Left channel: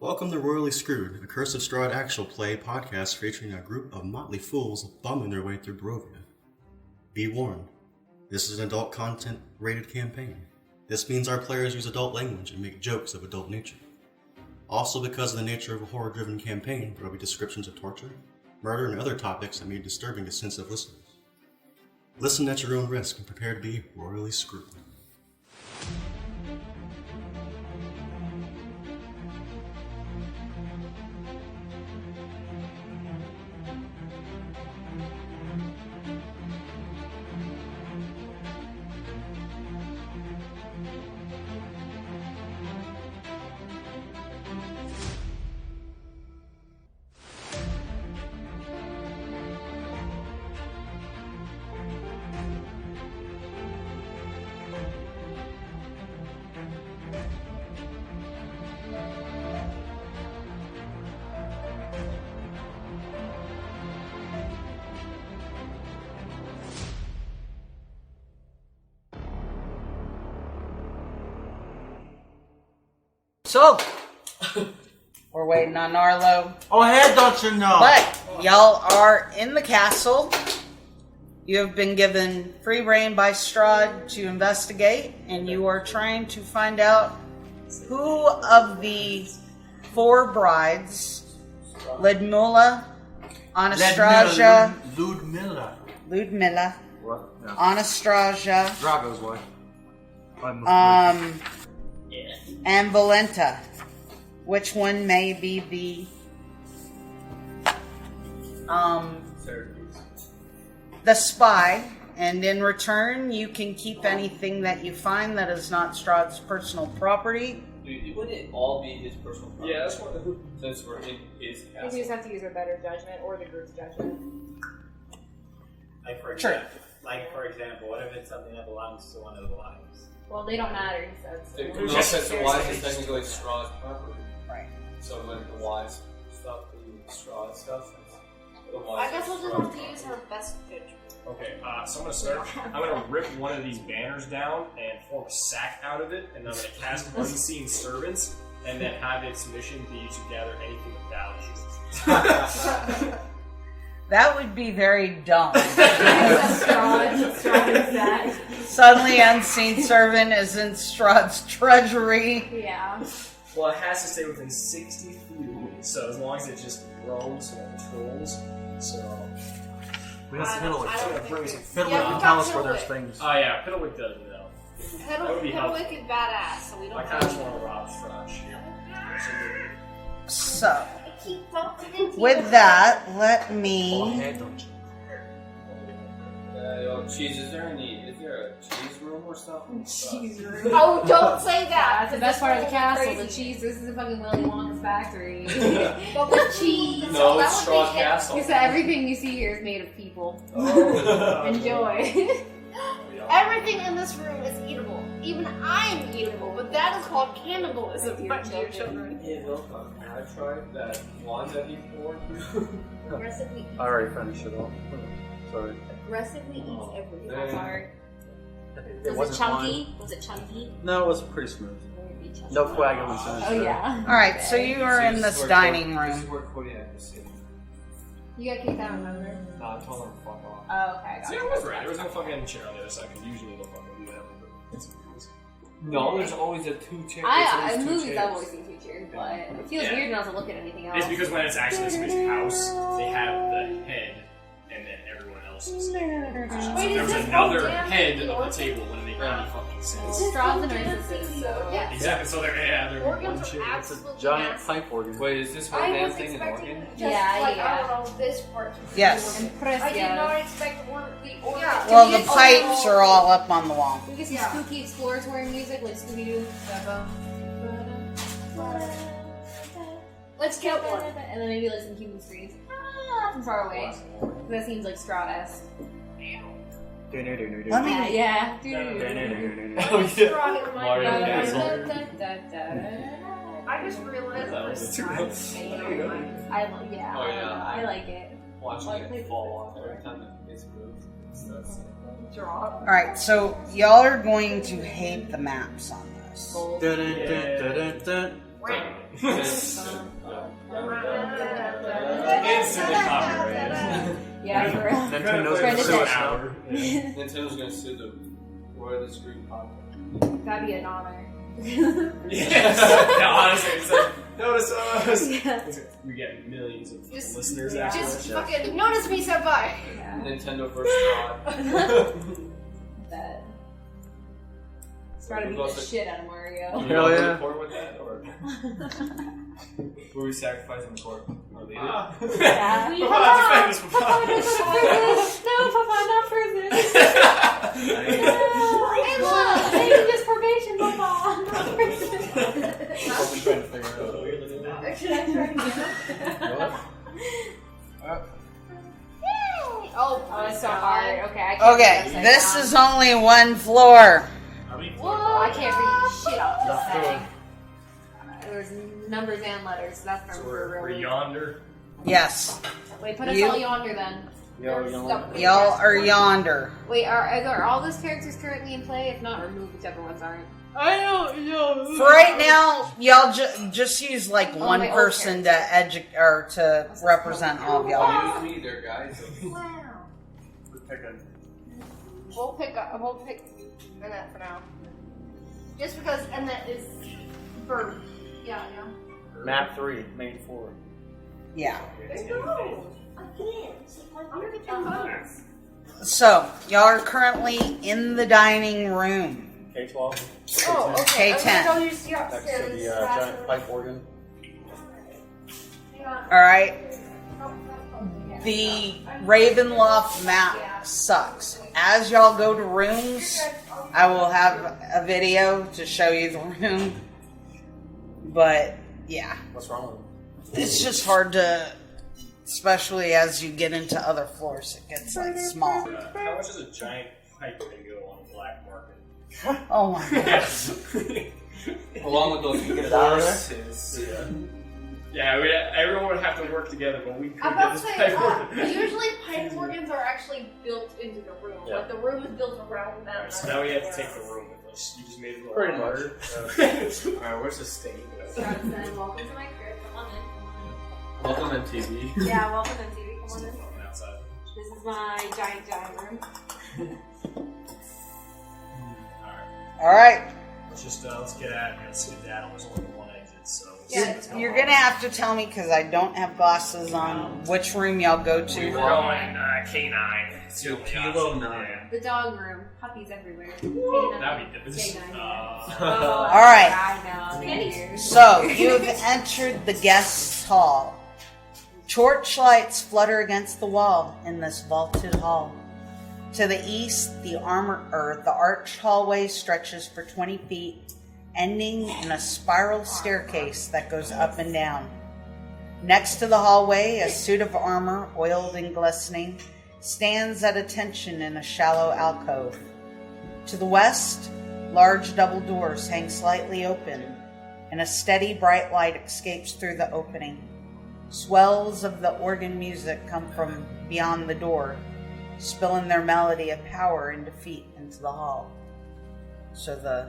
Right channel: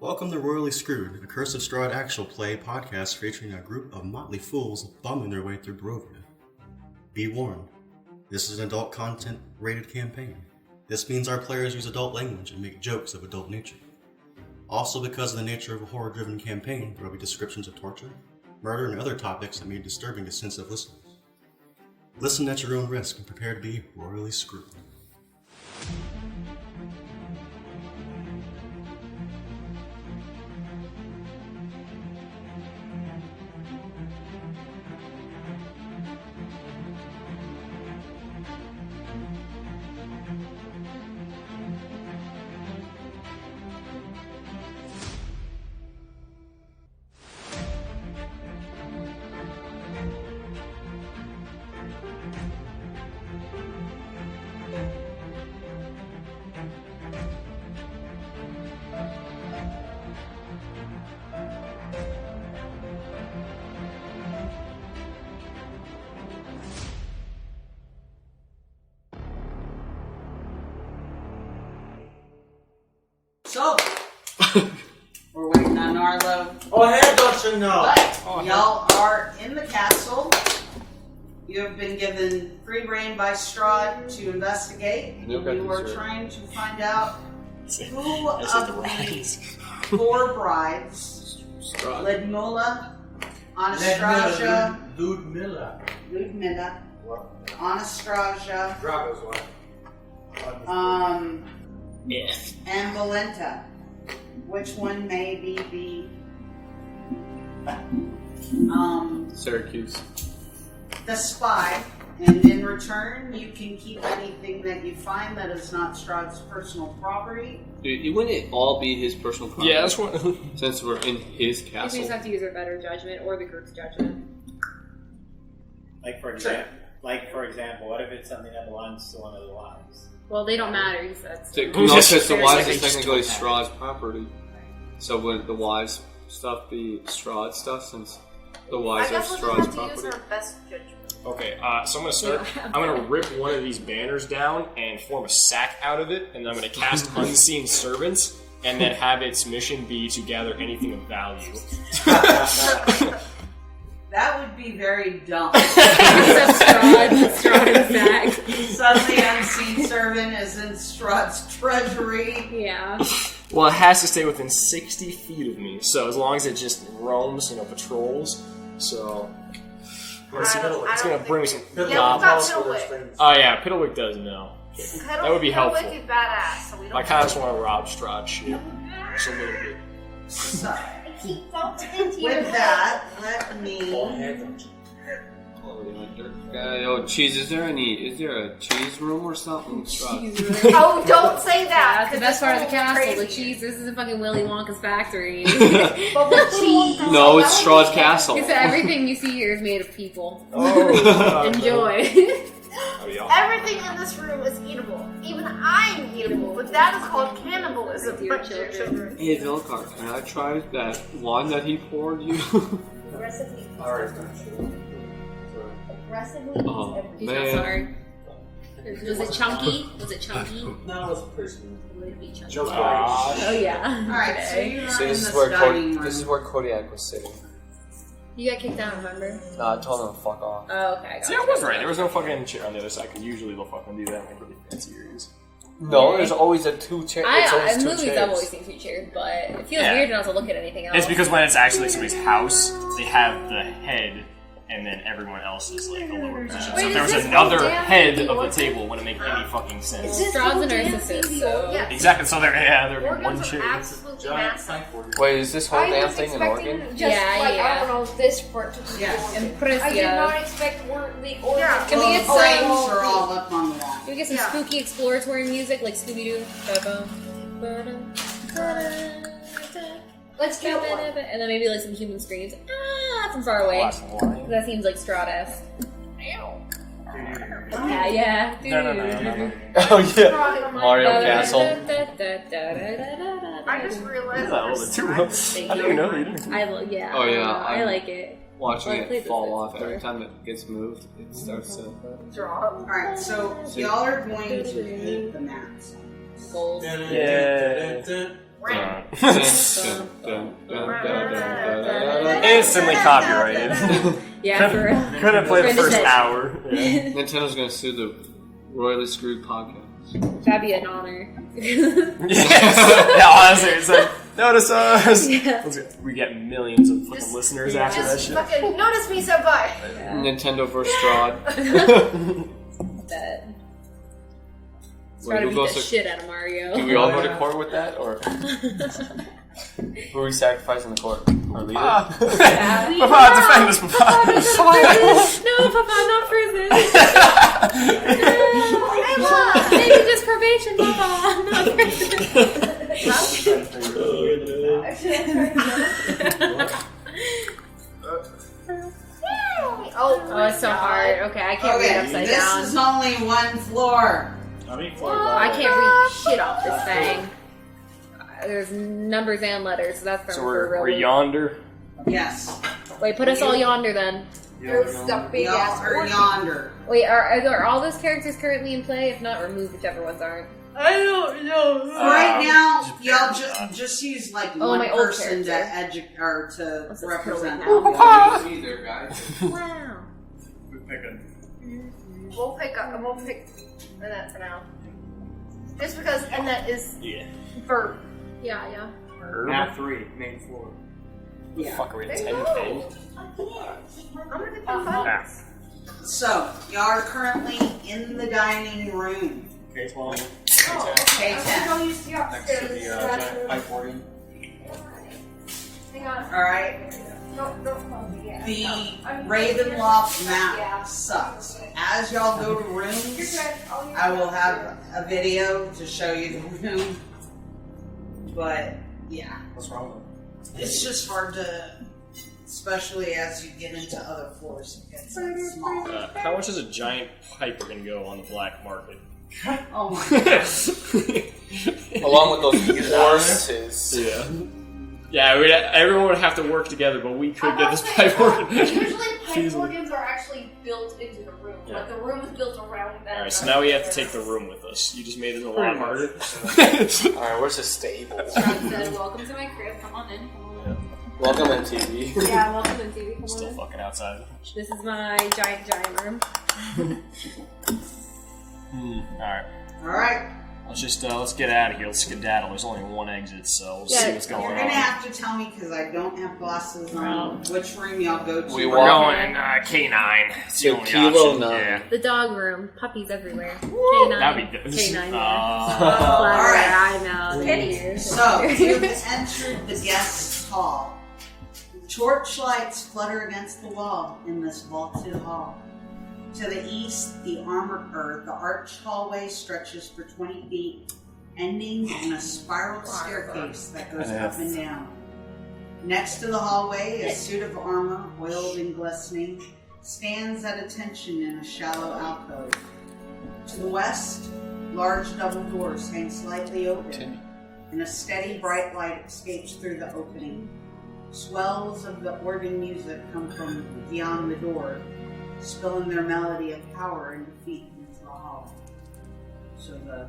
Welcome to Royally Screwed, a Curse of Strahd actual play podcast featuring a group of Motley Fools bumming their way through Barovia. Be warned, this is an adult content rated campaign. This means our players use adult language and make jokes of adult nature. Also, because of the nature of a horror-driven campaign, there will be descriptions of torture, murder, and other topics that may be disturbing to sensitive listeners. Listen at your own risk and prepare to be royally screwed. So, we're waiting on Arlo. Oh, hey, don't you know? But y'all are in the castle. You have been given free rein by Strahd to investigate, and you are trying to find out who of the four brides, Ludmilla, Anastasia, Ludmilla, Anastasia, Drago's one. and Valenta. Which one may be the Syracuse. the spy, and in return you can keep anything that you find that is not Strahd's personal property. Dude, wouldn't it all be his personal property? Yeah, that's what. Since we're in his You castle. just have to use our better judgment or the group's judgment. Like for example, what if it's something that belongs to one of the wives? Well, they don't matter. He says. No, because the wives Like is they technically just Strahd's property. Right. So would the wives stuff be Strahd stuff since the I wives are guess we'll Strahd's just have to use property? our best judgment. Okay, so I'm gonna start. I'm gonna rip one of these banners down and form a sack out of it, and then I'm gonna cast Unseen Servants, and then have its mission be to gather anything of value. That would be very dumb. Strahd and Zach. Suddenly Unseen Servant is in Strahd's treasury. Yeah. Well, it has to stay within 60 feet of me, so as long as it just roams, patrols. So it's gonna bring me some. Yeah, Tell us Fiddlewick. where there's things. Oh yeah, Piddlewick does know. That would be helpful. Fiddlewick is badass, so we don't. I kind of just want to rob Strahd shit. Just a little bit. So, with that, let me... Yo, cheese, is there a cheese room or something? Oh, don't say that. That's the best part of the castle. Crazy. The cheese. This isn't fucking Willy Wonka's factory. But the cheese. No, it's Strahd's castle. He said everything you see here is made of people. Oh, Enjoy. Everything in this room is eatable. Even I'm eatable, but that is called cannibalism. Dear But dear children. Hey, Velcar, can I try that wine that he poured you? Aggressively I already finished it all. Sorry. aggressively eats Oh, everything. He's not man. sorry. Was it chunky? Was it chunky? No, it was pretty smooth. Would it be chunky? No swag. Oh yeah. Alright, so you are So in this is this where dining This is room. where Kodiak was sitting. You got kicked out, remember? I told him to fuck off. Oh, okay. See, I was right. There was no fucking chair on the other side, because usually they'll fucking do that in like really fancy areas. No, there's always a two chair. In movies, I've always seen two chairs, but it feels weird not to look at anything else. It's because when it's actually somebody's house, they have the head, and then everyone else is like the lower position. So if there was another head of the table, it wouldn't make any fucking sense. Strahd's a narcissist, so... Yes. Exactly, so they're one Organs chair. are absolutely Giant massive. pipe organ. Wait, is this whole I damn was thing an expecting organ? just Yeah, like, yeah. I don't know, this part to be Yes. organ. I did Impressio. not expect the organ. Can Well, we the get pipes are all up on the wall. Can we get some Yeah. spooky exploratory music, like Scooby-Doo? Let's get one. And then maybe like some human screams from far away. That seems like Strahd-esque. Let me... Yeah. Oh yeah, Mario Castle. I just realized Is that all the there's two? snacks. I didn't even know you. Yeah. Oh, yeah, I I- like it. Watching Well, I played it this fall before. off every time it gets moved, it starts to. Draw. Alright, so y'all are going to hate the maps on this. Instantly copyrighted. Yeah, for real. Couldn't play the first hour. Yeah. Nintendo's gonna sue the Royally Screwed podcast. That'd be an honor. Yeah, honestly, it's like, notice us! Yeah. We get millions of fucking listeners after that Just shit. fucking notice me, senpai. Nintendo vs. Strahd. That. Wait, Try to who beat goes the to- shit out of Mario. Do we all go to court with that, or who are we sacrificing the court? Our leader? Papa, defend us, Papa! No, Papa, not prison. Maybe just probation, Papa, not prison. Oh, Oh, it's so hard. Okay, I can't read Okay, upside this down. is only one floor. I can't read shit off this thing. There's numbers and letters, so that's So for we're really. yonder. Yes. Wait, put us all yonder then. Y'all are yonder. Wait, are all those characters currently in play? If not, remove whichever ones aren't. I don't know. For right now, y'all just use like one my old person to character. to represent all of y'all. Be there, guys. Wow. We'll pick Anet for now. Just because Anet is verb. Yeah. Map 3, main floor. Yeah. Fuck, we're in 10 I'm gonna get confines. So y'all are currently in the dining room. K12. Oh, okay. K10. I'll use the Next to upstairs. the giant pipe organ. Hang on. All right. Don't call me yet. The Ravenloft map sucks. As y'all go to rooms, I will have a video to show you the room. But yeah, What's wrong with it? it's just hard to, especially as you get into other floors. It gets like small. How much is a giant pipe going to go on the black market? Oh my god. Along with those horses. Yeah. Yeah, everyone would have to work together, but we could I'm get not this saying pipe that. working. Usually pipe Easily. organs are actually built into the room. Yeah. Like the room is built around them. Alright, so now we have to take the room with us. You just made it a lot harder. Alright, where's the stable? Strahd said, welcome to my crib. Come on in. Welcome, MTV. Yeah, welcome to TV. Come Still on in. fucking outside. This is my giant room. Alright. Alright, Let's get out of here. Let's skedaddle. There's only one exit, so we'll see what's going you're on. gonna have to tell me because I don't have glasses on which room y'all go to. We're going K9. It's the To only Kilo option. 9. Yeah. The dog room. Puppies everywhere. K9. That'd be good. K9, yeah. Alright. I know. So, you've entered the guest hall. Torchlights flutter against the wall in this vaulted hall. To the east, the arched hallway stretches for 20 feet, ending in a spiral staircase that goes up and down. Next to the hallway, a suit of armor, oiled and glistening, stands at attention in a shallow alcove. To the west, large double doors hang slightly open, and a steady bright light escapes through the opening. Swells of the organ music come from beyond the door, spilling their melody of power and defeat into the hall. So the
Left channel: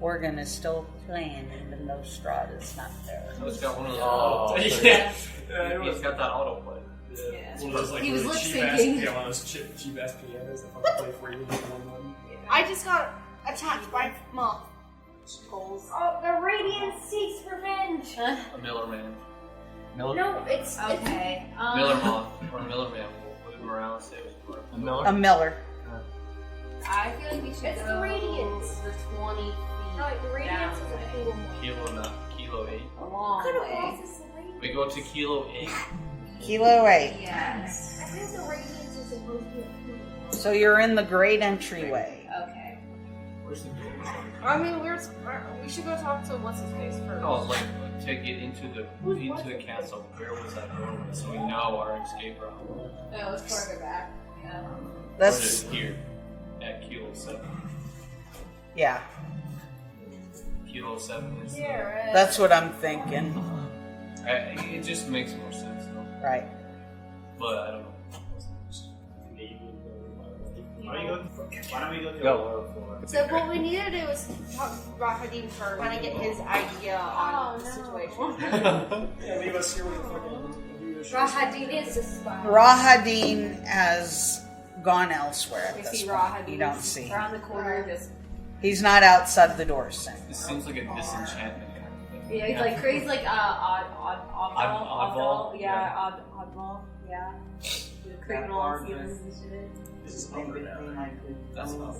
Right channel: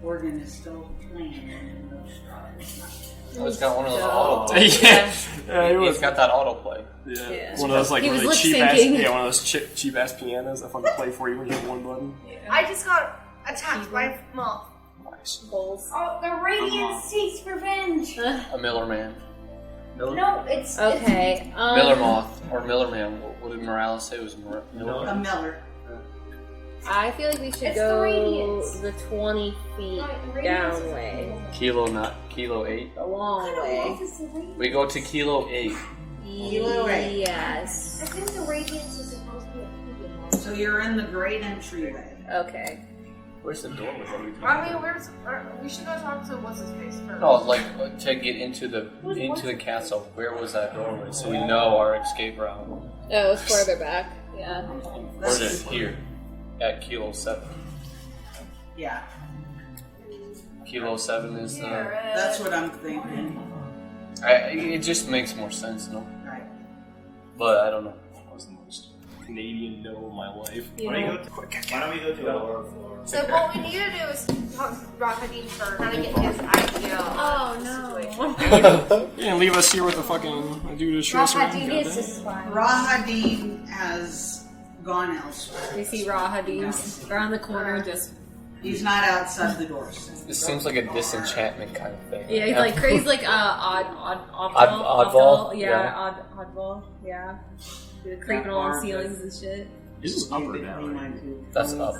organ is still playing even though Strahd is not there. Oh, it's got one of those auto Yeah. He's got that autoplay. Yeah. One of those like He was really cheap ass, lip-syncing. one of those cheap ass pianos that fucking play for you when you hit one button. I just got attacked by a moth. Nice. Goals. Oh, the radiant seeks revenge. A Miller Man. No, it's Okay. Miller Moth. Or Miller Man. What did Morales say? It was Miller? A Miller. I feel like we should It's go the radiance. the 20 feet No, the down radiance is way. Kilo 8. A long way. We go to Kilo 8. Kilo 8. Yes. I think the radiance is supposed to be a cube. So you're in the great entryway. Okay. Where's the door? I mean, we should go talk to what's his face first. No, it's like to get into the castle. Where was that doorway? So we know our escape route. Oh, it's further back. Yeah. Or is it here? At Kilo 7. Yeah, Kilo 7 is that's what I'm thinking. it just makes more sense, no? Right. But I don't know. Canadian know in my life. Why don't we go to Go. a lower floor? So what we need to do is talk to Rahadin for kind of get his idea on the situation. Yeah, leave us here with the fucking dude who's shooting us around. Rahadin is a spy. Rahadin has gone elsewhere. We see You don't Rahadin see. around the corner, just He's not outside the door soon. This seems like a disenchantment kind of thing. yeah, he's like crazy, like oddball. Oddball? Yeah, oddball. Yeah, creeping along ceilings and shit. This is up or down? That's up.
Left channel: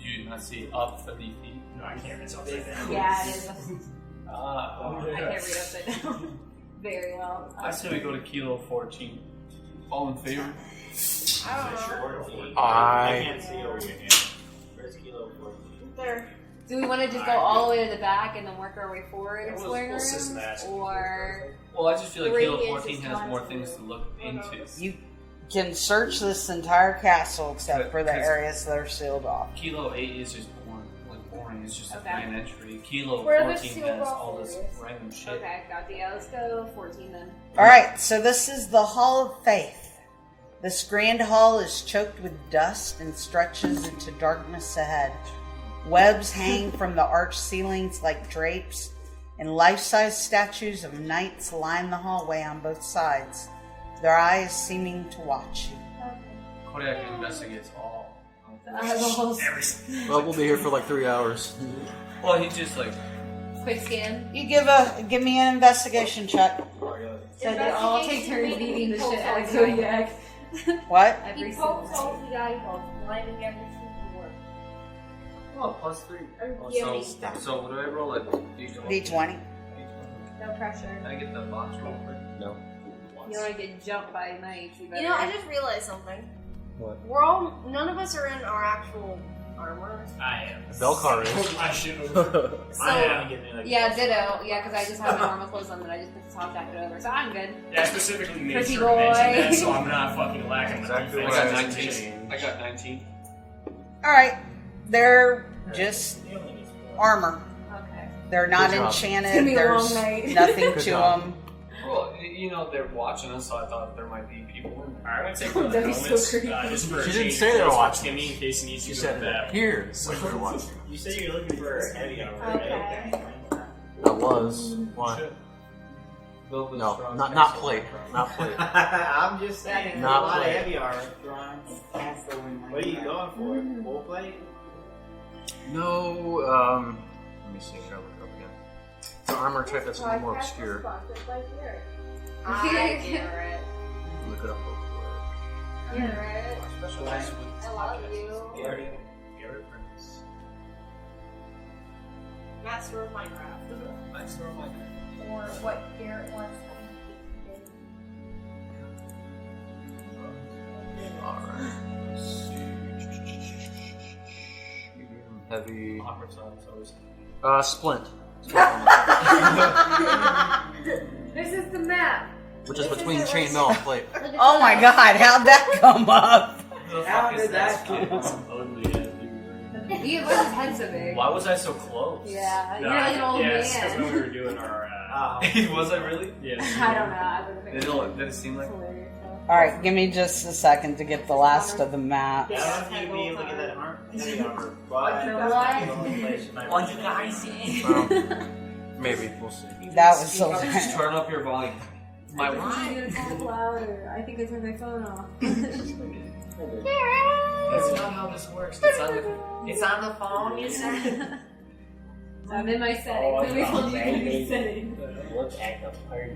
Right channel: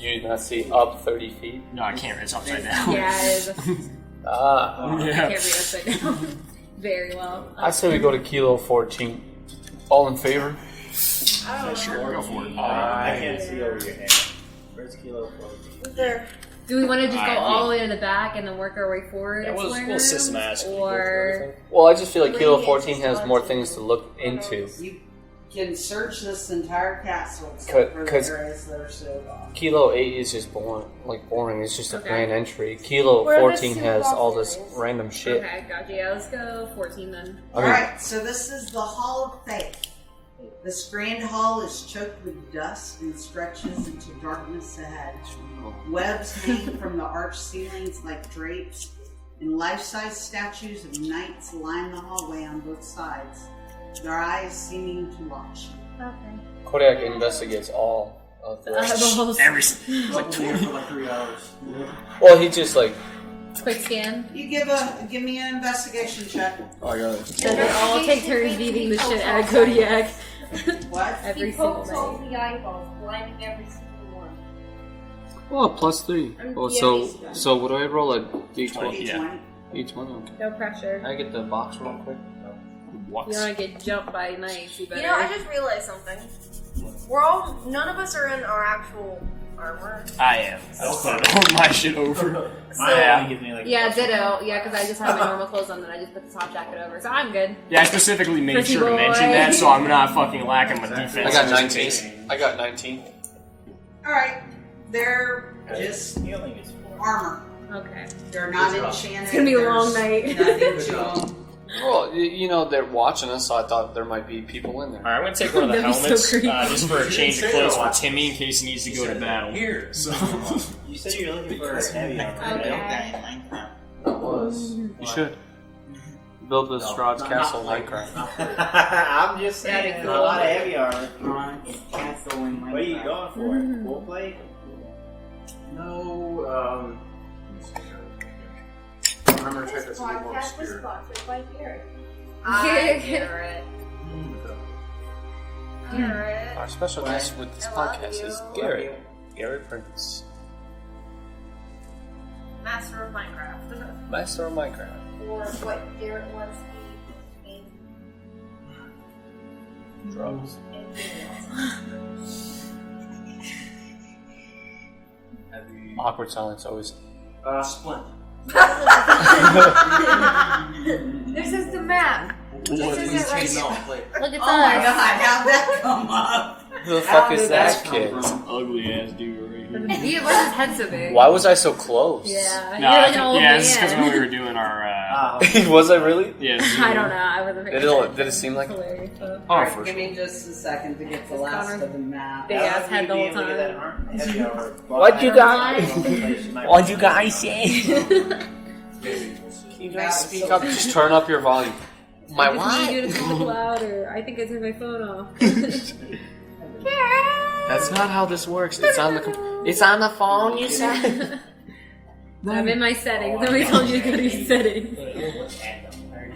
You did not see up 30 feet? No, I can't. It's upside down. Yeah, it is. Ah. I can't read upside down very well. I say we go to Kilo 14. All in favor? Sure, go for it. I can't see over your head. Where's Kilo 14? Do we want to just go all the way to the back and then work our way forward? Yeah, exploring we'll the rooms? systematically go Or Well, I just feel like Three Kilo is 14 has just more one, things two. to look into. You can search this entire castle except for the 'Cause- areas that are sealed off. Kilo 8 is just boring. It's just a Okay. grand entry. Kilo Where the 14 has all this sealed off random shit. okay, gotcha. Yeah, let's go 14 then. Alright, so this is the Hall of Faith. This grand hall is choked with dust and stretches into darkness ahead. Webs hang from the arched ceilings like drapes, and life-size statues of knights line the hallway on both sides, their eyes seeming to watch you. Kodak investigates all of the. Eyeballs. We'll be here for like 3 hours. Well, he just like. Quick scan. You give me an investigation check. Oh, I got it. Then we all take turns beating the shit out of Kodiak. What? Every He single pokes all night. the eyeballs, blinding every single one. Oh, +3. Oh, so what do I roll? A D12? D20. D20. No pressure. Can I get the box real quick? No. What? You don't want to get jumped by knights, you better. You know, I just realized something. What? None of us are in our actual armor. I am. Velcar tore my shit over. Mine only gives me like a Yeah, plus ditto. Yeah, because I just have my normal clothes on, and I just put the top jacket over, so I'm good. Yeah, I specifically made Pretty sure to boy. mention that, so I'm not fucking lacking with I defense. got just in 19. case. I got 19. Alright, they're just He only gets 4. armor. Okay. They're not enchanted. It's gonna be a There's long night. nothing to them. Well, you know, they're watching us, so I thought there might be people in there. Alright, I'm gonna take one of the That'd be so helmets creepy. just for a She change didn't of say clothes they're for Timmy in case he needs to go to battle. Here. So You said you're looking for heavy armor. Okay. I was. You Why? should. Build the No, Strahd's not castle. plate. Minecraft. Not plate. I'm just saying, No, a lot of plate. heavy armor. What are you going for? Full plate? No, let me see if I look up here. The armor type that's a little more obscure. I hear it. Look it up. Hear it. Our special guest with this podcast is Garrett. Garrett Prince. Master of Minecraft. Master of Minecraft. Or what year it was. Drugs. Heavy. Awkward silence always. Splint. This is the map. Which is This between is it right chain no plate. Look at Oh my us. god, how'd that come up? Who the fuck is did that that kid? Some ugly ass dude right here. Why is his head so big? Why was I so close? Yeah, No, you're I like an think- old yeah, man. this is because when we were doing our Was I really? yeah. I don't know. I wasn't. Did it seem like? Hilarious. Though. Alright, give me just a second to get the last Connor. of the map. Big ass head the whole Get that time. armor, heavy armor. What'd you guys? What'd you guys say? Maybe, we'll see. That was Speak so up. Just turn up your volume. My I just need you to talk louder. I think I turned my phone off. That's not how this works. It's on the. It's on the phone. You said. I'm in my settings. Nobody told you to go to your settings.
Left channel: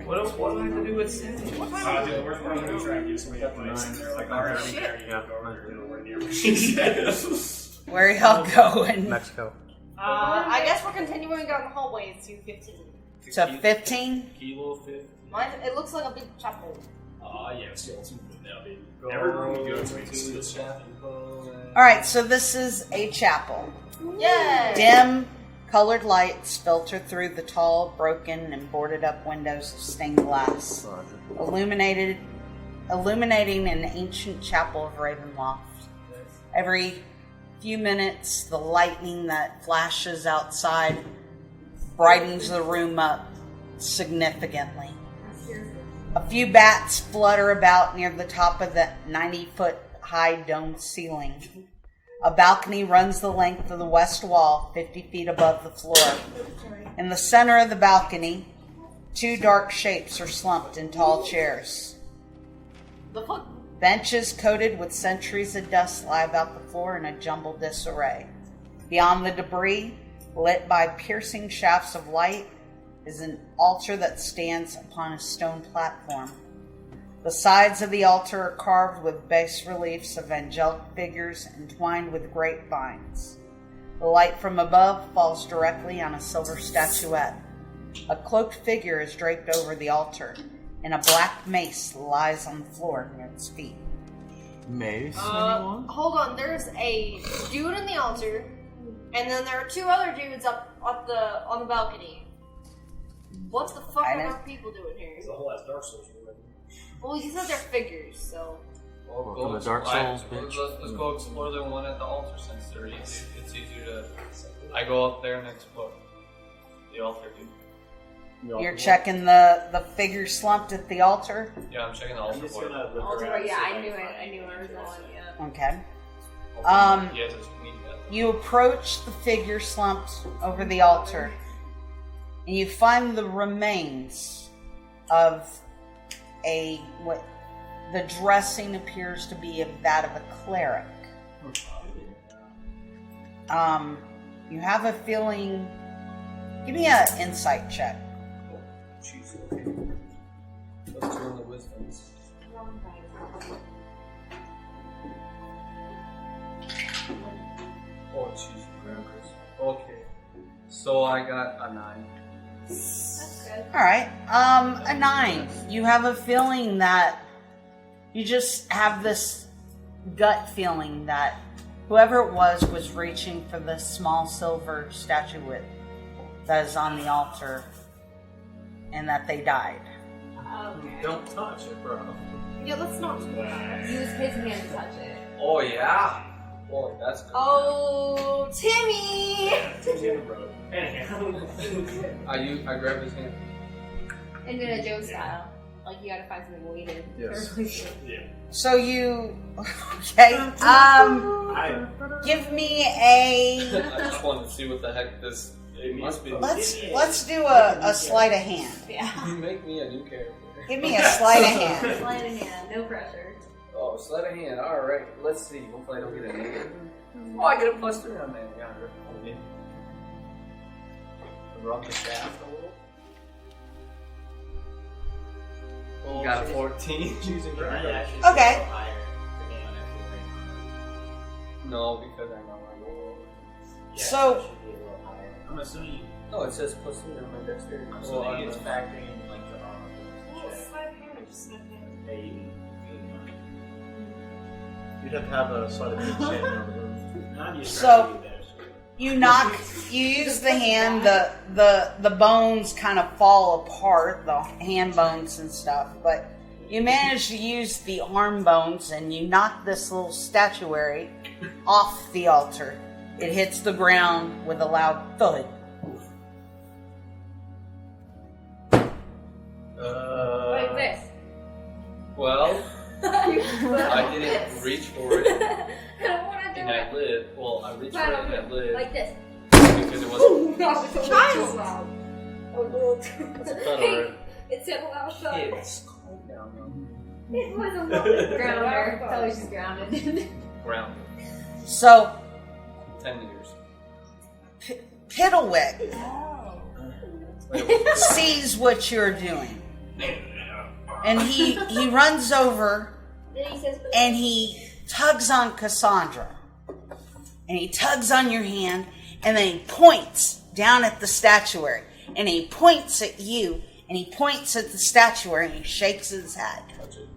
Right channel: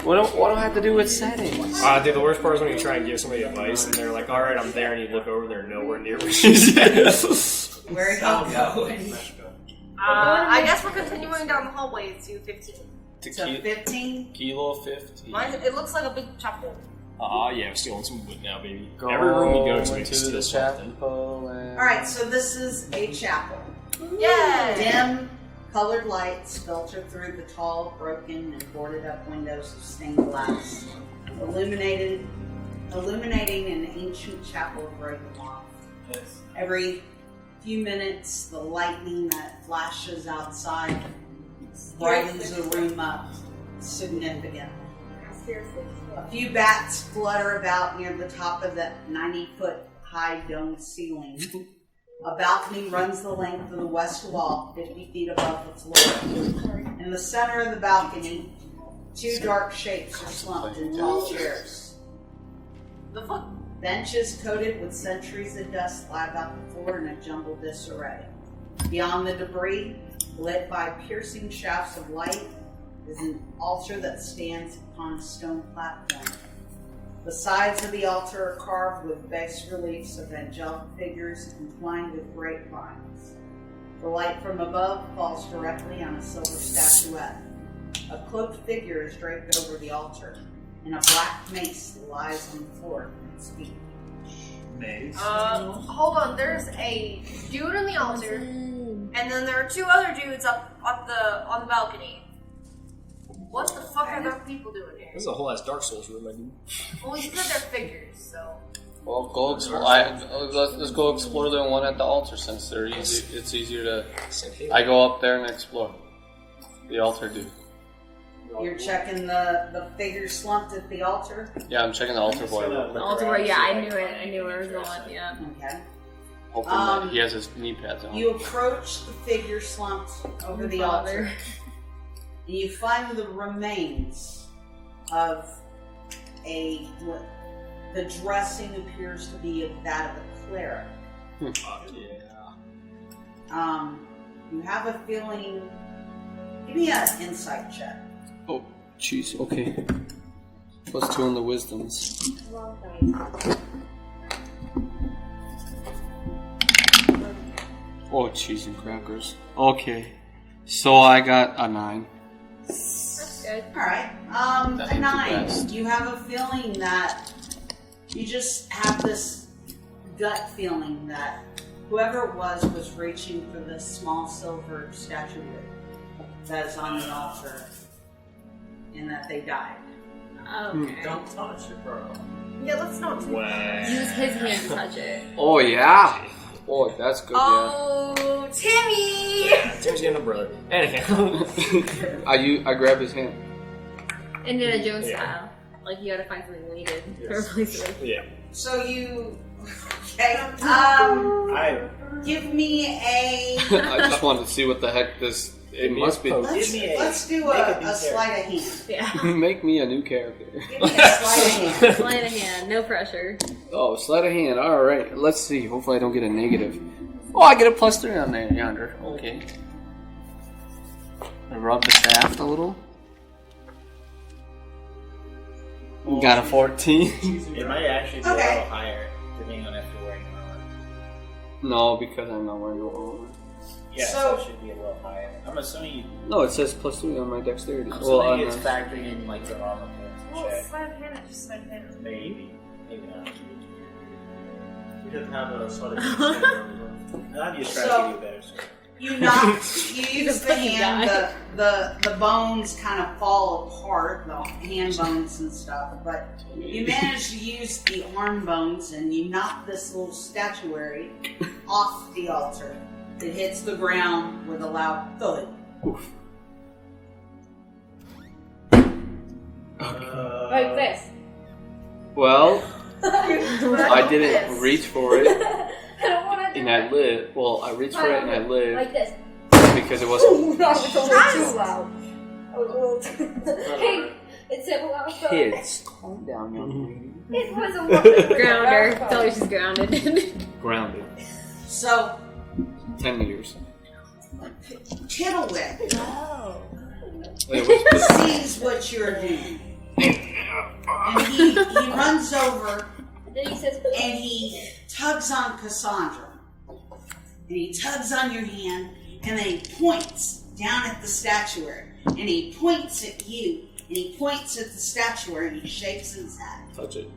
What do I have to do with settings? Dude, the worst part is when you try and give somebody advice and they're like, alright, I'm there, and you look over there, nowhere near where she's at. Where y'all going? Mexico. I guess we're continuing down the hallway to 15. So 15? Kilo 15. Mine, it looks like a big chapel. Yeah, we're stealing some wood now, baby. Every room we go to, we to steal the something. chapel. Alright, so this is a chapel. Yay! Dim, colored lights filter through the tall, broken, and boarded up windows of stained glass, illuminating an ancient chapel of Ravenloft. Every few minutes, the lightning that flashes outside brightens the room up significantly. A few bats flutter about near the top of the 90-foot-high domed ceiling. A balcony runs the length of the west wall, 50 feet above the floor. In the center of the balcony, 2 dark shapes are slumped in tall chairs. The fuck? Benches coated with centuries of dust lie about the floor in a jumbled disarray. Beyond the debris, lit by piercing shafts of light, is an altar that stands upon a stone platform. The sides of the altar are carved with bas reliefs of angelic figures entwined with grapevines. The light from above falls directly on a silver statuette. A cloaked figure is draped over the altar, and a black mace lies on the floor near its feet. Mace? Hold on. There's a dude on the altar, and then there are 2 other dudes up on the balcony. What the fuck are those people doing here? This is a whole ass Dark Souls room, I mean. Well, you said they're figures, so. Well, let's go explore the one at the altar since they're easy. It's easier to. I go up there and explore. The altar dude. You're checking the figure slumped at the altar? Yeah, I'm checking the altar boy. The altar boy, yeah, I knew it. I knew where it was going, yeah. Okay. He has his knee pads on. You approach the figure slumped over the altar, and you find the remains of what the dressing appears to be that of a cleric. You have a feeling. Give me an insight check. Oh, jeez. Okay. +2 on the wisdoms. Oh, cheese and crackers. Okay. So I got a 9. That's good. Alright. A 9. You have a feeling that you just have this gut feeling that whoever it was reaching for this small silver statuette that is on the altar and that they died. Okay. Don't touch it, bro. Yeah, let's not. Use his hand to touch it. Oh, yeah. Oh, that's good, Oh, Timmy! Yeah, Tim's getting a brother. Anyhow. I grab his hand. Indiana Jones style. Like, you gotta find something weighted to replace it. Yeah. So you... Okay. Give me a... I just wanted to see what the heck this... It must be... Let's do a sleight of hand. Yeah. Make me a new character. Give me a sleight of hand. Sleight of hand, no pressure. Oh, sleight of hand. Alright. Let's see. Hopefully I don't get a negative. Oh, I get a +3 on there, yonder. Okay. I rub the shaft a little. Got a 14. It might actually be Okay. a little higher, depending on if you're wearing armor. No, because I'm not wearing armor. Yeah, So- it should be a little higher. I'm assuming you. No, it says +3 on my dexterity. I'm Well, assuming on it's the... factoring in like the armor points and check. Sleight of hand, just sleight of hand. Maybe. Maybe not. You don't have a sort of check. Not just So- trying to give you a better score. You use the hand, the bones kind of fall apart, the hand bones and stuff, but you manage to use the arm bones and you knock this little statuary off the altar. It hits the ground with a loud thud. Like this. Well, I didn't reach for it, I don't wanna do and it. I lived. Well, I reached for it and I lived Like this. because it wasn't No, it's only too loud. Hey, it's a loud thud. kids. Calm down, young lady. It was a little grounder. Tell her she's grounded. Grounded. So, 10 meters. Piddlewick Wait, what's sees what you're doing. And he runs over Then he says, and he tugs on Cassandra. And he tugs on your hand, and then he points down at the statuary. And he points at you, and he points at the statuary, and he shakes his head. touch it?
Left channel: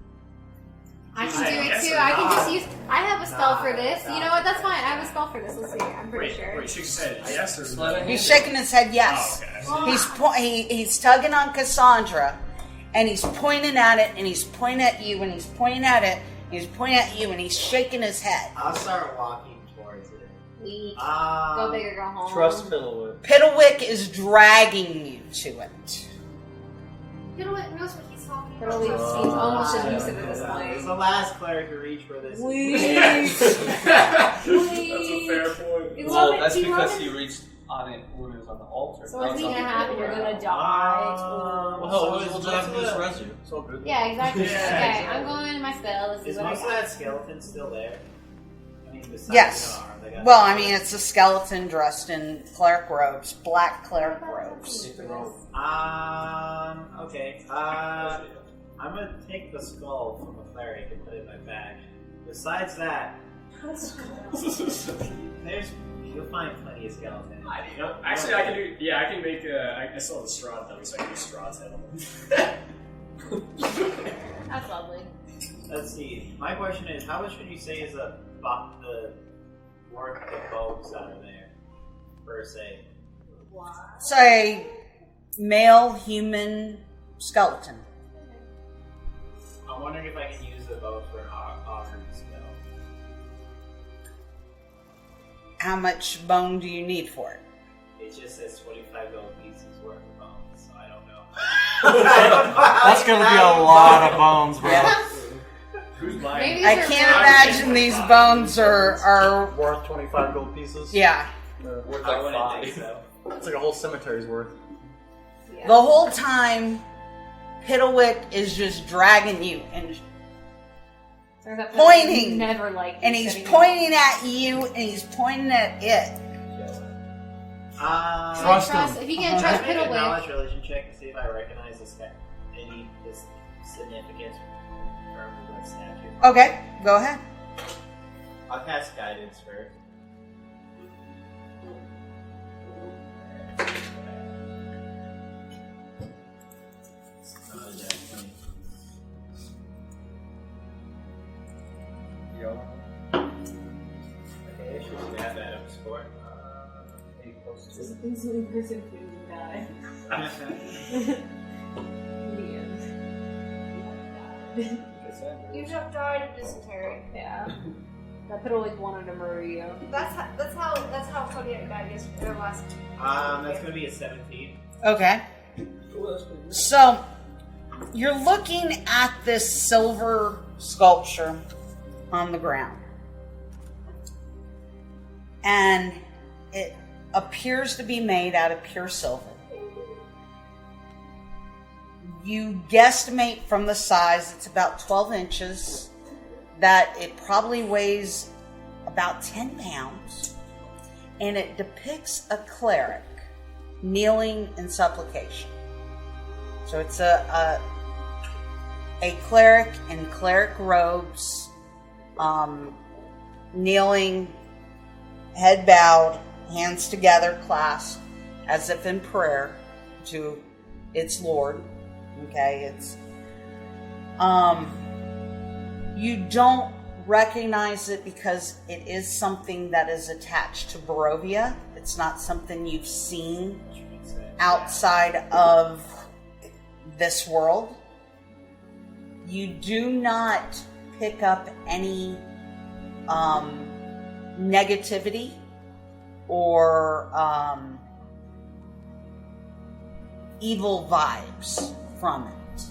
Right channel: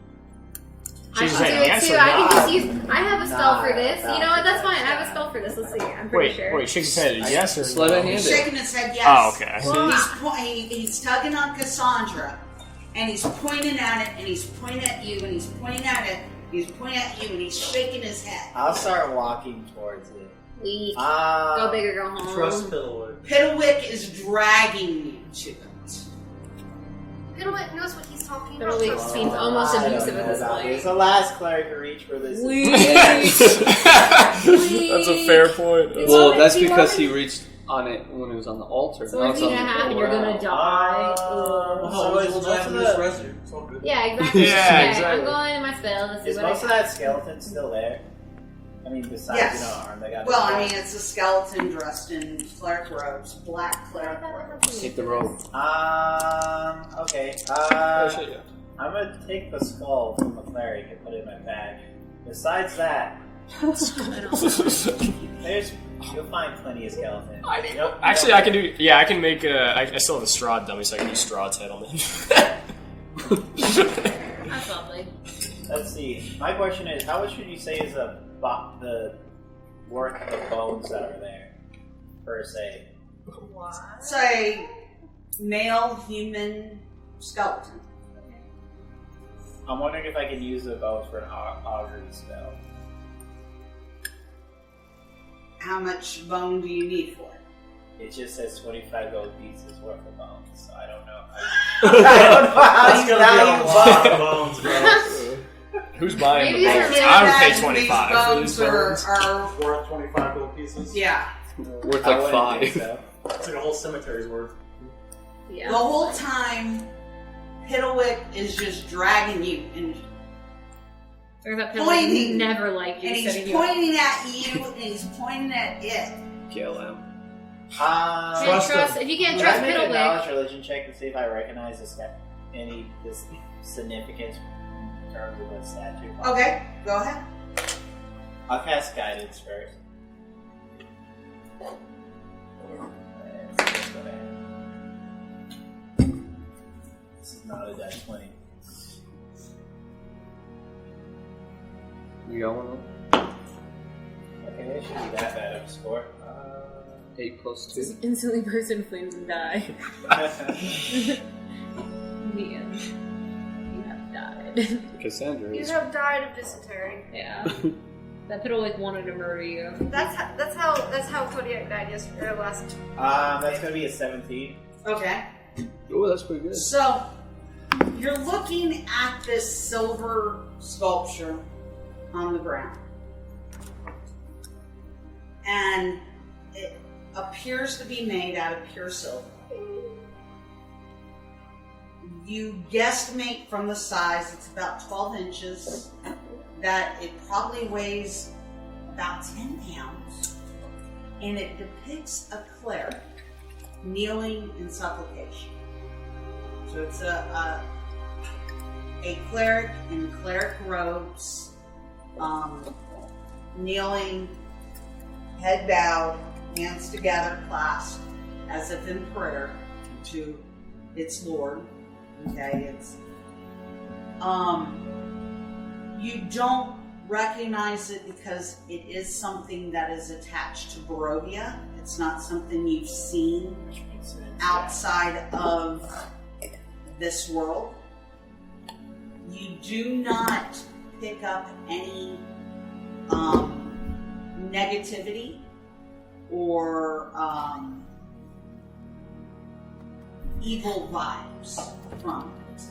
I She's can do saying it yes too. or I can no? just use. I have a spell for this. You know what? That's fine. I have a spell for this. Let's see. I'm pretty sure. Wait, shake his head. Yes or Sleight no? of hand. He's shaking his head yes. Oh, okay. He's tugging on Cassandra, and he's pointing at it, and he's pointing at you, and he's pointing at it, and he's pointing at you, and he's shaking his head. I'll start walking towards it. Weak. Go big or go home. Trust Piddlewood. Piddlewick is dragging you to it. Piddlewick knows what he's talking about. Piddlewick seems almost abusive at this point. It's the last cleric to reach for this. That's a fair point. Well, that's because he reached on it when he was on the altar. So what's gonna happen? You're gonna die. Yeah, exactly. Yeah, exactly. I'm going in my spell. This Is is what most of I got. that skeleton still there? I mean, besides, Yes. aren't they got It's a skeleton dressed in cleric robes, black cleric robes. Take the rope. Okay. Oh, shit, yeah. I'm gonna take the skull from the cleric and put it in my bag. Besides that, you'll find plenty of skeletons. Actually, I can do. Yeah, I can make. I still have a Strahd dummy, so I can do Strahd's head on it. That's lovely. Let's see. My question is, how much would you say is the worth of bones that are there, per se? It's a male human skeleton. I'm wondering if I can use the bones for an augury spell. How much bone do you need for it? It just says 25 gold pieces worth of bones, so I don't know. That's gonna be a lot of bones, bro. Who's buying Maybe them? I they're can't not- imagine these bones are Worth 25 gold pieces. yeah. Worth I like wouldn't 5. think so. It's like a whole cemetery's worth. Yeah. The whole time, Piddlewick is just dragging you, and pointing. Never like you, and he's setting pointing at you, and he's pointing at it. Kill him. Trust if you can't trust I'm gonna Piddlewick. knowledge religion check to see if I recognize any significance in terms of the statue. Okay, go ahead. I'll cast guidance first. It's not a dex 20. You got one? Okay, it should be that bad of a score. 8 plus 2. Just instantly burst into flames and die. In the end, you have died. Cassandra You is. have died of dysentery. Yeah. That Piddlewick wanted to murder you. That's how Kodiak died yesterday last. That's gonna be a 17. Okay. Oh, that's pretty good. So, you're looking at this silver sculpture on the ground. And it appears to be made out of pure silver. You guesstimate from the size, it's about 12 inches, that it probably weighs about 10 pounds. And it depicts a cleric kneeling in supplication. So it's a cleric in cleric robes, kneeling, head bowed, hands together, clasped, as if in prayer to its Lord. Okay, it's you don't recognize it because it is something that is attached to Barovia. It's not something you've seen outside of this world. You do not pick up any negativity or evil vibes from it.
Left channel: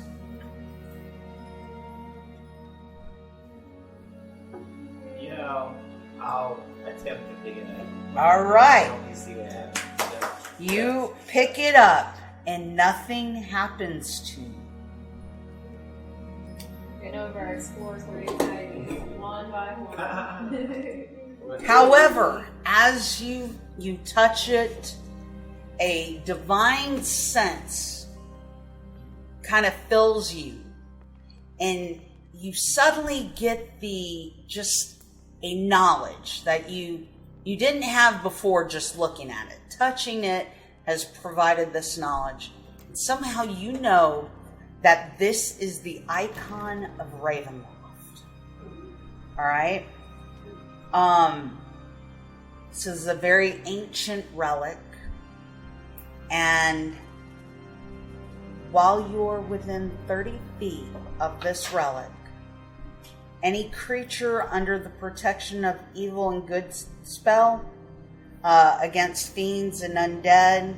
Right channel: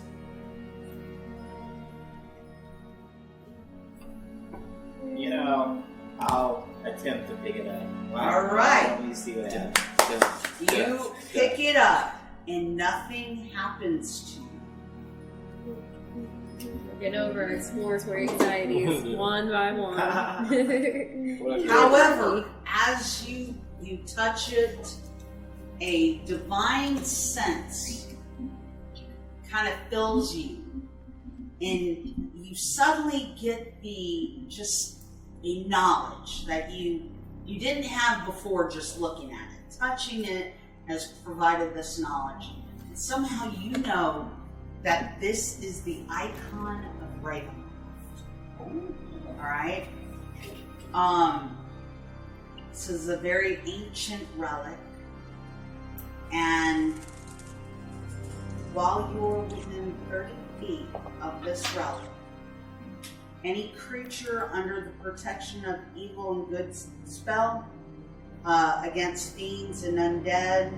You know, I'll attempt to pick it up. All right. Let me see what happens. You pick it up and nothing happens to you. Getting over our exploratory anxieties one by one. However, as you touch it, a divine sense kind of fills you, and you suddenly get just a knowledge that you didn't have before just looking at it. Touching it has provided this knowledge. And somehow you know that this is the icon of Ravenloft. Alright? This is a very ancient relic. And while you're within 30 feet of this relic, any creature under the protection of evil and good spell against fiends and undead,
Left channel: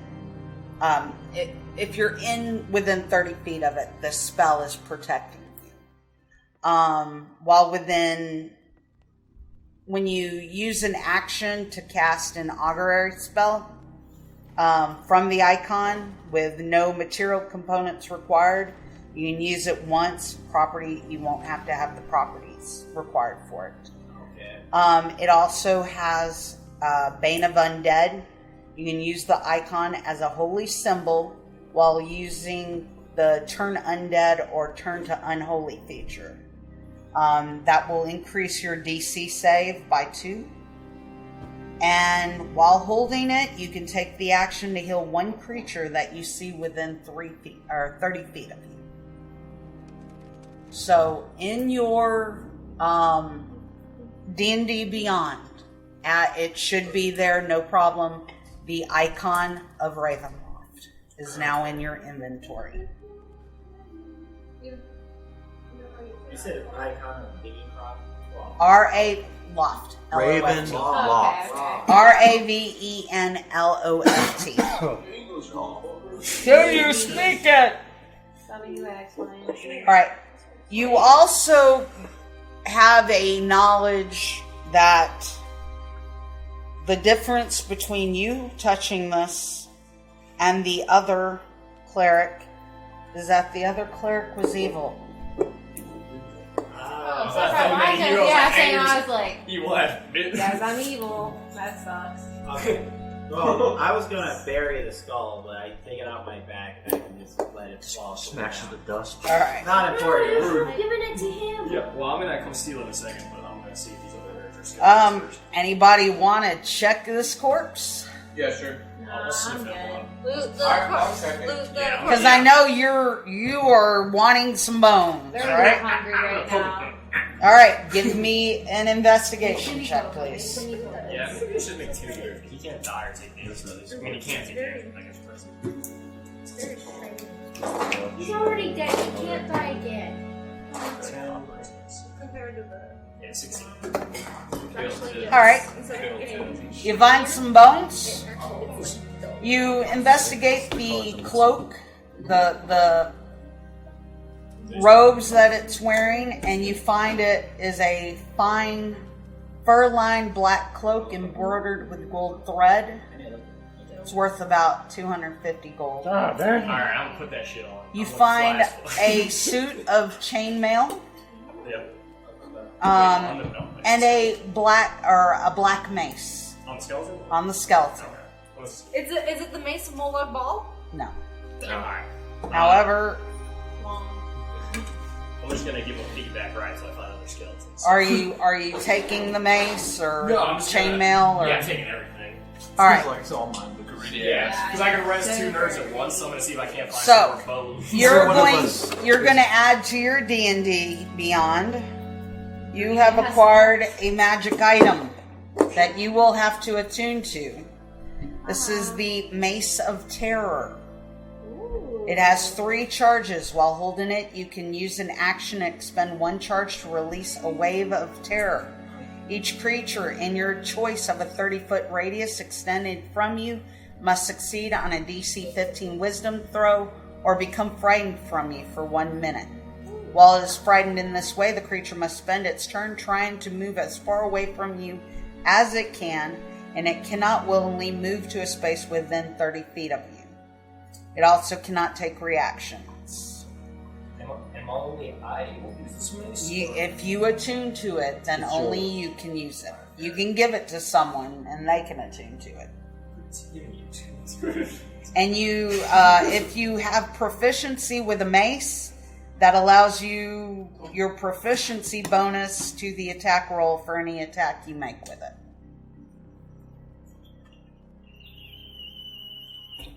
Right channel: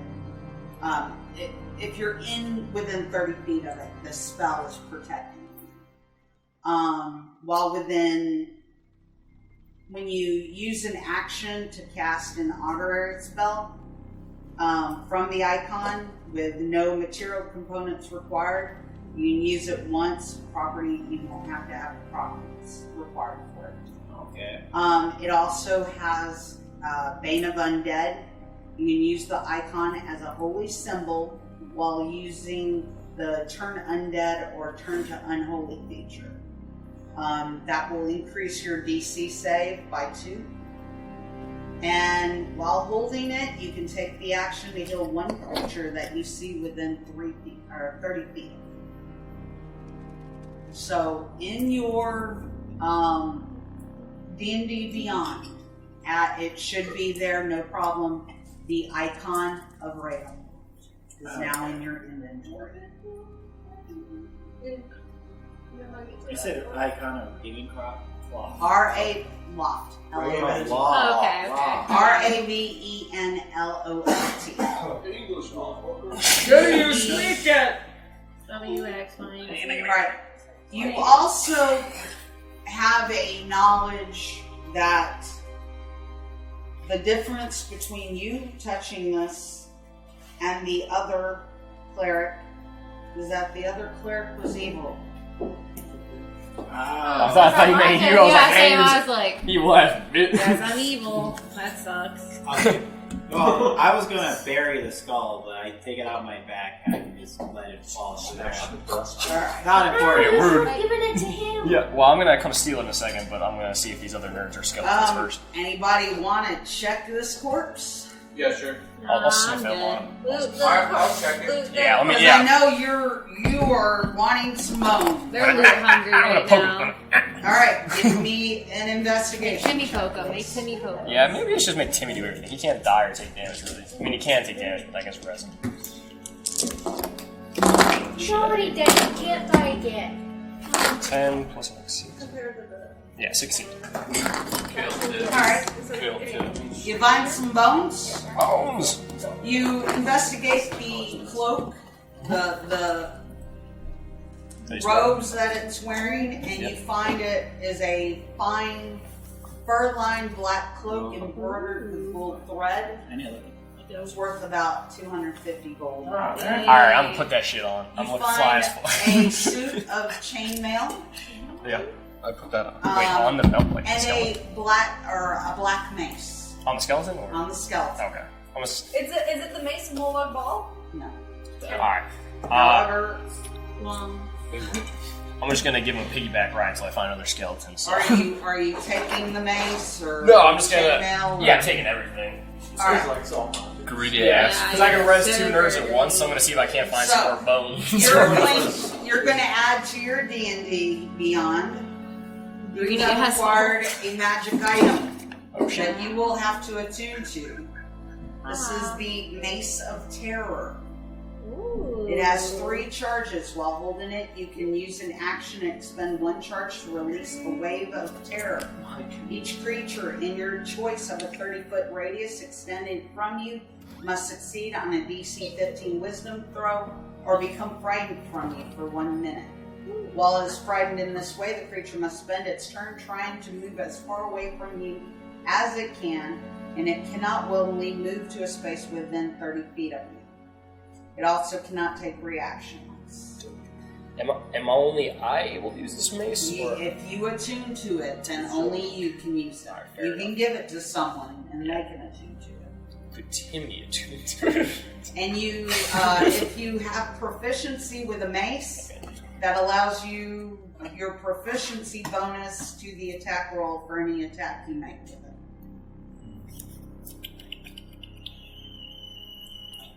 if you're in within 30 feet of it, the spell is protecting you. While when you use an action to cast an augury spell from the icon with no material components required, you can use it once. You won't have to have the properties required for it. Okay. It also has Bane of Undead. You can use the icon as a holy symbol while using the turn undead or turn to unholy feature. That will increase your DC save by 2. And while holding it, you can take the action to heal one creature that you see within 3 feet or 30 feet of you. So in your D&D Beyond, it should be there, no problem. The icon of Ravenloft is now in your inventory. You said icon of digging crop? R-A Loft. Raven. Oh, okay. R-A-V-E-N-L-O-F-T. Do you sneak it? Some of you explain. Alright. You also have a knowledge that the difference between you touching this and the other cleric is that the other cleric was evil. I thought you made you. I was like, he left. yes, I'm evil. That sucks. Well, I was gonna bury the skull, but I take it out of my back and just let it fall. Smash the dust. Alright. Not important. Rude. Giving it to him. Yeah, well, I'm gonna come steal in a second, but I'm gonna see if these other nerds are skeletons first. Anybody want to check this corpse? Yeah, sure. I'll sniff that one. I'll check it. Yeah, let me. Because Yeah. I know you are wanting some bone. They're really hungry right now. Alright, give me an investigation Timmy check, Coco. Make please. Timmy Coco. Yeah, maybe we should just make Timmy do everything. He can't die or take damage, really. I mean, he can take damage, but I guess resin. He's already dead. He can't die again. 10 plus 6. Yeah, 16. Alright, you find some bones. Bones! You investigate the cloak, the robes that it's wearing, and you find it is a fine fur-lined black cloak embroidered with gold thread. It's worth about 250 gold. Alright, I'm gonna put that shit on. You I'm gonna find fly a suit of chainmail. Yeah, I put that on. On the belt, like and the a black mace on the skeleton? Or? on the skeleton. Okay. Is it the mace Molag Bal? No. Alright. However, I'm just gonna give him a piggyback ride until I find other skeletons. are you taking the mace or No, I'm just gonna. chainmail? Or... Yeah, I'm taking everything. All right. Like it's all mine. Greedy ass. Because I can res 2 nerds at once, so I'm gonna see if I can't find So, some more bones. You're going to add to your D&D Beyond. You have Yes. acquired a magic item that you will have to attune to. This is the Mace of Terror. It has 3 charges. While holding it, you can use an action and expend 1 charge to release a wave of terror. Each creature in your choice of a 30-foot radius extended from you must succeed on a DC 15 wisdom throw or become frightened from you for 1 minute. While it is frightened in this way, the creature must spend its turn trying to move as far away from you as it can, and it cannot willingly move to a space within 30 feet of you. It also cannot take reactions. Am only I able to use this mace? If you attune to it, then only you can use it. You can give it to someone, and they can attune to it. Could Timmy attune to it? And you, if you have proficiency with a mace, that allows you your proficiency bonus to the attack roll for any attack you make with it.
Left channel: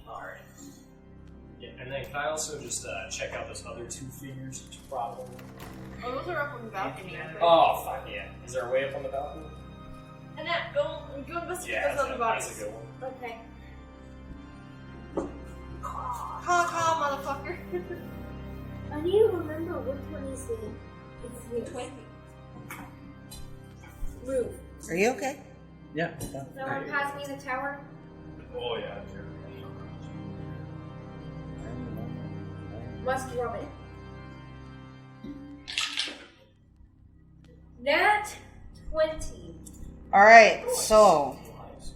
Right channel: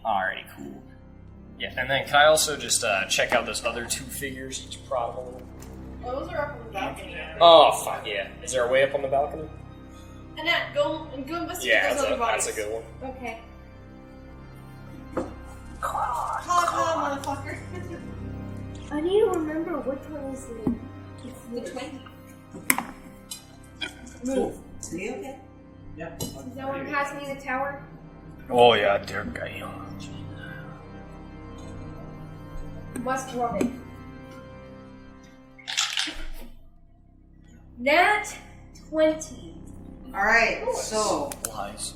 Alrighty, cool. Yeah, and then can I also just check out those other 2 figures? Each problem. Oh, those are up on the balcony. Oh, fuck yeah. Is there a way up on the balcony? Annette, go investigate Yeah, those other bodies. that's a good one. Okay. Caw, motherfucker. I need to remember which one is it's the 20. move. Are you okay? Yeah. Does no one pass me the tower? Oh yeah, dear guy. must rub it. Nat 20. Alright, so Lies.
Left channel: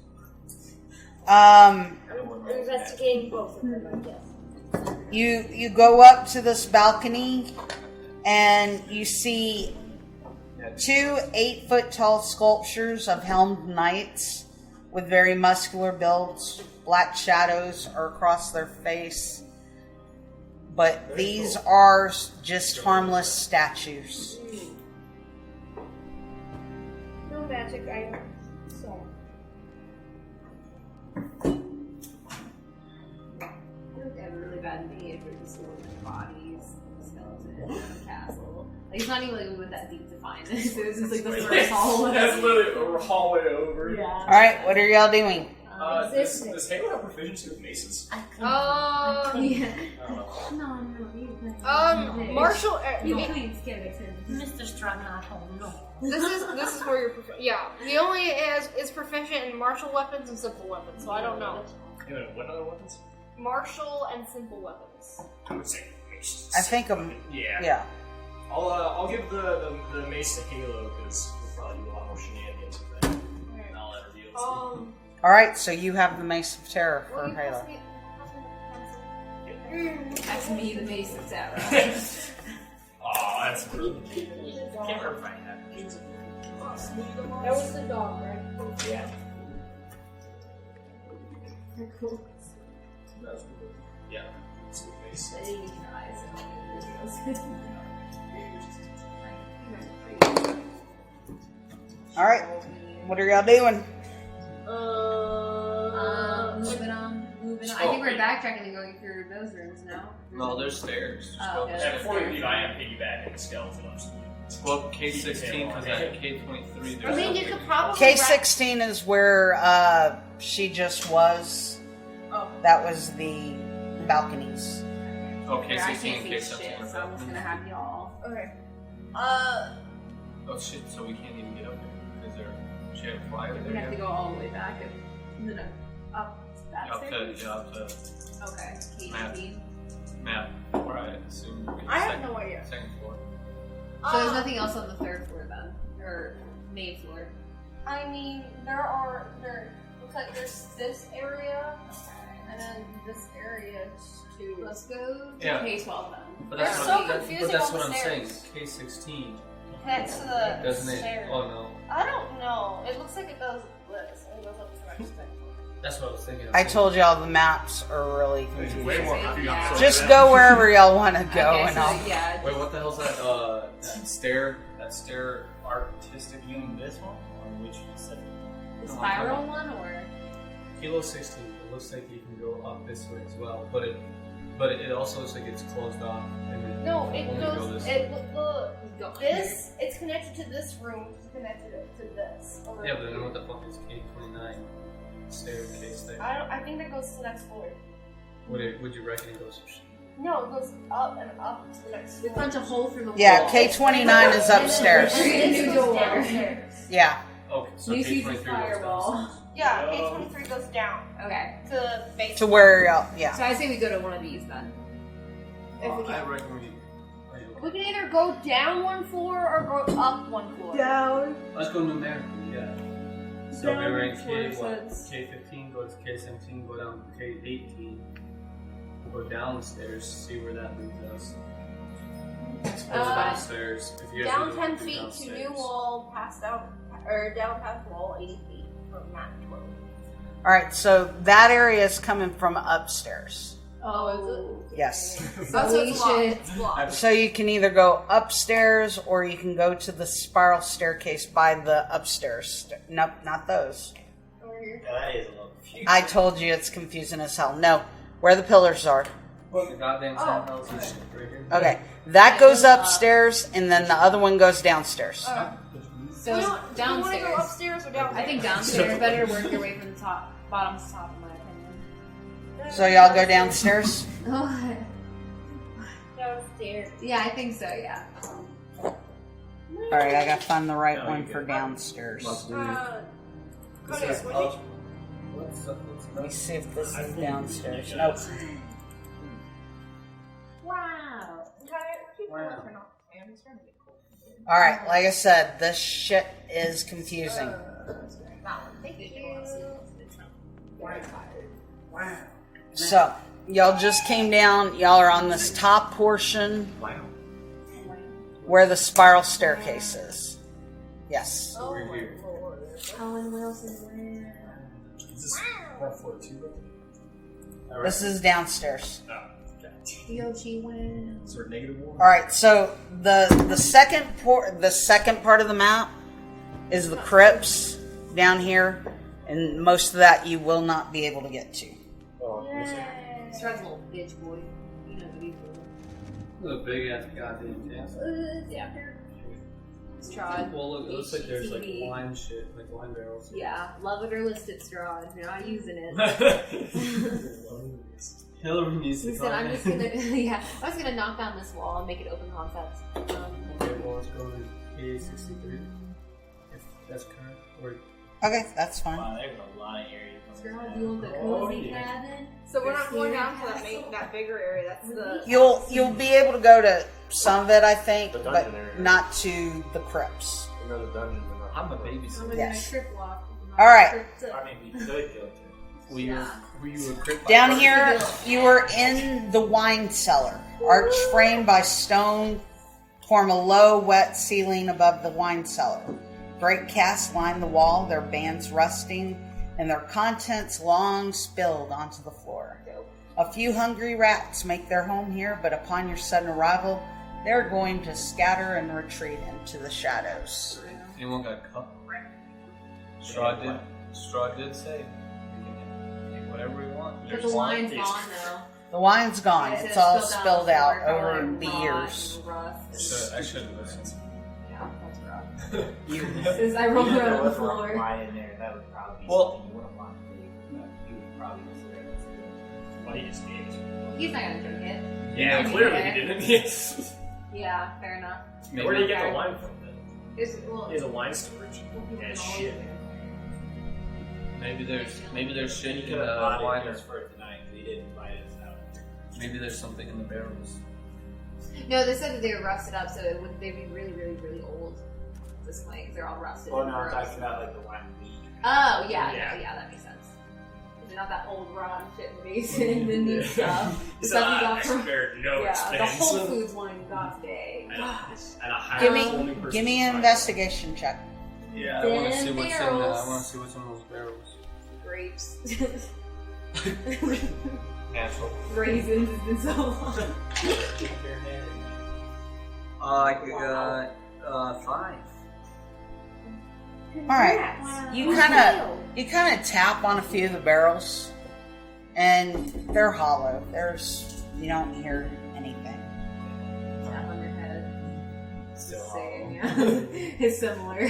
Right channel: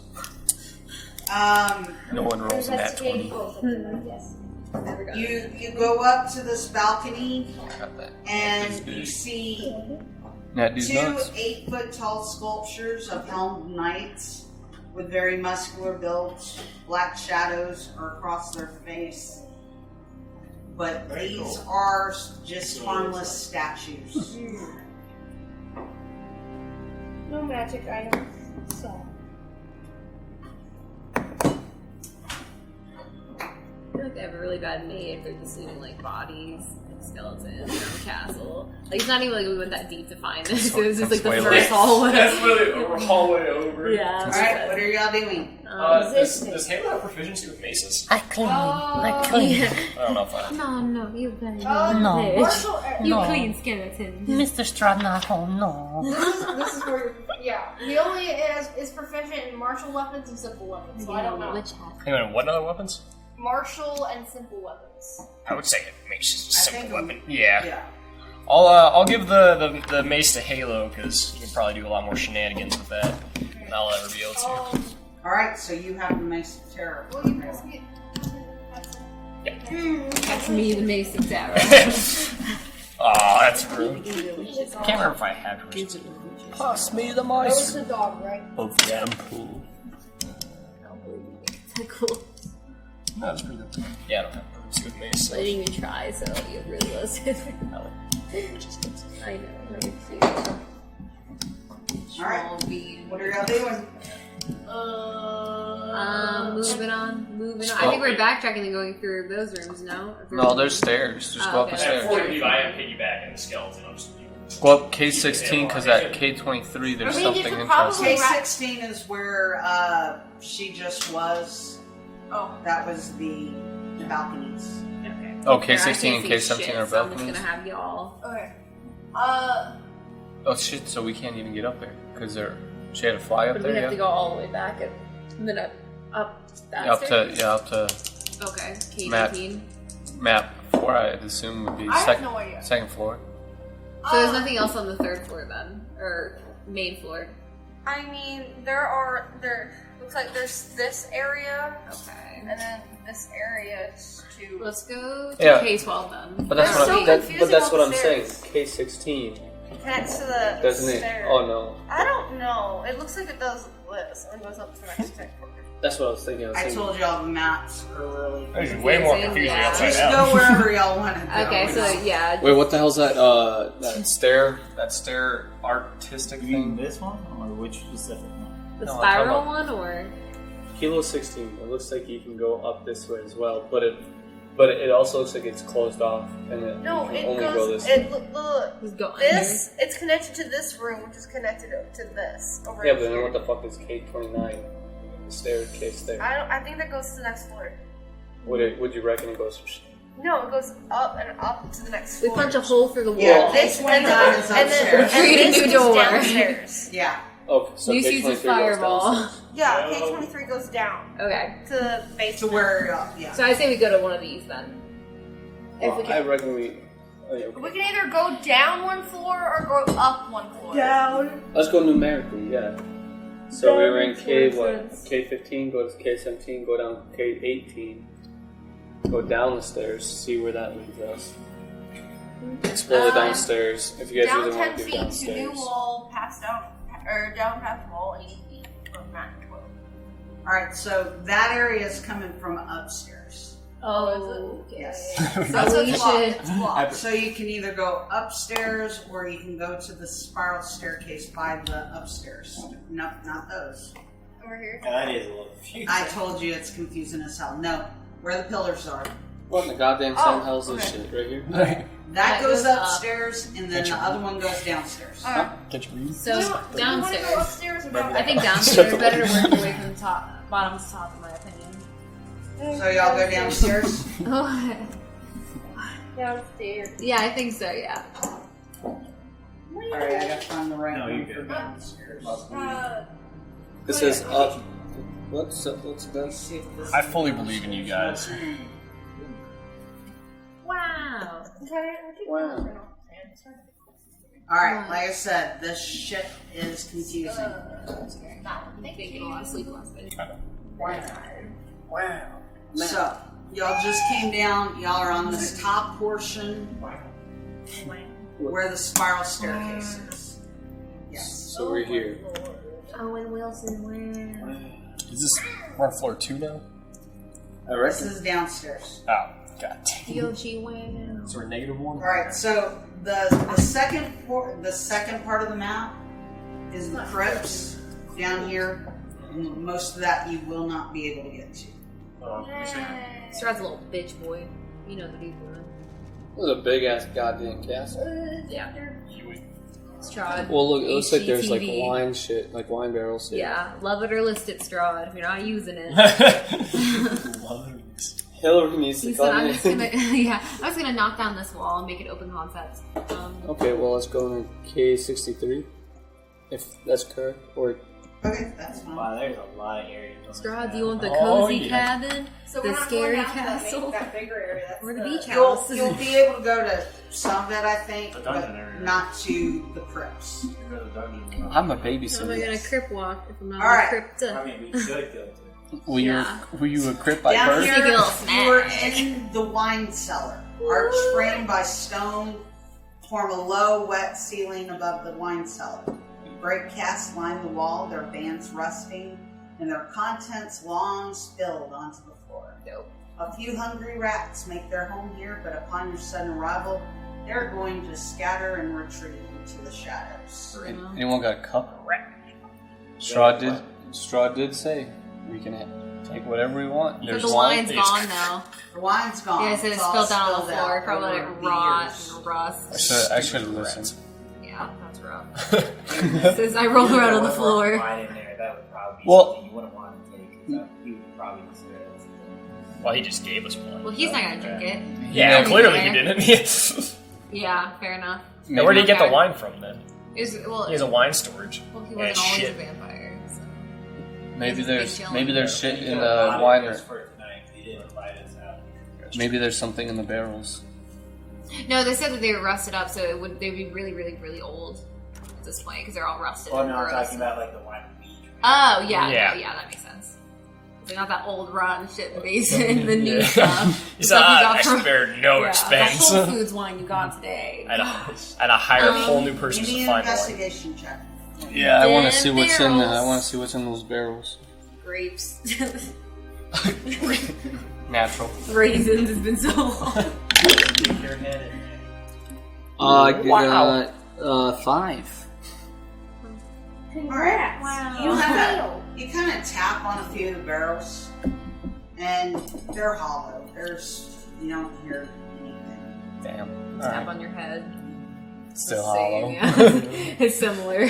No one rolls in that. Investigate both of them, I guess. you go up to this balcony and you see two 8-foot tall sculptures of helmed knights with very muscular builds. Black shadows are across their face. But these are just harmless statues. No magic items. So. I feel like they have a really bad name for just leaving like bodies, skeletons, in a castle. Like it's not even like we went that deep to find this. It was just like the first hallway. That's literally a hallway over. Yeah. Alright, what are y'all doing? Does Halo have proficiency with maces? I clean. I clean. Yeah. I don't know if I. No, you can. No. Martial. You No. clean skeletons. Mr. Strahd, not home. No. This is where yeah. He only is proficient in martial weapons and simple weapons, so I don't know. Anyway, what other weapons? Martial and simple weapons. I would say mace. I think yeah. I'll give the mace to Halo because he'll probably do a lot more shenanigans with that than I'll ever be able to. Alright, so you have the Mace of Terror for Halo. That's me, the Mace of Terror. Aw, that's rude. Can't remember if I had her. Pass me the mice. The dog, right? Of Deverell. Cool. No, that's pretty good. Yeah, I don't have proficiency with mace. So. I didn't even try, so you really lost it. I know. Alright, what are y'all doing? Moving on. I think we're backtracking and going through those rooms, no? No, there's stairs. Just go up the stairs. Before you leave, I am piggybacking the skeleton. Go up K16 because at K23 there's something interesting. K16 is where she just was. Oh. That was the balconies. Oh, K16 and K17 are So I'm just balconies? gonna have y'all. Okay. Oh shit, so we can't even get up there because she had to fly up But there, we have to yeah? go all the way back and then up that Up stairs? to Okay, Map. K19. map 4, I'd assume would be I have no idea. second floor. So there's nothing else on the third floor then? Or main floor? I mean, looks like there's this area, Okay. and then this area is too. Let's go to Yeah. K12 then. But that's They're what so I'm, confusing but that's on what the I'm saying. stairs. K16 Connects to the doesn't it? stairs. Oh no, I don't know. It looks like it does this and goes up to the next step. that's what I was thinking. I told y'all the maps are really There's confusing. way more confusing. Yeah. upside Just down. go wherever y'all want to go. Okay, and so I'll- yeah. Wait, what the hell's that? That stair artistic You mean thing? this one or which specific one? The No, I'm spiral talking one or? Kilo 16. It looks like you can go up this way as well, but it also looks like it's closed off, and it No, you it can only go goes. this. Just go This it's connected to this room, which is connected to this over Yeah, but then here. what the fuck is K29? The staircase there. I think that goes to the next floor. Would you reckon it goes? No, it goes up and up to the next We floor. punch a hole through the wall. Yeah, K29 is upstairs. And Retreat this into goes door. downstairs. Yeah. Okay, so Use K23 a goes fireball. downstairs. Yeah, K23 goes down Okay. to the base. To where, yeah. So I say we go to one of these then. If we I can. reckon we. Oh, yeah, okay. We can either go down one floor or go up one floor. Down. Let's go numerically, yeah. So we were in K makes what? sense. K15, go to K17, go down K18, go down the stairs, see where that leads us. Explore the downstairs. If you guys Down really 10 want to do feet to downstairs. new wall, past down, or down past wall 80 feet. Or maximum. Alright, so that area is coming from upstairs. Oh. Yes. So we should. It's blocked. So you can either go upstairs or you can go to the spiral staircase by the upstairs. Not those. Over here. Yeah, that is a little confusing. I told you it's confusing as hell. No, where the pillars are. What in the goddamn Oh, sun hell's this okay. shit right here? Okay, that goes upstairs and then the other one goes downstairs. Alright. So Do we want to go downstairs. upstairs or down? I think downstairs better to work your way from the top, bottom to top, in my opinion. So y'all go downstairs? Oh. Downstairs. Yeah, I think so. Yeah. Alright, I gotta find the right No, one you're for good. downstairs. This is up. What's up? What's Let me that? see if this I is fully believe in you downstairs. guys. Wow. Alright, like I said, this shit is confusing. Wow. So, y'all just came down. Y'all are on this top portion where the spiral staircase is. Yes. So we're here. Owen Wilson wins. Is this we're on floor 2 now? This is downstairs. Oh, god damn. Yoshi wins. So we're -1? Alright, so the second part of the map is the crypts down here, and most of that you will not be able to get to. Oh, let me see. Strahd's a little bitch boy. You know the deep one. It was a big ass goddamn castle. Yeah. Strahd. Well, look, it looks like there's like HGTV. wine shit, like wine barrels. Here. Yeah, love it or list it, Strahd. If you're not using it. Hillary needs to He said, come I'm in. just gonna, yeah, I was gonna knock down this wall and make it open concept. Okay, well, let's go to K63. If that's correct. Or Okay, that's fine. Wow, there's a lot of areas. Strahd, do you want the cozy cabin? So the we're not scary going out to castle? that bigger area. That's Or the beach You'll house? you'll be able to go to some of it, I think, The but dungeon area. not to the crypts. You go to the dungeon. I'm a Am babysitter. I gonna crypt walk if I'm not All right. crypt? I mean, we could go to. Were you Yeah. were you a crypt by Down birth? here, Girls. you are in the wine cellar. Arch framed by stone form a low, wet ceiling above the wine cellar. Great casks line the wall, their bands rusting, and their contents long spilled onto the floor. A few hungry rats make their home here, but upon your sudden arrival, they're going to scatter and retreat into the shadows. Anyone got a cup? Strahd did say we can take whatever we want. But There's the wine. wine's gone though. The wine's gone. Yeah, so it's it's all spilled down on spilled the floor out from over like the rot years. and rust. I should have listened. Yeah, that's rough. Since I rolled around on the floor. Wine in there, that would probably be Well- something you wouldn't want to take. You would probably consider that's good. Well, he just gave us one. Well, he's not gonna drink it. Yeah, He's clearly there. he didn't. Yeah, fair enough. Now, where did he get the wine from then? Well, He has a wine storage. well, he And wasn't always shit. a vampire. Maybe there's shit You in could've the bought it wine. just for tonight. You didn't invite us out. Maybe there's something in the barrels. No, they said that they were rusted up, so it would they'd be really, really, really old at this point because they're all rusted. Well, and no, I'm gross. talking about like the wine beach. Oh yeah, Yeah. no, yeah, that makes sense. They're not that old rotten shit in the basement, the new stuff. He The said, stuff you I got from- spared no yeah, expense. The Whole Foods wine you got today. I'd hire a whole new person Give me to an find investigation check. Yeah, I want to see what's in there. I barrels. want to see what's in those barrels. Grapes. Natural. Raisins has been so long. I Wow. got 5. All right. Wow. You kind of tap on a few of the barrels, and they're hollow. You don't hear anything. Damn. Tap on your head. Still Same, hollow. yeah. It's similar.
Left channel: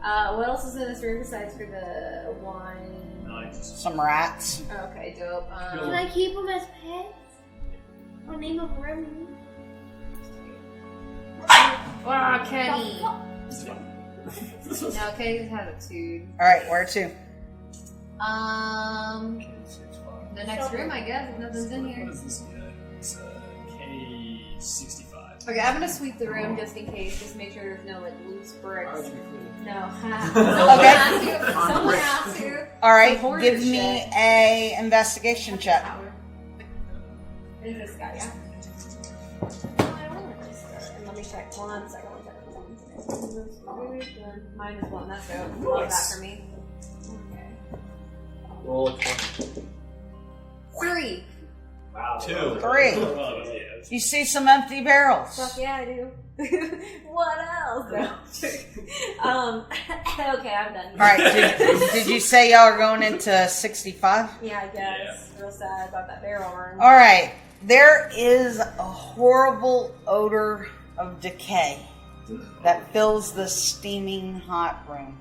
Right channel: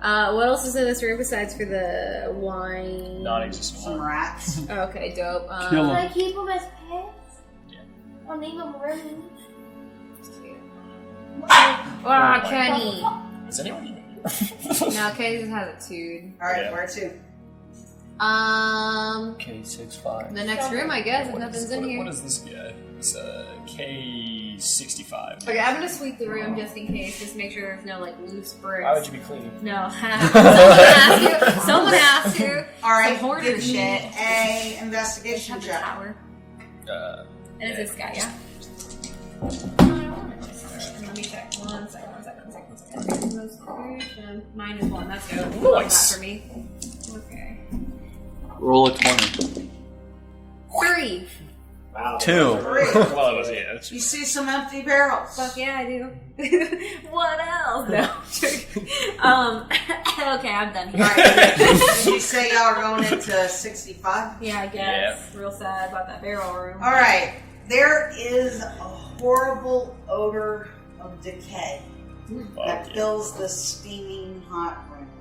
What else is in this room besides for the wine? Non-existent. Some rats. Okay, dope. Kill Can 'em. I keep them as pets? I'll name them Remy. Ah, Kenny. Is anyone eating? No, Kenny just has a tube. All right, Yeah. where to? K65. The next room, I guess, if What nothing's is- in what- here. What is this guy? It's K65. Okay, I'm gonna sweep the room just in case, just make sure there's no like loose bricks. Why would you be cleaning? No, someone has to. Someone has to. All right, Some hoarder give me shit. a investigation check. Tower. And it's this guy, yeah. Let me check. One second. -1. That's good. Nice. That for me. Okay. Roll a 20. 3. Wow. 2. Great. Well, it was, yeah. That's You see some empty barrels. Fuck yeah, I do. What else? No, I'm joking. Okay, I'm done All here. right. Did you say y'all are going into 65? Yeah, I guess. Real sad about that barrel room. All right. There is a horrible odor of decay that fills the steaming hot room.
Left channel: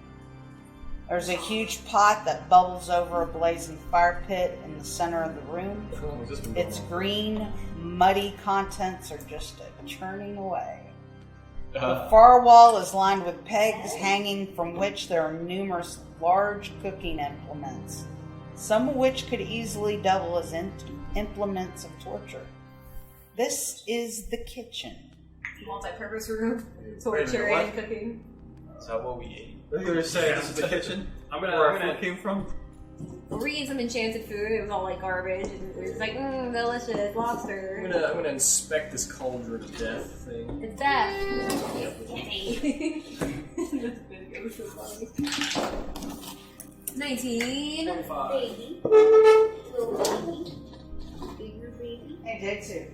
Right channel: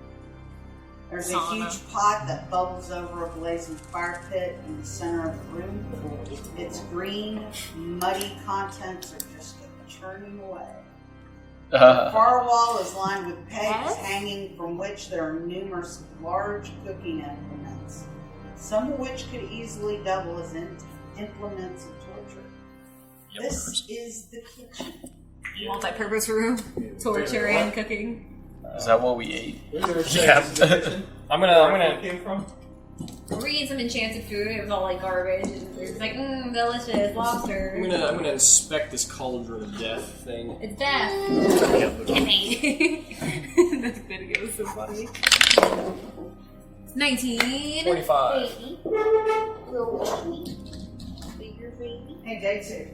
There's a huge pot that bubbles over a blazing fire pit in the center of the room. Its green, muddy contents are just churning away. The far wall is lined with pegs hanging from which there are numerous large cooking implements, some of which could easily double as implements of torture. This is the kitchen. Multi-purpose room, torture and cooking. Is that what we ate? Yeah. I'm gonna. Came from? We're eating some enchanted food. It was all like garbage, and we're just like, delicious lobster. I'm gonna inspect this cauldron of death thing. It's death. Gimme. That's gonna go so funny. 19. 25. Baby. Little baby. Bigger baby. Hey, day 2.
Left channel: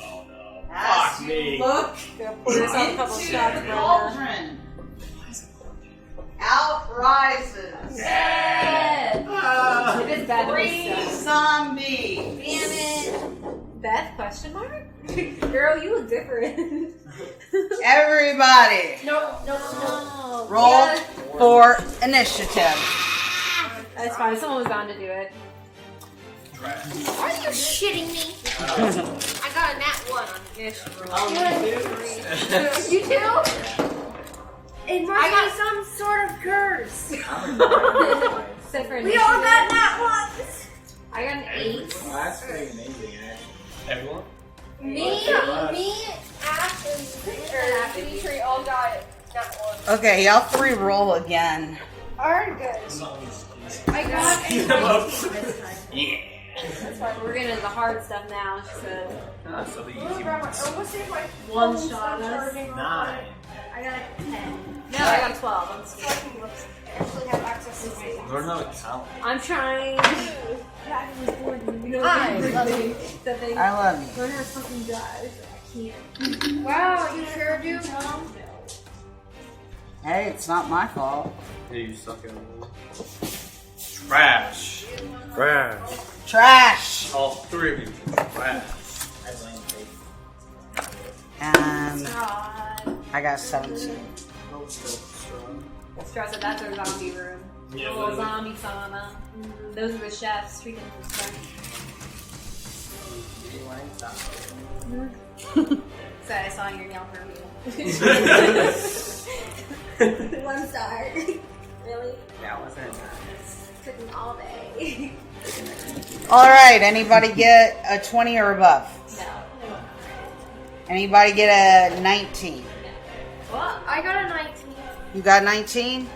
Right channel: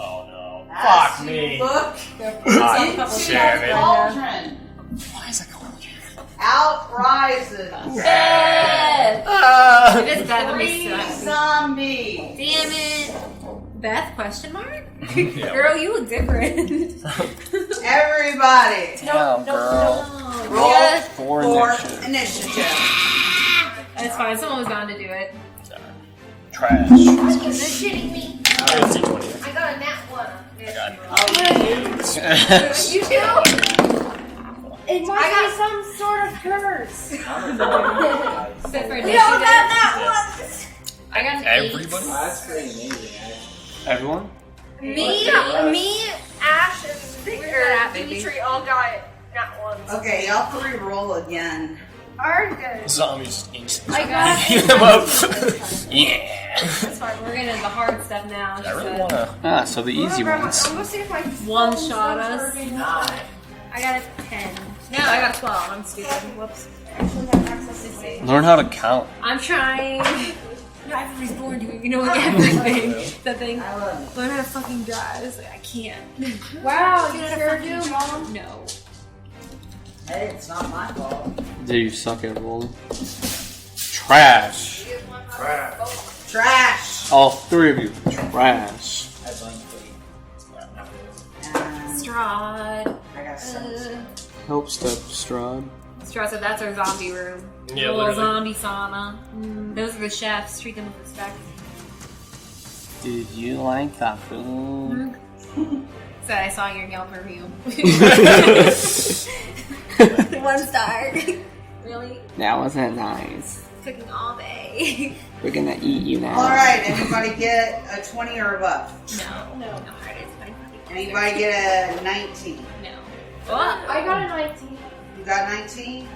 Oh no. As Fuck you me. Look God into damn the it. cauldron. Why is that going here? Out rises It is bad. 3 zombies. Damn it. Beth? Question mark? Girl, you look different. Everybody, No, girl. roll For for initiative. That's fine. Someone's bound to do it. Trash. Are you shitting me? I got a nat 1. You too? It must be some sort of curse. Except for We initiative. all got nat 1s. I got an 8. Everybody? That's pretty amazing, Everyone? Me, Ash, and Dimitri all got nat 1s. Okay, y'all 3 roll again. Alright, good. Zombies instant. I got Beat them up. Yeah. That's fine. We're getting into the hard stuff now. I Just, really wanna. Ah, so the easy ones. I'm gonna see if my One phone's shot not us. charging. I got a 10. No, I got 12. I'm stupid. Whoops. Actually have access to my Learn how to count. I'm trying. Yeah, everybody's bored doing, everything. The thing. I love you. Learn how to fucking drive. It's like, I can't. Wow, you sure do, Mom. No. Hey, it's not my fault. Do you suck at rolling? Trash. Trash. All 3 of you. Trash. And Strahd. I got 17. Help step, Strahd. Strahd said that's our zombie room. Yeah, Little literally. zombie sauna. Those are the chefs. Treat them with respect. Did you like that food? Said I saw your nail perfume. 1 star. Really? That wasn't nice. Cooking all day. We're gonna eat you now. All right, anybody get a 20 or above? No. Anybody get a 19? What? I got a 19. You got 19?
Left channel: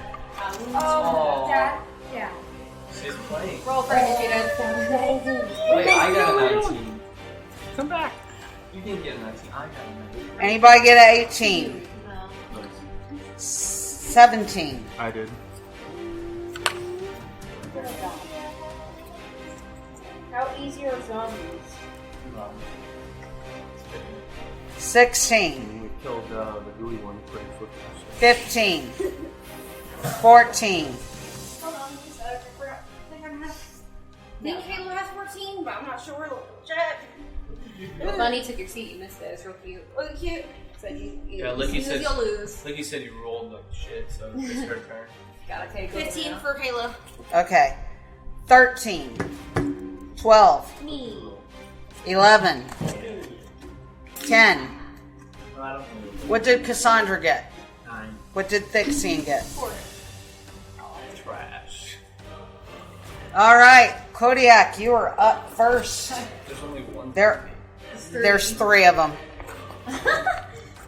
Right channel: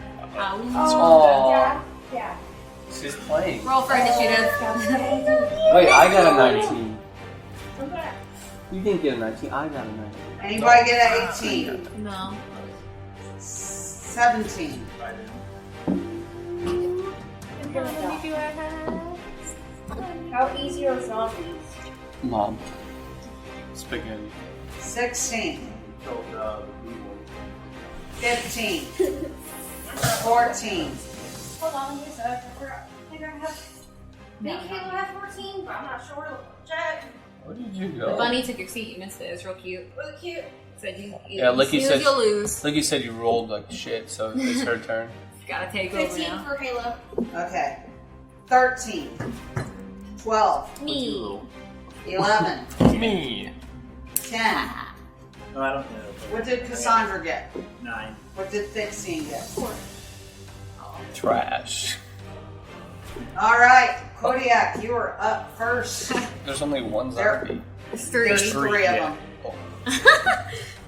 Oh, Dad. Yeah. She's playing. Roll for initiative. Wait, I got a 19. Come back. You didn't get a 19. I got a 19. Anybody get a 18? No. 17. I did. How easy are zombies? Mom. Spaghetti. 16. We killed the gooey one. 15. 14. Hold on, wait a sec. I think I have. I think Halo has 14, but I'm not sure where to check. Where did you go? Bunny took your seat. You missed it. It was real cute. Look cute. Said you Yeah, Licky snooze, said. you'll lose. Licky said you rolled like shit, so it's her turn. Gotta take over 15 now. for Halo. Okay. 13. 12. Me. 11. Me. 10. No, I don't know. What did Cassandra get? 9. What did Thixian get? Trash. All right, Kodiak, you are up first. There's only one There- zombie. There's 3 of them.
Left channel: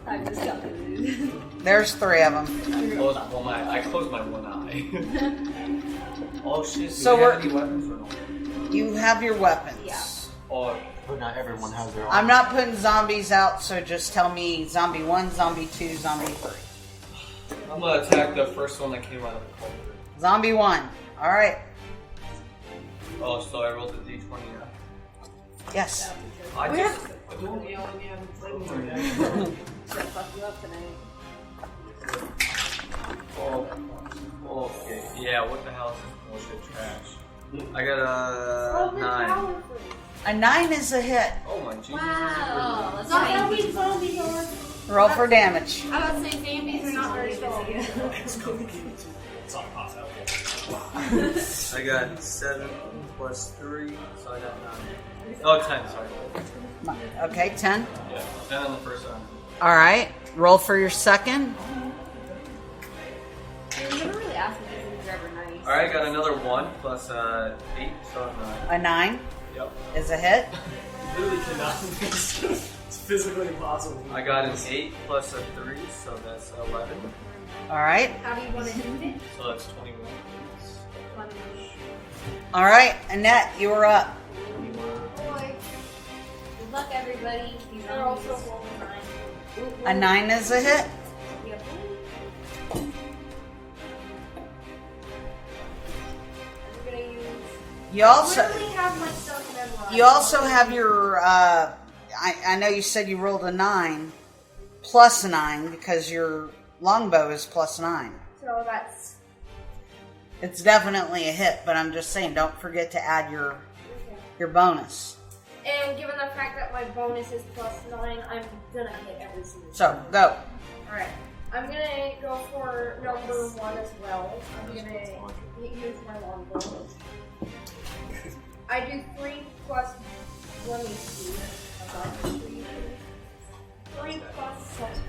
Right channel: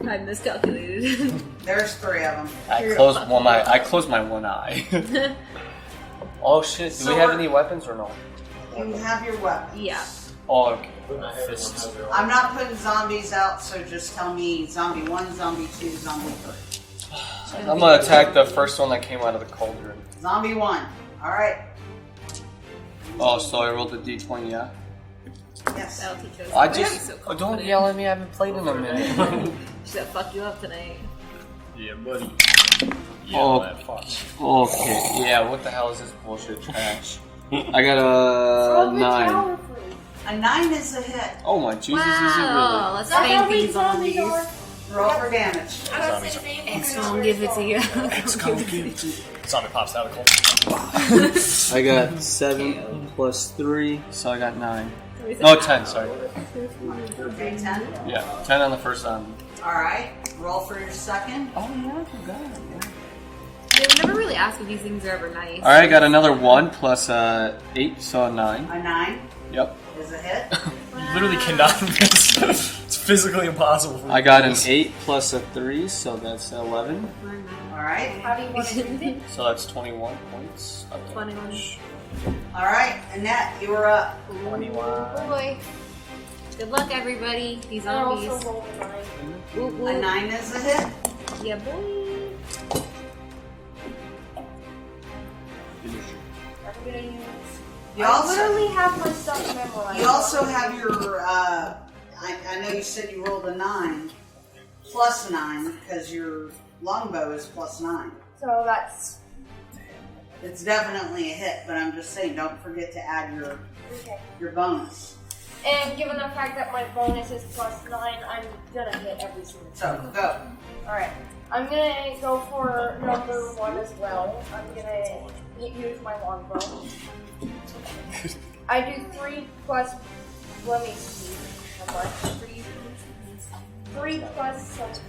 I miscalculated. There's 3 of them. I closed my one eye. Oh shit! Do So we have we're- any weapons or no? You have your weapons. Yeah. Oh, okay. Not everyone has their own. I'm not putting zombies out, so just tell me zombie 1, zombie 2, zombie 3. I'm gonna attack the first one that came out of the cauldron. Zombie 1. All right. Oh, so I rolled a d20, yeah? Yes. That'll teach us. I just... don't yell at me, I haven't played in a minute. Should have fucked you up tonight. Yeah, buddy. Oh. that fuck. Okay, yeah, what the hell is this bullshit trash? I got a 9. A 9 is a hit. Oh my Jesus, Wow. Let's spank these zombies zombies. Roll for damage. I was saying X gonna give it to you. Zombie pops out of the hole. is it really? I got 7 plus 3, so I got 9. No, 10, sorry. Okay, 10. Yeah, 10 on the first zombie. All right. Roll for your second. Oh, yeah, I forgot. They never really ask if these things are ever nice. Alright, got another 1 plus 8, so 9. A 9. Yep. is a hit. You literally cannot miss. It's physically impossible for me. I got an 8 plus a 3, so that's 11. Alright. How do you want to do it? So that's 21 points. 21. Alright, Anet, you were up. 21. Boy. Good luck, everybody. These zombies. A 9 is a hit. Yeah, boy. I'm gonna use. You also I literally have my stuff memorized. You also have your, I know you said you rolled a 9, plus a 9, because your longbow is plus 9. So that's. It's definitely a hit, but I'm just saying, don't forget to add your Okay. your bonus. And given the fact that my bonus is plus 9, I'm gonna hit every single So, go. Alright. I'm gonna go for number 1 as well. I'm gonna use my longbow. I do 3 plus. Let me see how much. 3 plus something.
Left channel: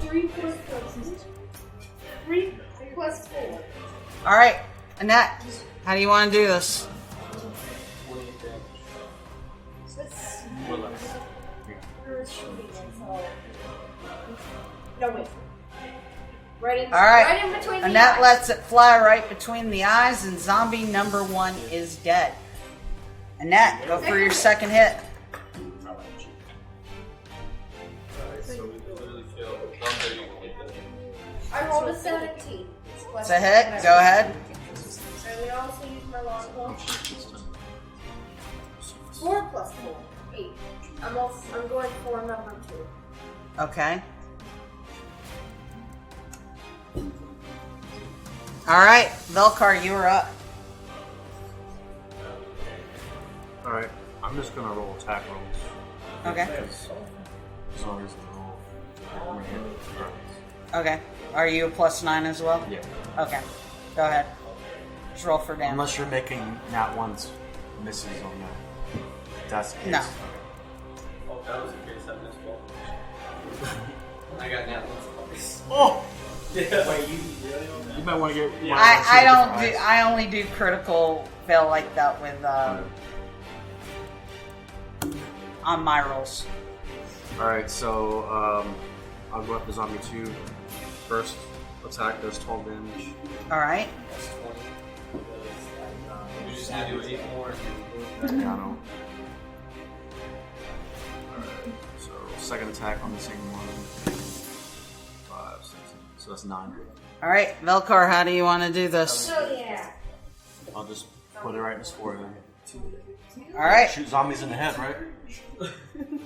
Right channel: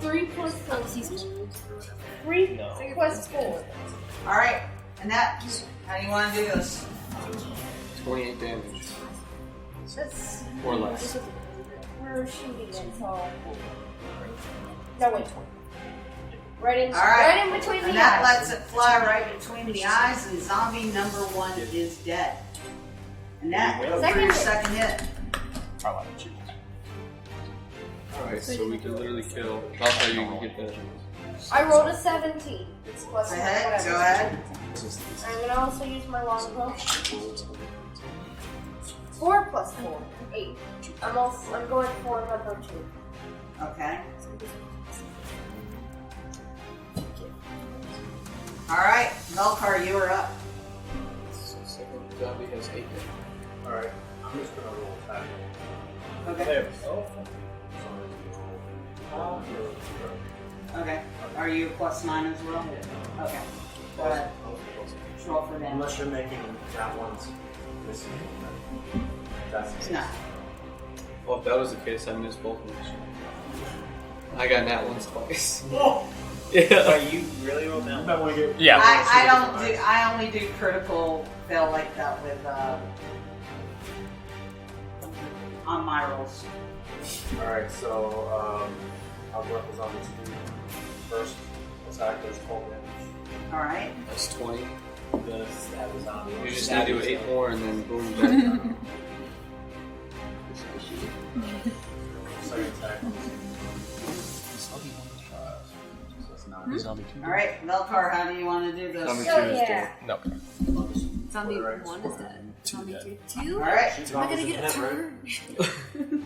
3 plus something. 3 plus 4. Alright, Annette, how do you want to do this? 28 damage. That's. Or less. We're shooting it, so. No, wait. Right in, Alright, right in between the Annette eyes. lets it fly right between the eyes, and zombie number 1 is dead. Annette, go for your second hit. Alright, so we can literally kill. Velcar, you can get the. I rolled a 17. It's It's a hit, go ahead. I'm gonna also use my longbow. 4 plus 4. 8. I'm going for number 2. Okay. Alright, Velcar, you were up. Alright, I'm just gonna roll attack rolls. Okay. As long as the roll. Okay. Are you a plus 9 as well? Yeah. Okay. Go ahead. Just roll for damage. Unless you're making nat ones misses on that. That's the case. No. Well, if that was the case, I missed both of them. I got nat ones twice. Oh! Are you really rolled down? You might want to get. Yeah. I don't do. I only do critical fail like that with on my rolls. Alright, so I'll go after zombie 2. First attack does 12 damage. All right. That's 20. You just add to 8 more and then boom, Yeah, back no. down. So second attack on the same one. 5, 6, so that's 9. All right, Velcar, how do you want to do this? Oh, yeah. No. I'll just put it right in his forehead. All right. Shoot zombies in the head, right?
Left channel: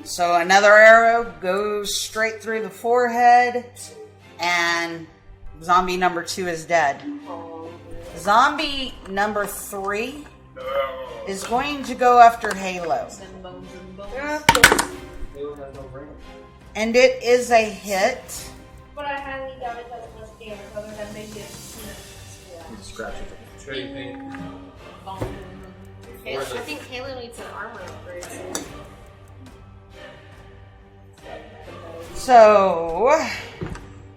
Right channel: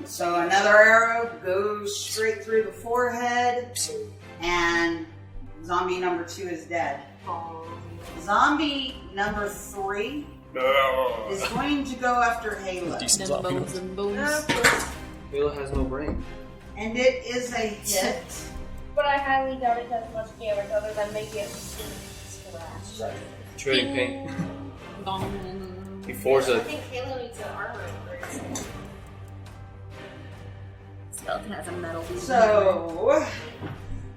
So another arrow goes straight through the forehead, and zombie number 2 is dead. Zombie number 3 is going to go after Halo. Halo has no brain. And it is a hit. But I highly doubt it does much damage other than maybe a Scratch. Trading paint. He I forged a. think Halo needs an armor upgrade. Skeleton has a metal. So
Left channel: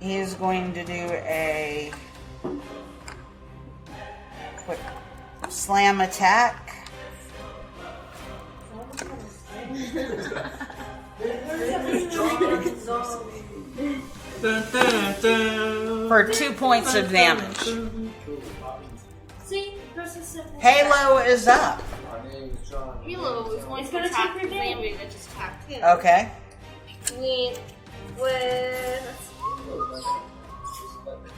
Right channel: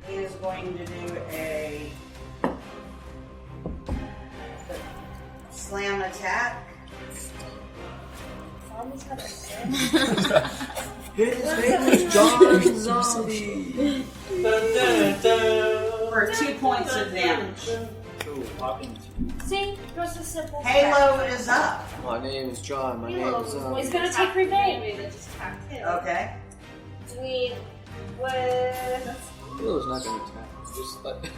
he is going to do a quick slam attack. For 2 points of damage. See, just a simple. Halo is up. My name is John. My Halo name is. is he's gonna take revenge. Okay. With Halo's not gonna attack. Just like.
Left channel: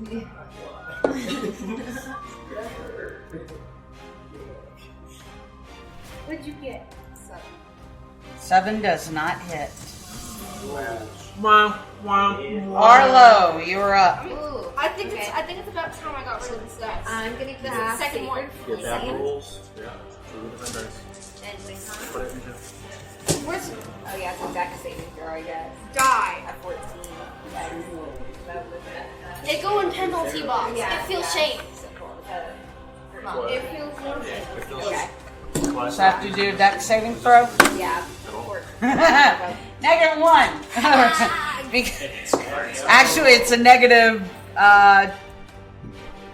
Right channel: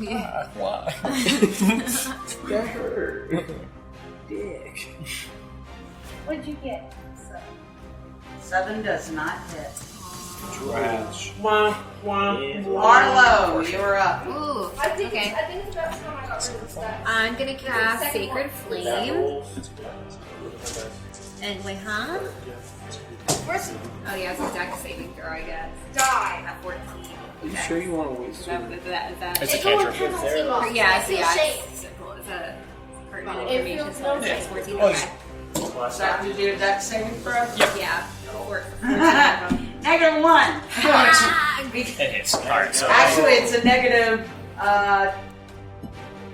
Yeah. Why? That hurt. Dick. what'd you get? 7 does not hit. Trash. Arlo, you were up. Ooh. I think okay. it's about time I got rid of the stuff. I'm gonna cast second Sacred one. Flame. And wait, huh? Where's Oh yeah, it's exact saving throw, I guess. die? At 14. You sure you want to waste it? That. It's a penalty box. Yeah, I feel yeah. shake. It's cool. It's a. It feels no shake. Okay. So have to do that saving throw? Yeah. Negative 1. Because- It's hard. So Actually, it's a negative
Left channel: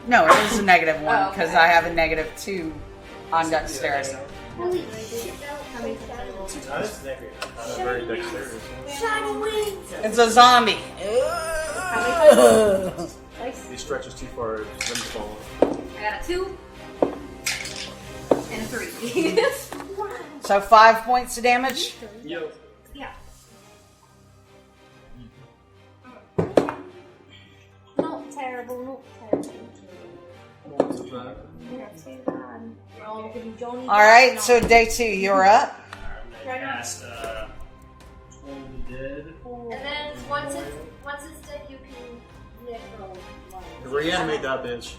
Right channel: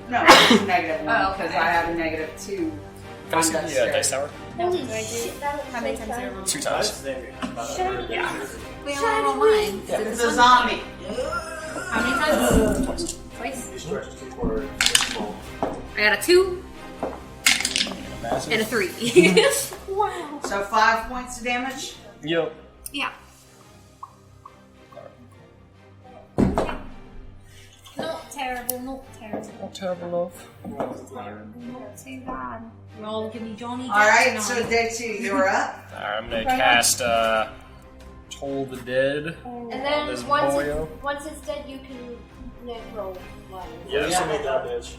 No, it's -1 Oh, because okay. I have a -2 on Yeah, dexterity. dice tower. Holy shit, that How many times did I roll? 2 times. Shiny wings! It's a zombie. How many times? Twice. He stretches too far. I got a 2 and a 3. Wow. So 5 points of damage. Yep. Yeah. Not terrible, not terrible. Not terrible, Not too bad. Roll, give me Johnny. All right, so day 2, you're up. Alright, I'm gonna cast Toll the Dead. And then This once boyo. it's dead, you can roll life. Reanimate that bitch.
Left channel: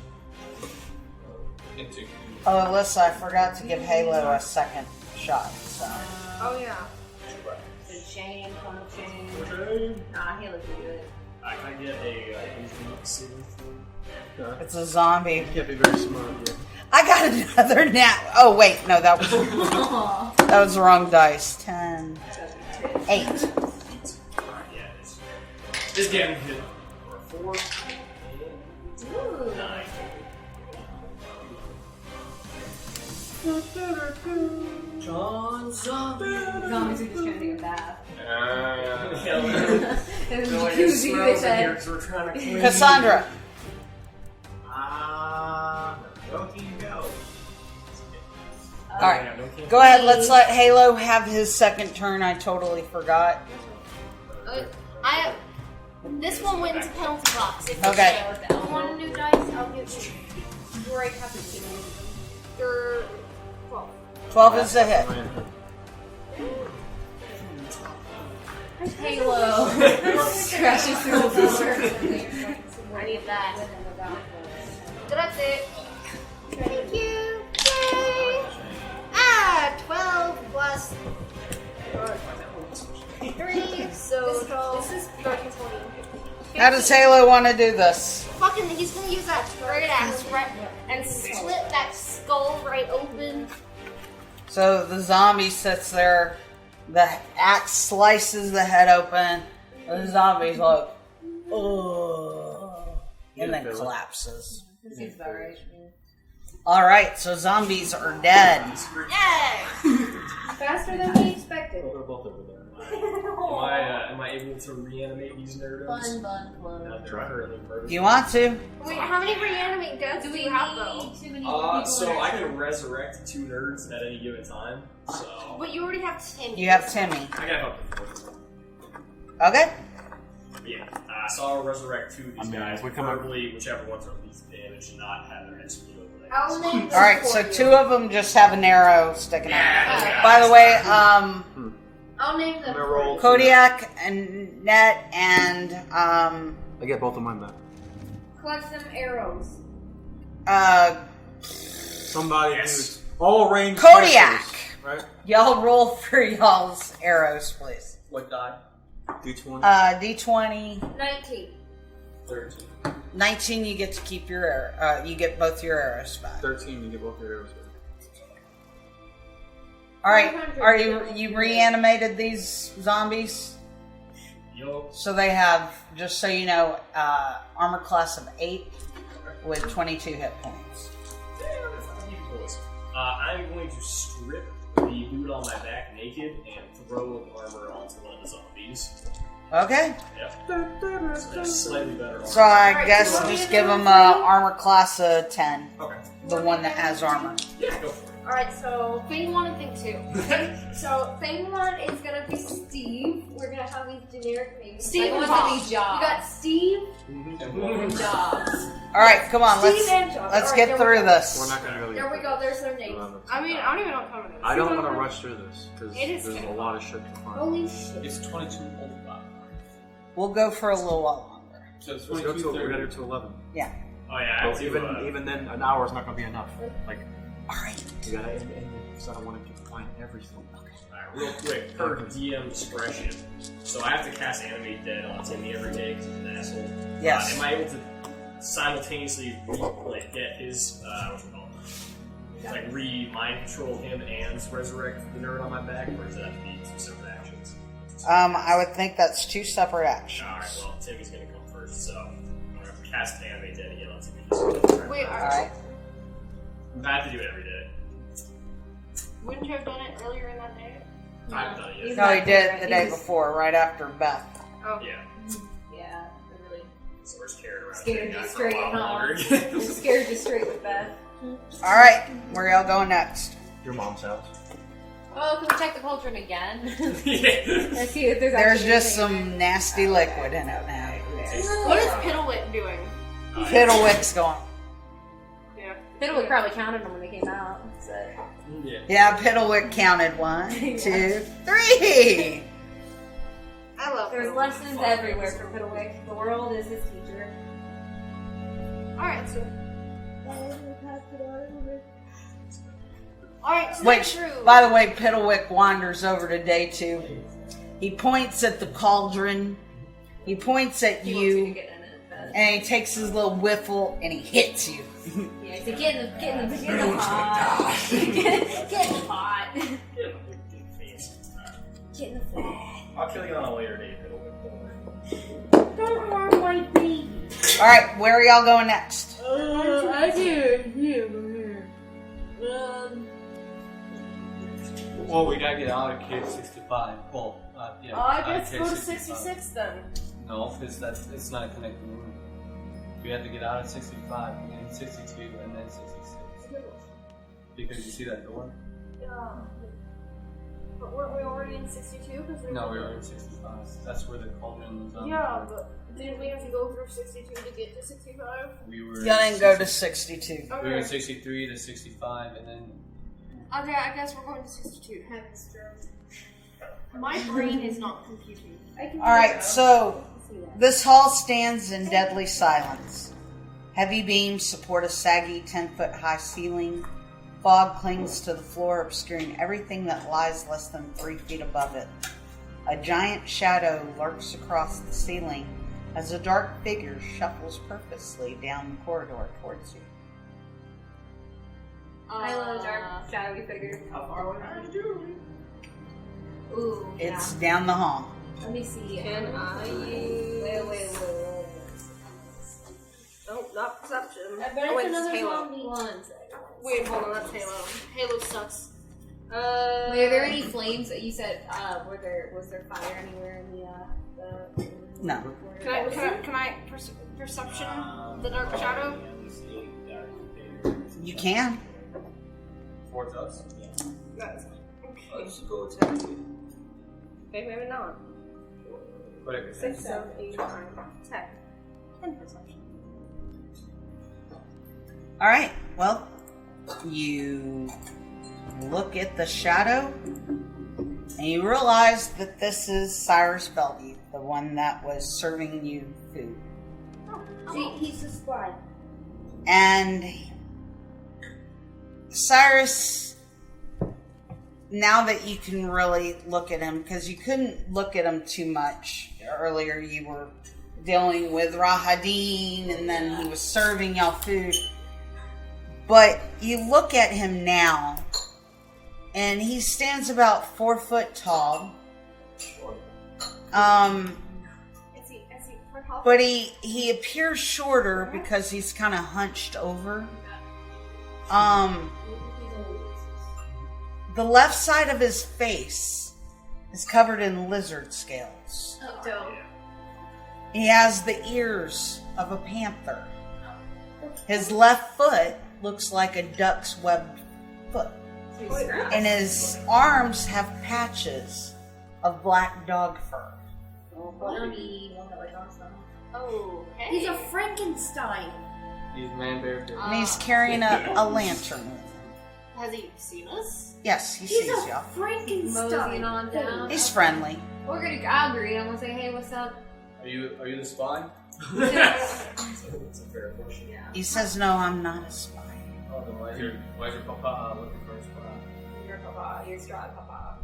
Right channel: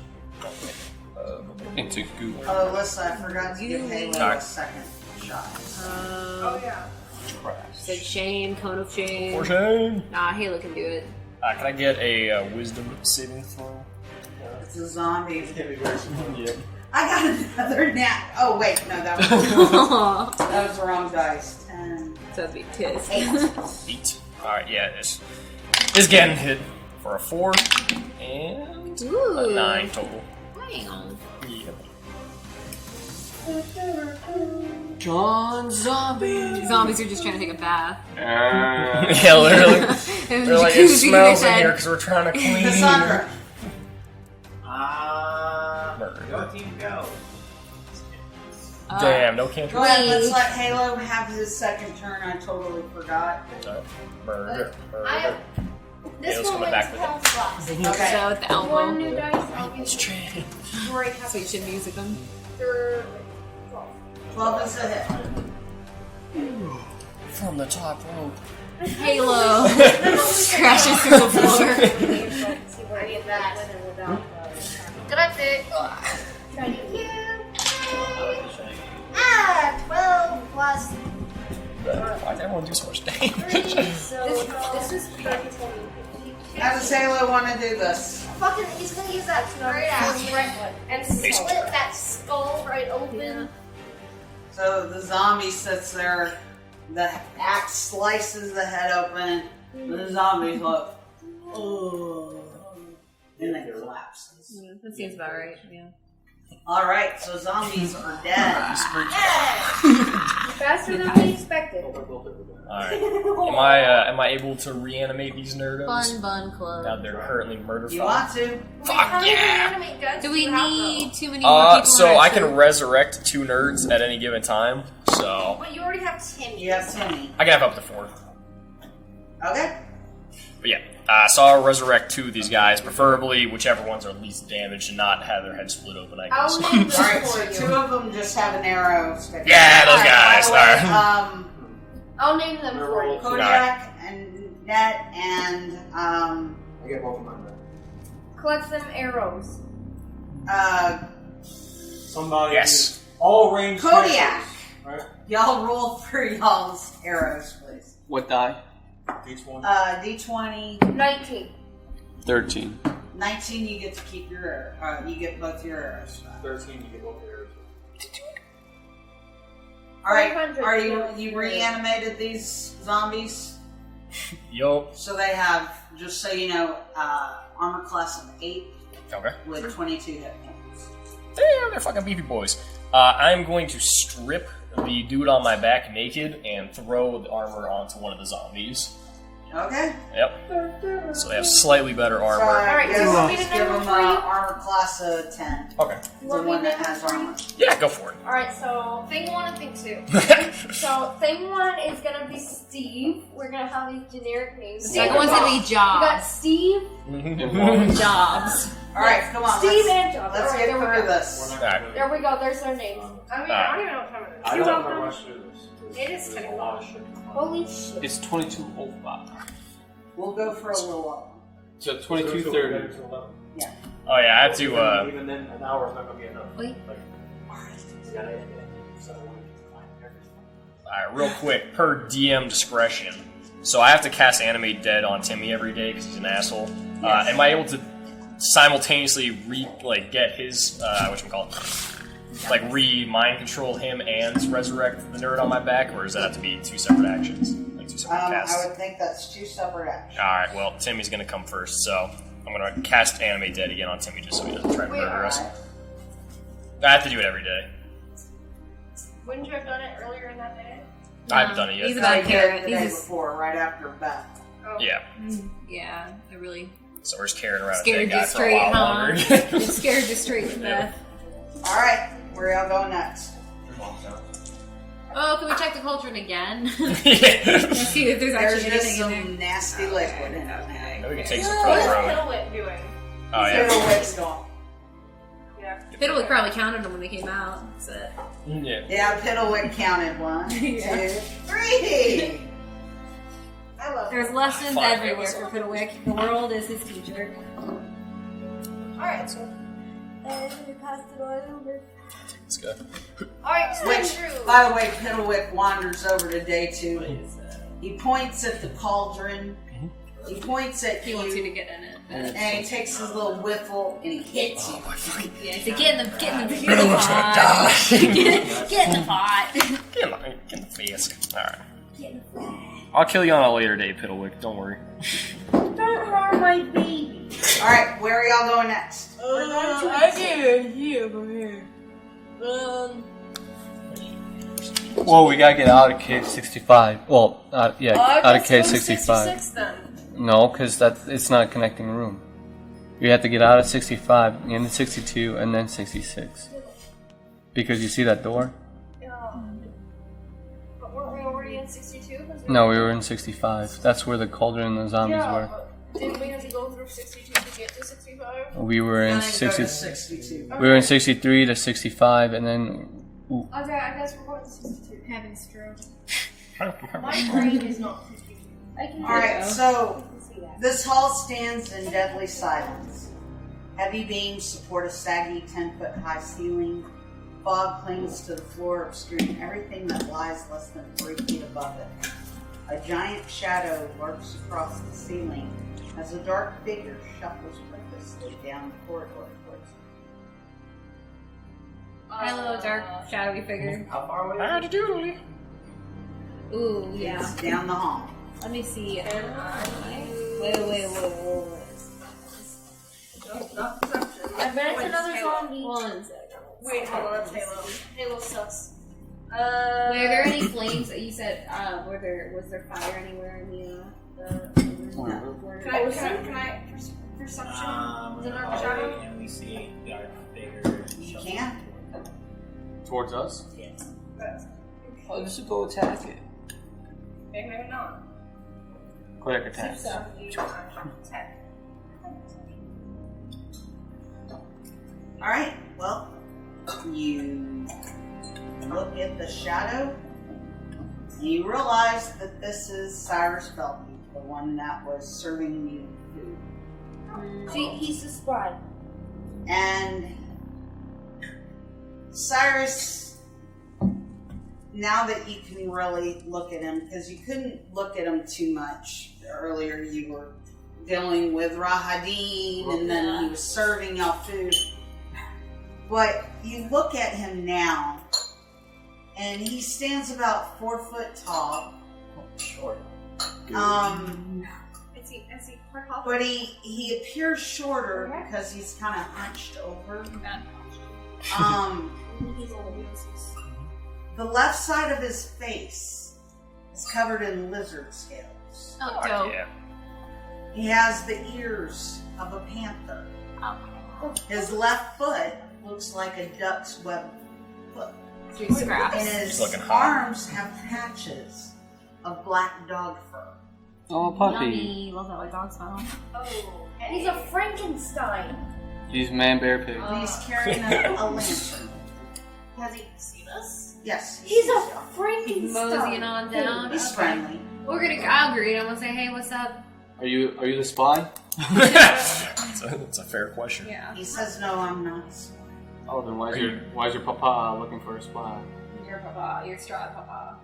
Into Google. Oh, Alyssa, I forgot to give Halo a second shot. Oh yeah. Said shame, cone of shame. For shame. Nah, Halo can do it. Can I get a Wisdom saving throw? It's a zombie. Get me very smooth. I got another nat. Oh wait, no, that was that was the wrong dice. 10, So be pissed. 8. 8. Alright, yeah, it's getting hit for a 4 and Ooh. a 9 total. Hang on. John Zombie. Zombies are just trying to take a bath. Yeah, literally. And They're like, it jacuzzi smells in head. here because we're trying to clean. Cassandra. Go team, go. Damn, no can't. Go ahead, let's let Halo have his second turn. I totally forgot. I have. This Yeah, let's one go wins back with health slots. If Okay. So with the you elbow. want a new dice, I'll give you. Great. So you should music them. They're 12. 12 is a hit. From the top rope. Halo crashes through the floor. I need that. Grazie. Thank you. Yay. 12 plus. Why does everyone do so much damage? So this is 20. How does Halo want to do this? Fucking, he's gonna use that great axe and split that skull right open. So the zombie sits there, the axe slices the head open, and the zombie's like, oh, and then collapses. That seems about right. Yeah. Alright, so zombies are dead. Faster than we expected. Alright. Am I able to reanimate these nerdos? Fun bun club. Now they're currently murdered. You want to? How many reanimate guns Do we you have, need too many more people? So in our I can crew? resurrect 2 nerds at any given time. So But you already have Timmy. You have Timmy. I can have up to 4. Okay. But yeah, so I'll resurrect 2 of these guys, preferably whichever ones are least damaged and not have their heads split open, I guess. I'll name them Alright, for so you. 2 of them just have an arrow sticking Yeah, out. those guys. By the way, I'll name them for you. Kodiak and Net and I get both of mine back. Collect them arrows. Somebody. Yes. All range. Kodiak. Right? Y'all roll for y'all's arrows, please. What die? Each one. D20. 19. 13. 19, you get to keep your arrow. You get both your arrows back. 13. You get both your arrows back. All right. 500. Are you reanimated these zombies? Yo. So they have, just so you know, armor class of 8 Okay. with 22 hit points. Damn, they're fucking beefy boys. I'm going to strip the dude on my back naked and throw the armor onto one of the zombies. Okay. Yep. So they have slightly better armor. So I Alright, guess you want me to just give number them armor class of 10. Okay. The one that has armor. Yeah, go for it. Alright, so thing 1 and thing 2. So thing 1 is gonna be Steve. We're gonna have these generic names. The second one's gonna be You got Jobs. Steve, Jobs. Alright, come on. Steve Let's, and Job. let's Alright, get there we through go. this. There we go, there's their names. I mean, I don't even know what time it is. I don't want to rush through this because It is there's a kinda lot of shit going on. Holy shit. It's 22 old bot. We'll go for a little while longer. So Let's 22 go 30. to 11. Yeah. Oh yeah, I have to. Even then, an hour is not going to be enough. Wait. Like, Alright. you gotta end it because I don't want to find everything. Alright, real quick, per DM discretion. So I have to cast Animate Dead on Timmy every day because he's an asshole. Yes. Am I able to simultaneously get his mind control him and resurrect the nerd on my back, or does that have to be 2 separate actions? Like 2 separate casts? I would think that's 2 separate actions. Alright, well, Timmy's gonna come first, so I'm gonna cast Animate Dead again on Timmy just so he doesn't try to Wait, murder us. alright. I have to do it every day. Wouldn't you have done it earlier in that day? I haven't done it yet. No, I did it the day before, right after Beth. Oh. Yeah. Yeah, I really So we're just carrying around a scared dead you guy for a straight, while huh? longer. It scared you straight to death. Alright, where y'all going next? Your mom's house. Oh, can we check the cauldron again? Yeah. Let's see if there's There's actually just anything in some nasty liquid in it now. We can take some What is from the road. Piddlewick doing? Oh, yeah. Fiddlewick's gone. Yeah. Fiddlewick probably counted them when they came out. So. Yeah. Yeah, Piddlewick counted 1, 2, 3. I love There's Piddlewick. lessons Fine, everywhere yeah. for Fiddlewick. The world is his teacher. Alright, so. Let's go. Alright, Which, stay true. by the way, Piddlewick wanders over to day 2. He points at the cauldron. He points at He wants you to you. get in it. And he takes his little whiffle and he hits you. Yeah, so get in the pot. Get in the pot. Get in the face. Alright. Get in the pot. I'll kill you on a later day, Piddlewick. Don't worry. Don't harm my baby. Alright, where are y'all going next? I did here, over here. Well, we gotta get out of cave 65. Well, yeah, out of cave 65. 66 then. No, because it's not a connecting room. We have to get out of 65, into 62, and then 66. Because you see that door? But weren't we already in 62? No, we were in 65. That's where the cauldron and the zombies Yeah, were. but didn't we have to go through 62 to get to 65? We were Y'all in didn't go 60, to 62. we were in 63 to 65, and then Okay, I guess we're going to 62. Heaven's true. My brain is not 62. Alright, so this hall stands in deadly silence. Heavy beams support a saggy 10-foot high ceiling. Fog clings to the floor, obscuring everything that lies less than 3 feet above it. A giant shadow lurks across the ceiling as a dark figure shuffles purposely down the corridor towards you. Hello, dark, shadowy figure. How far away How'd you do? Ooh, yeah. It's down the hall. Let me see. Can I use... Wait. No, not perception. I'm ready for another Halo. zombie. 1 second. Wait, hold on, that's Halo. Halo sucks. Wait, are there any flames that you said, was there fire anywhere in the No. Can I perception the dark shadow? Yeah, we see a dark figure. You can. Towards us? Yeah. That's oh, you should go attack it. okay, maybe not. Quick attack. 6, 7, 8, 9, 10. 10 perception. Alright, well, you look at the shadow and you realize that this is Cyrus Bellevue, the one that was serving you food. See, he's the spy. And Cyrus, now that you can really look at him, because you couldn't look at him too much earlier, you were dealing with Rahadin and then he was serving y'all food. But you look at him now, and he stands about 4 foot tall. Short. Is he for health? But he appears shorter because he's kind of hunched over. The left side of his face is covered in lizard scales. Oh, dope. Yeah. He has the ears of a panther. His left foot looks like a duck's webbed foot. And his arms have patches of black dog fur. Oh, puppy. Yummy. Love that, like dog smell. Oh, He's a Frankenstein. He's man, bear, pig. And he's carrying a lantern. Has he seen us? Yes, he He's sees a y'all. Frankenstein. Moseying on down. He's friendly. We're gonna I'll greet him and say, hey, what's up? Are you the spy? That's a fair question. Yeah. He says, no, I'm not a spy. Oh, then why is your papa looking for a spy? Your papa. Your Strahd papa.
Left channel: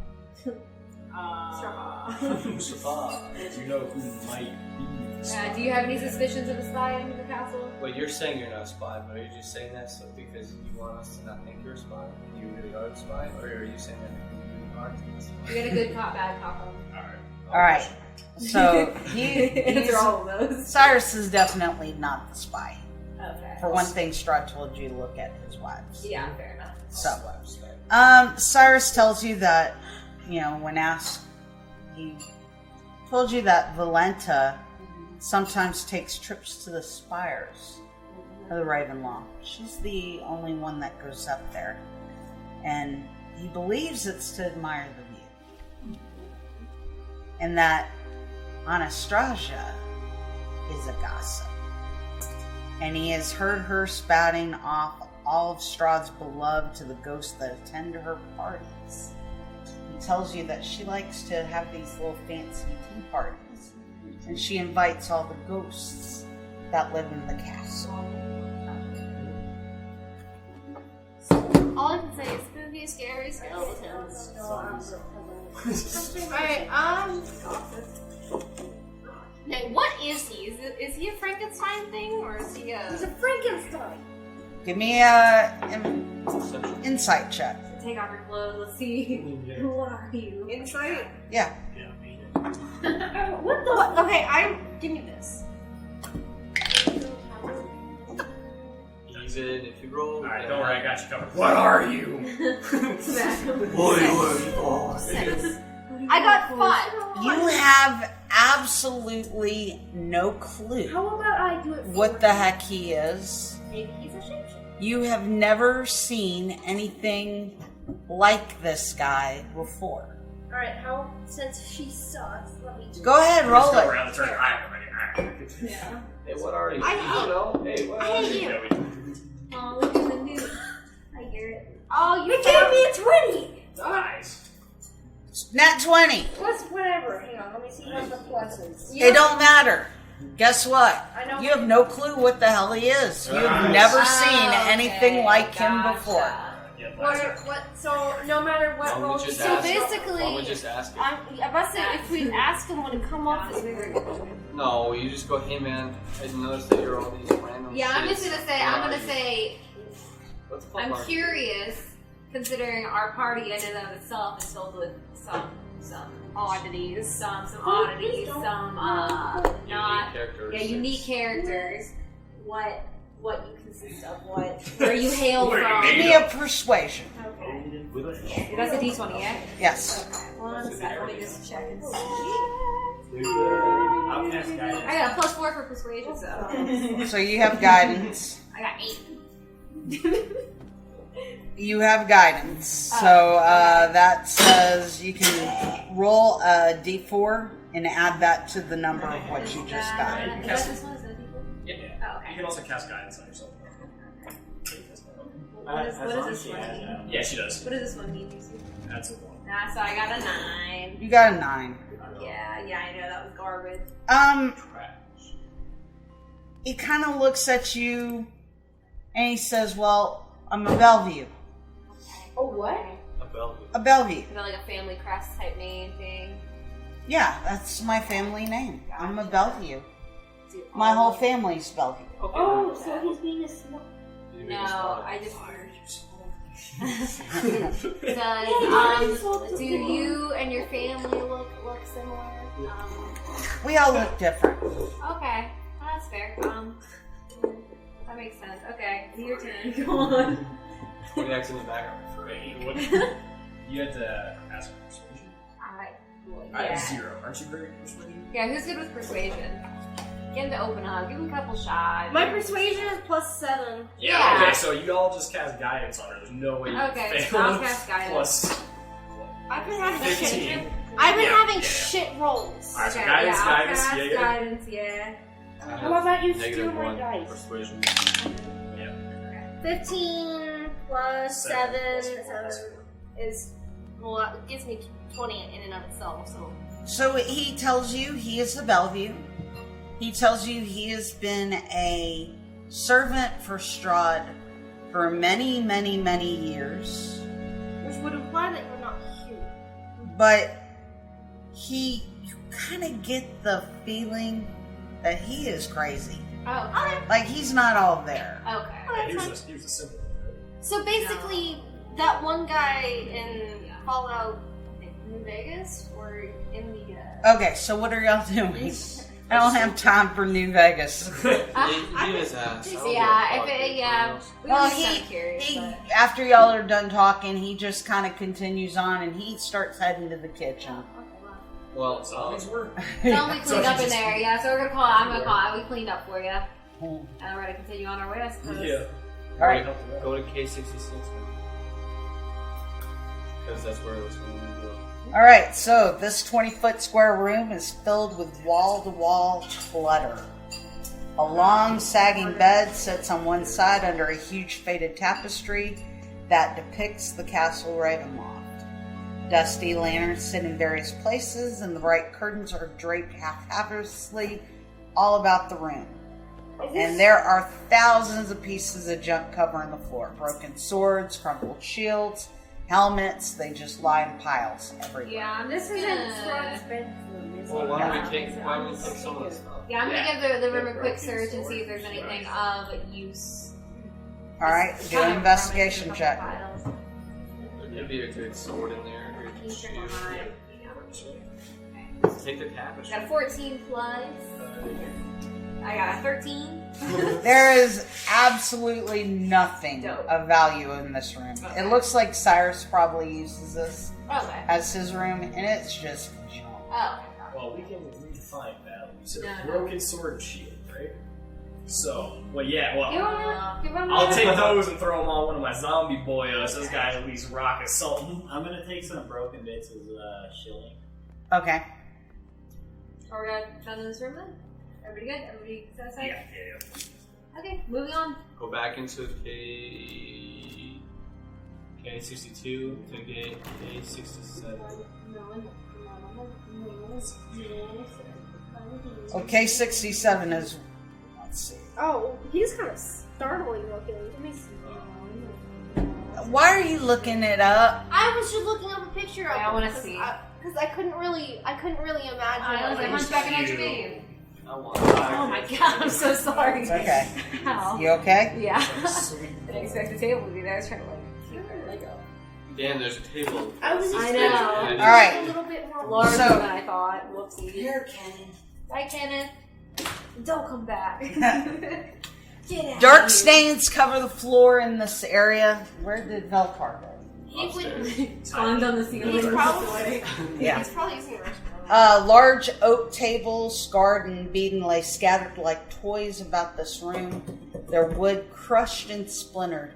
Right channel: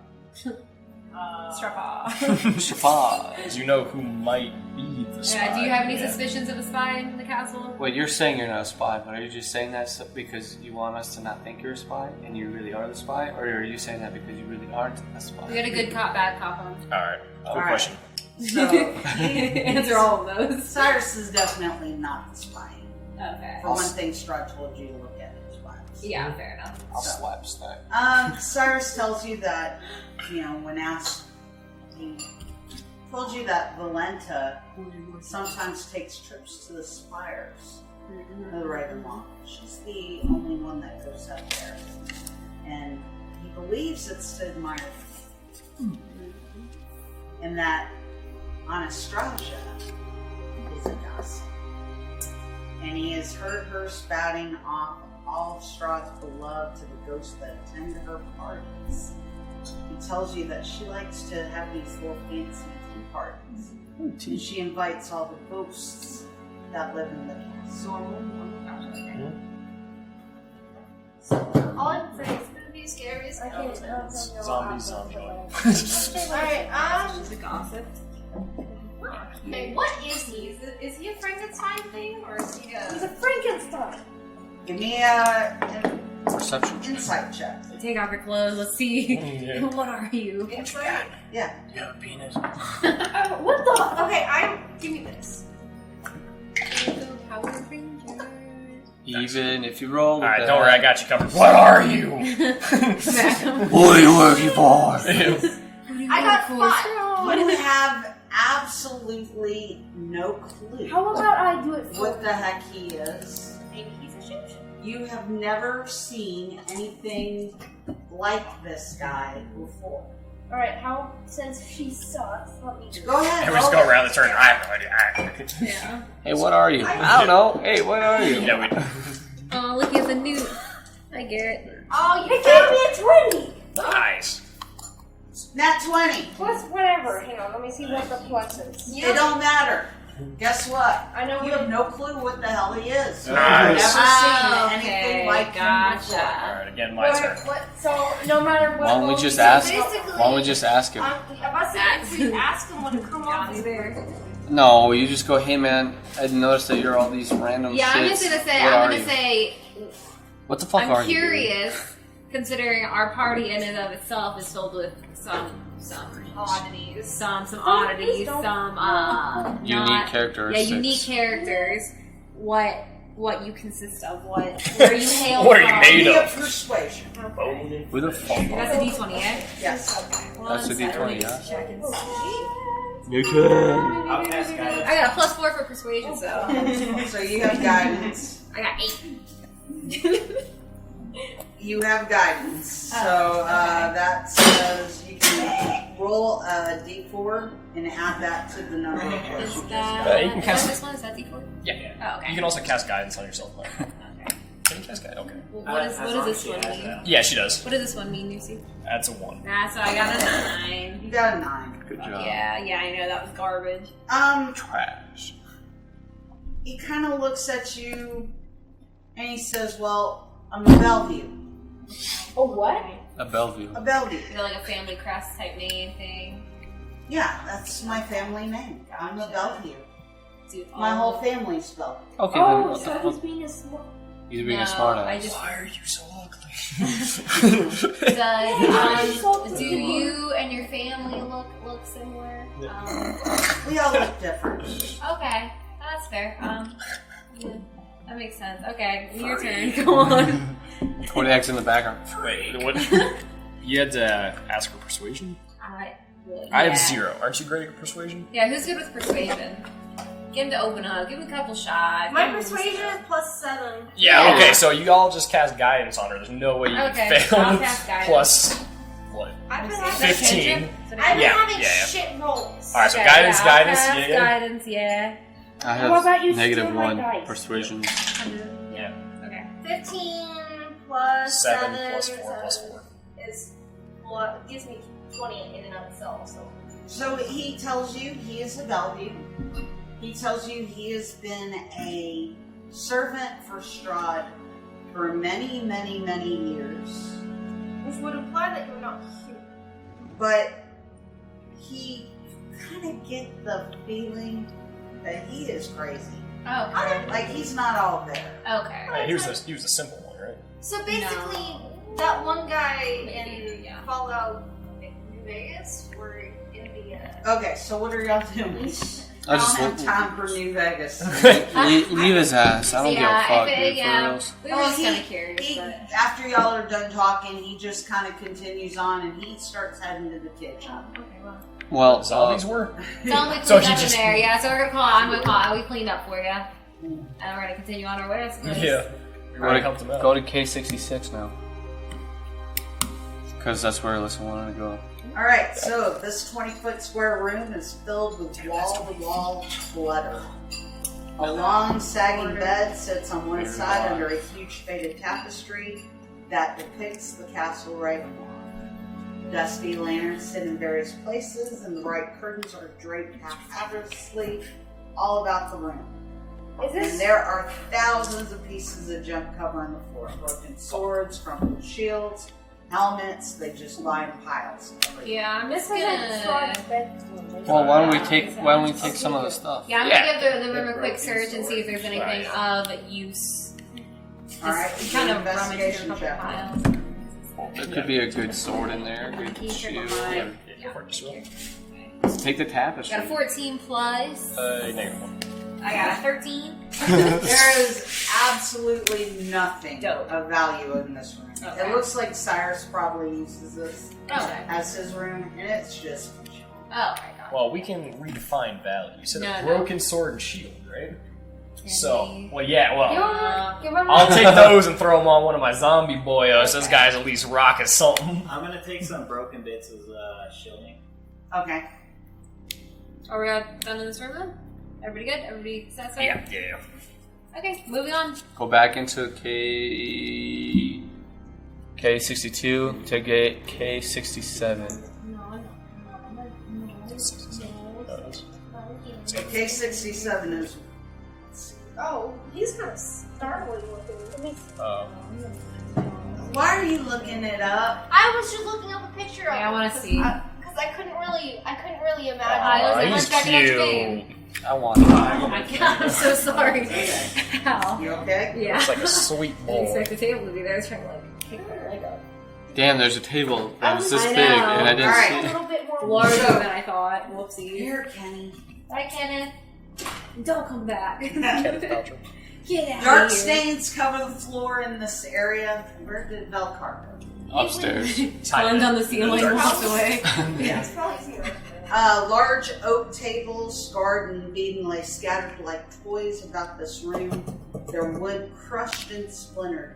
Strahd. Spy. Do you know who might be the spy? Do you have any suspicions of a spy in the castle? Wait, you're saying you're not a spy, but are you just saying that because you want us to not think you're a spy and you really are the spy, or are you saying that because you really aren't a spy? You got a good cop, bad cop on. Alright. Alright. Question. So answer all of those. Cyrus is definitely not the spy. Okay. For one thing, Strahd told you to look at his wives. Yeah, fair enough. Cyrus tells you that, when asked, he told you that Valenta sometimes takes trips to the spires of the Ravenloft. She's the only one that goes up there. And he believes it's to admire them. And that Anastasia is a gossip. And he has heard her spouting off all of Strahd's beloved to the ghosts that attend to her parties. He tells you that she likes to have these little fancy tea parties. And she invites all the ghosts that live in the castle. All I can say is spooky, scary, Zombie. Alright, She's a gossip. okay, what is he? Is he a Frankenstein thing, or is he a... He's a Frankenstein. Give me an Perception. insight check. Take off your clothes. Let's see. What are you? Insight? Yeah. You have a penis. What the... Okay, give me this. Even if you roll. Alright, don't worry, I got you covered. What are you? What are you working for? I got 5. You have absolutely no clue How about I do it for what the heck he is. Maybe he's a shapeshifter. You have never seen anything like this guy before. Alright, since she sucks, let me Go ahead, roll Just go it. around the turn. I have no idea. Yeah. Hey, what are you? I don't know. Hey, what are you? Yeah, we Oh, look at the new. I get it. Oh, you It gave me a 20! Nice. Nat 20. Plus whatever. Hang on, let me see what the pluses. It don't matter. Guess what? I know You have no clue what the hell he is. You've Nice. never Oh, seen anything okay, like him gotcha. before. Alright, again, my turn. So, no matter what. Why don't we roll just you ask? do, basically- Why don't we just ask him? I'm about to say, if we ask him, would it come off as weird? No, you just go. Hey, man, I noticed that you're all these random. Yeah, I'm shits. just gonna say. What I'm are gonna you? say. What the fuck are I'm you? curious, considering our party in and of itself is filled with some oddities, some oddities, some Unique not, characteristics. Yeah, unique characters. What you consist of? Where you hail What are from? you made Give me a of? persuasion. Who the fuck? And that's a D20, yeah. Yes. That's a D20, yeah. Check and see. I'll cast guidance. I got a +4 for persuasion, so So you have guidance. I got 8. You have guidance. So that says you can roll a d4 and add that to the number of what you just got. You can cast. This one is that D4? Yeah. Oh, okay. You can also cast guidance on yourself. Okay. Can you cast guidance? Okay. Well, what does this one mean? Yeah, she does. What does this one mean, Lucy? That's a 1. So I got a 9. You got a 9. Good job. Yeah, I know that was garbage. Trash. He kind of looks at you and he says, "Well, I'm a Bellevue." Oh, what? A Bellevue. A Bellevue. Is it like a family crest type name thing? Yeah, that's my family name. I'm a Bellevue. Dude, My whole family's Bellevue. Okay, Oh, then. so he's being a smart. He's being a No, smart I ass. just. Why are you so Do you and your family look similar? We all look different. Okay, that's fair. Yeah, that makes sense. Okay, your turn. Go on. 20x in the background. Wait, what? You had to ask for persuasion? I have 0. Aren't you great at persuasion? Yeah, who's good with persuasion? Get him to open up. Give him a couple shots. My persuasion is +7. Yeah, okay, so you all just cast guidance on her. There's no way you Okay, can fail. I'll cast guidance. Plus, what? I've been having 15. I've been Yeah, having yeah. shit rolls. Alright, so Okay, guidance, I'll guidance, cast yeah. guidance, yeah. I What about you have steal my -1 dice? persuasion. Yeah. Okay. 15 plus 7 7 plus 4 plus 4. is, well, it gives me 20 in and of itself, so. So he tells you he is the Bellevue. He tells you he has been a servant for Strahd for many, many, many years. Which would imply that you're not cute. But you kind of get the feeling that he is crazy. Oh, okay. Like he's not all there. Okay. He was the simple one, right? So basically, that one guy in Fallout Vegas or in the? Okay, so what are y'all doing? I don't have time for New Vegas. Leave his ass. I don't give a fuck. Dude, Well, he after y'all are done talking, he just kind of continues on and he starts heading to the kitchen. Well, zombies were. Tell me cleaned up in there, yeah. So we're gonna I'm gonna call. We cleaned up for you, and we're gonna continue on our way. I suppose. Yeah. Go to K66 now, because that's where Alyssa wanted to go. Alright, so this 20-foot square room is filled with wall-to-wall clutter. A long, sagging bed sits on one side under a huge faded tapestry that depicts the Castle Ravenloft. Dusty lanterns sit in various places, and the bright curtains are draped haphazardly all about the room. And there are thousands of pieces of junk covering the floor. Broken swords, crumpled shields, helmets, they just lie in piles everywhere. Yeah, I'm just Well, why don't we take some of the stuff? Yeah, I'm gonna give the room a quick search and see if there's anything of use. Alright, do an investigation check. There could be a good sword in there, a good shield. Take the tapestry. Got a 14 plus. Negative 1. I got a 13. There is absolutely nothing of value in this room. Okay. It looks like Cyrus probably uses this Okay. as his room, and it's just junk. Oh, Well, we can redefine value. You said No, a no. broken sword and shield, right? So, I'll I'll take those and throw them on one of my zombie boyos. Those guys at least rocking something. I'm gonna take some broken bits as shielding. Okay. Are we done in this room then? Everybody good? Everybody satisfied? Yeah. Okay, moving on. Go back into K62 to K67. So K67 is. Let's see. Oh, he's kind of startling looking. Let me see. Why are you looking it up? I was just looking up a picture of. Yeah, I want to see. Because I couldn't really imagine. He's cute. I want it. Oh my god, I'm so sorry. Okay. Ow. You okay? Yeah. It's like a sweet I bowl. didn't expect the table to be there. I was trying to kick my leg up. Damn, there's a table. It was this I big, know. and I didn't Alright. see A it. little bit more. Larger than I thought. Whoopsie. Here, Kenny. Bye, Kenneth. Don't come back. Get out Dark of here. stains cover the floor in this area. Where did Velcar go? Upstairs. Climbed on the ceiling and walked away. Yeah. It's probably zero. Large oak tables, scarred and beaten, lay scattered like toys about this room. Their wood crushed and splintered.